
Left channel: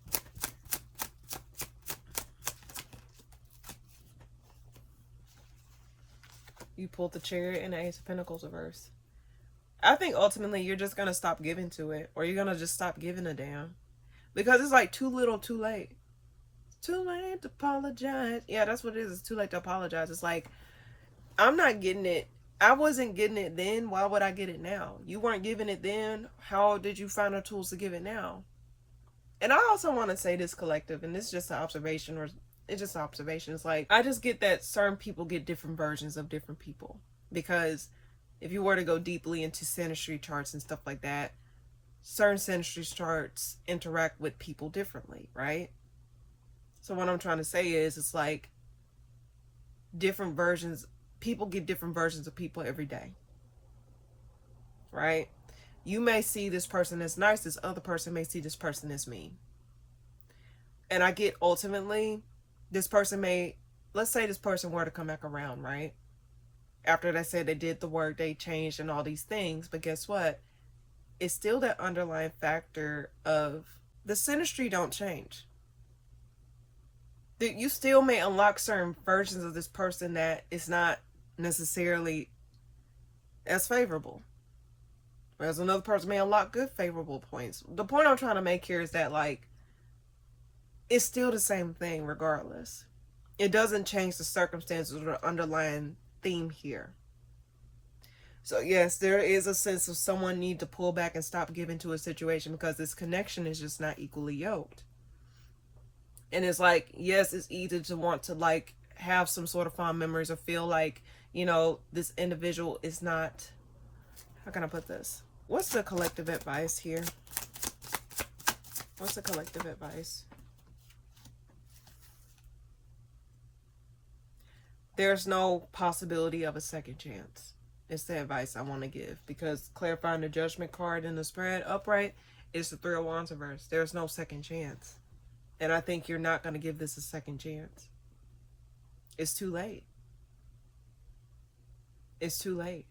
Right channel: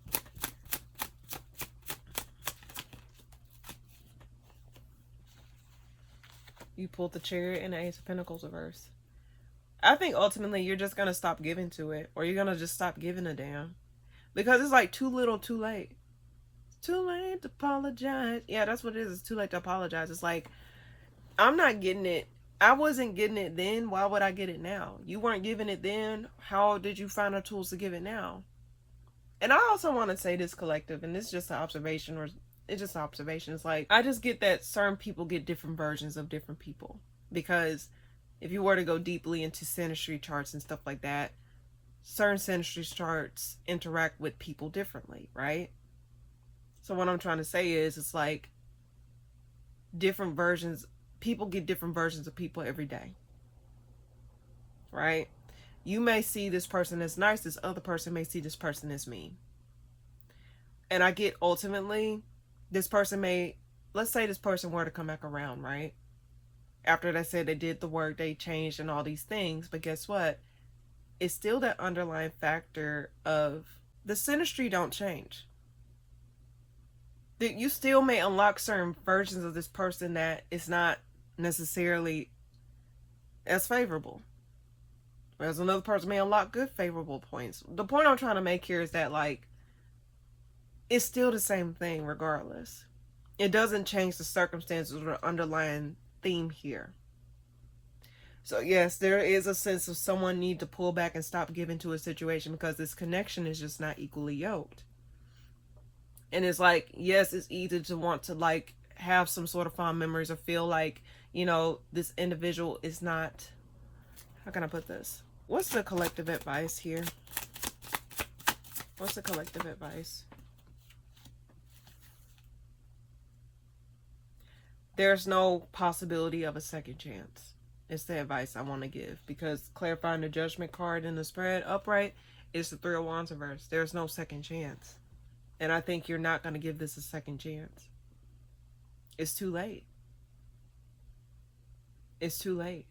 You pulled the Chariot and the Ace of Pentacles reverse. I think ultimately you're just going to stop giving to it, or you're going to just stop giving a damn. Because it's like too little, too late. Too late to apologize. Yeah, that's what it is. It's too late to apologize. It's like, I'm not getting it. I wasn't getting it then. Why would I get it now? You weren't giving it then. How did you find the tools to give it now? And I also want to say this, collective, and this is just an observation, or it's just an observation. It's like, I just get that certain people get different versions of different people. Because if you were to go deeply into synastry charts and stuff like that, certain synastry charts interact with people differently, right? So what I'm trying to say is, it's like different versions, people get different versions of people every day, right? You may see this person as nice, this other person may see this person as mean. And I get ultimately, this person may, let's say this person were to come back around, right? After they said they did the work, they changed and all these things, but guess what? It's still that underlying factor of the synastry don't change. That you still may unlock certain versions of this person that is not necessarily as favorable. Whereas another person may unlock good favorable points. The point I'm trying to make here is that, like, it's still the same thing regardless. it doesn't change the circumstances or underlying theme here. So yes, there is a sense of someone need to pull back and stop giving to a situation because this connection is just not equally yoked. And it's like, yes, it's easy to want to like have some sort of fond memories or feel like, you know, this individual is not, how can I put this? What's the collective advice here? What's the collective advice? There's no possibility of a second chance. It's the advice I want to give, because clarifying the Judgment card in the spread upright is the Three of Wands reverse. There's no second chance. And I think you're not going to give this a second chance. It's too late. It's too late.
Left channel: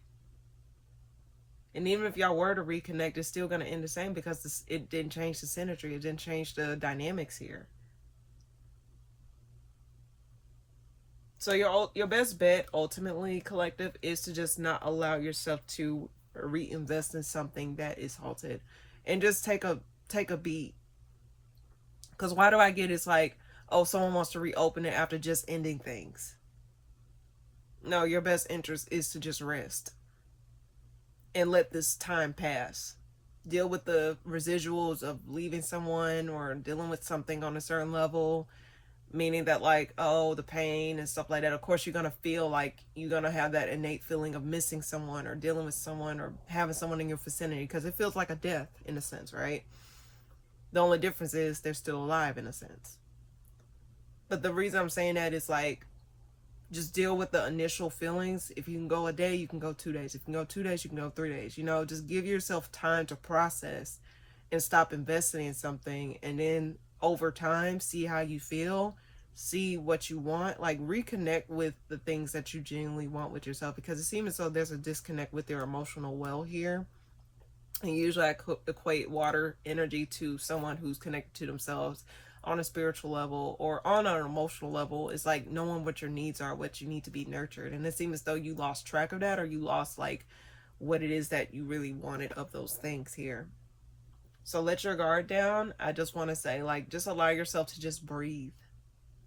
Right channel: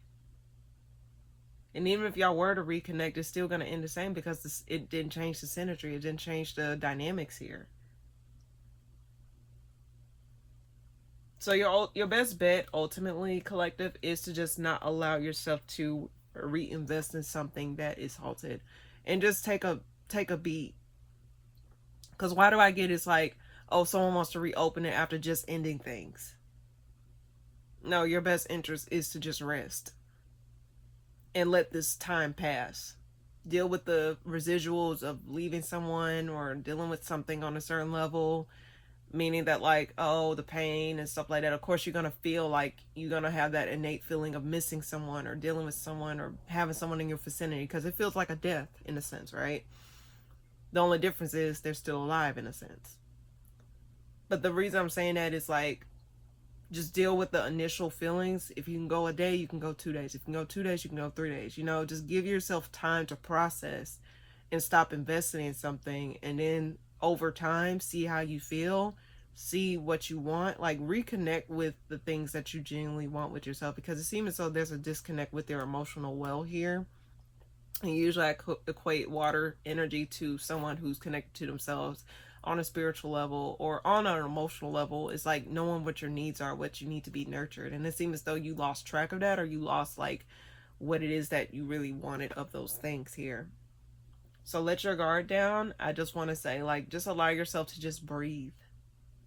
And even if y'all were to reconnect, it's still going to end the same, because it didn't change the symmetry. It didn't change the dynamics here. So your best bet, ultimately, collective, is to just not allow yourself to reinvest in something that is halted, and just take a beat. Because why do I get it's like, oh, someone wants to reopen it after just ending things? No, your best interest is to just rest and let this time pass. Deal with the residuals of leaving someone or dealing with something on a certain level, meaning that like, oh, the pain and stuff like that. Of course, you're going to feel like you're going to have that innate feeling of missing someone or dealing with someone or having someone in your vicinity, because it feels like a death in a sense, right? The only difference is they're still alive in a sense. But the reason I'm saying that is like, just deal with the initial feelings. If you can go a day, you can go 2 days. If you can go 2 days, you can go 3 days. You know, just give yourself time to process and stop investing in something. And then over time, see how you feel, see what you want, like reconnect with the things that you genuinely want with yourself, because it seems as though there's a disconnect with your emotional well here. And usually I equate water energy to someone who's connected to themselves on a spiritual level or on an emotional level. It's like knowing what your needs are, what you need to be nurtured. And it seems as though you lost track of that, or you lost like what it is that you really wanted of those things here. So let your guard down. I just want to say, like, just allow yourself to just breathe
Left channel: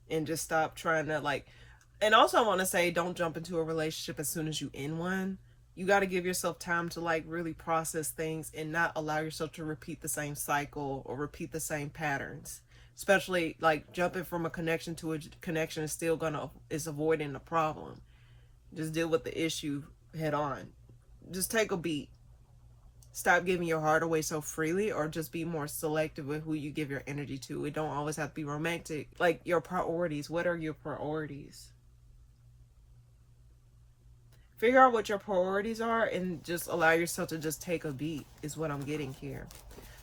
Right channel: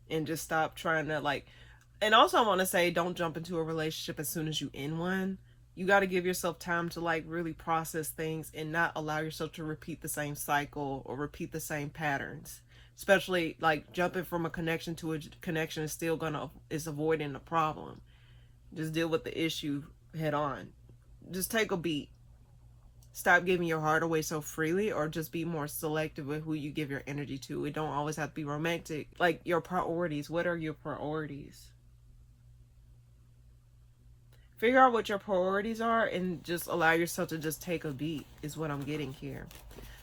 and just stop trying to like, and also I want to say, don't jump into a relationship as soon as you end one. You got to give yourself time to like really process things and not allow yourself to repeat the same cycle or repeat the same patterns. Especially like jumping from a connection to a connection is avoiding the problem. Just deal with the issue head on. Just take a beat. Stop giving your heart away so freely, or just be more selective with who you give your energy to. It don't always have to be romantic. Like your priorities. What are your priorities? Figure out what your priorities are and just allow yourself to just take a beat is what I'm getting here.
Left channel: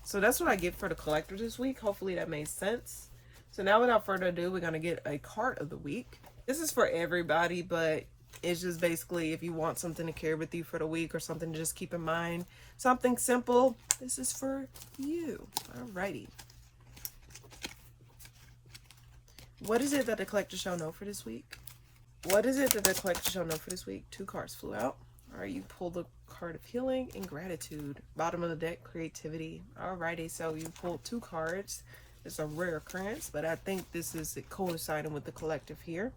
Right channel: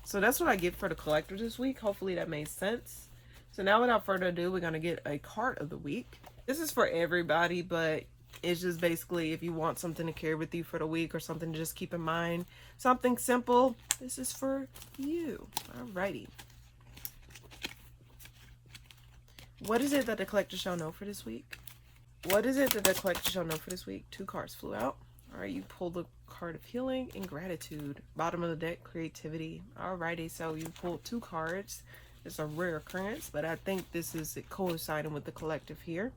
So that's what I get for the collector this week. Hopefully that made sense. So now without further ado, we're going to get a card of the week. This is for everybody, but it's just basically if you want something to carry with you for the week or something to just keep in mind. Something simple. This is for you. Alrighty. What is it that the collector shall know for this week? What is it that the collector shall know for this week? 2 cards flew out. All right, you pulled the card of healing and gratitude. Bottom of the deck, creativity. Alrighty, so you pulled 2 cards. It's a rare occurrence, but I think this is coinciding with the collective here.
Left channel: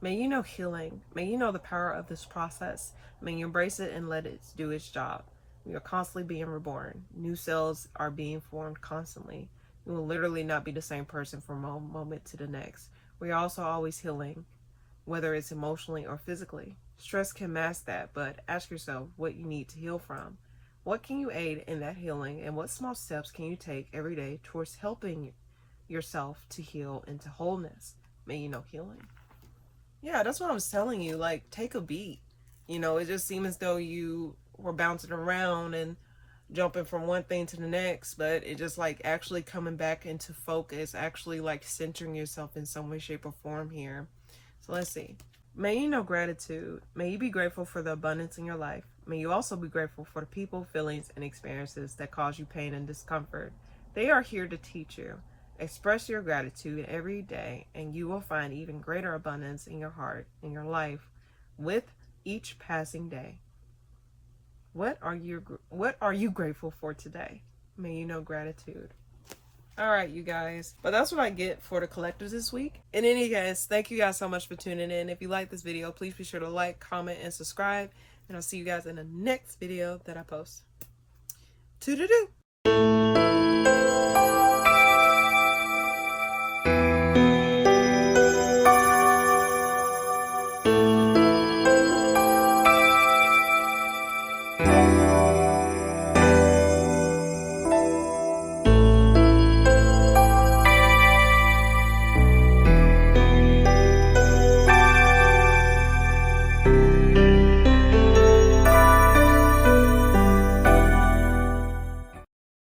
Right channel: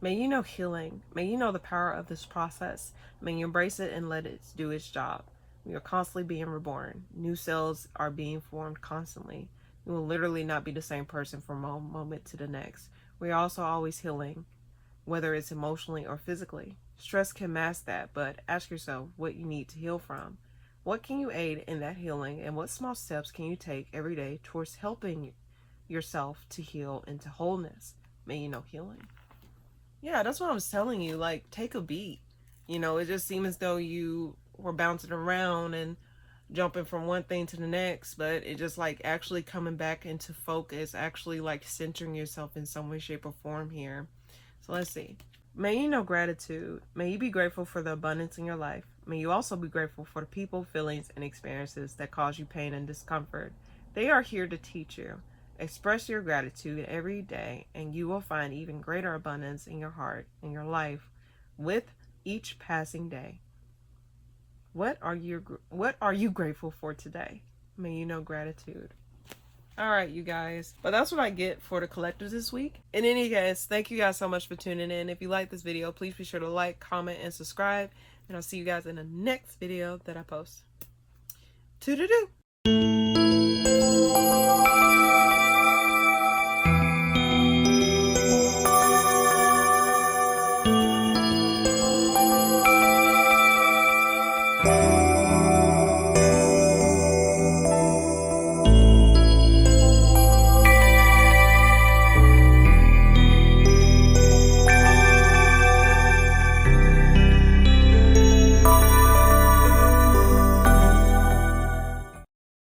May you know healing. May you know the power of this process. May you embrace it and let it do its job. We are constantly being reborn. New cells are being formed constantly. You will literally not be the same person from one moment to the next. We are also always healing, whether it's emotionally or physically. Stress can mask that, but ask yourself what you need to heal from. What can you aid in that healing, and what small steps can you take every day towards helping yourself to heal into wholeness? May you know healing. Yeah, that's what I was telling you. Like, take a beat. You know, it just seems as though you were bouncing around and jumping from one thing to the next, but it just like actually coming back into focus, actually like centering yourself in some way, shape, or form here. So let's see. May you know gratitude. May you be grateful for the abundance in your life. May you also be grateful for the people, feelings, and experiences that cause you pain and discomfort. They are here to teach you. Express your gratitude every day, and you will find even greater abundance in your heart and your life with each passing day. What are you grateful for today? May you know gratitude. All right, you guys. But that's what I get for the collectives this week. In any case, thank you guys so much for tuning in. If you like this video, please be sure to like, comment, and subscribe. And I'll see you guys in the next video that I post. Toodaloo!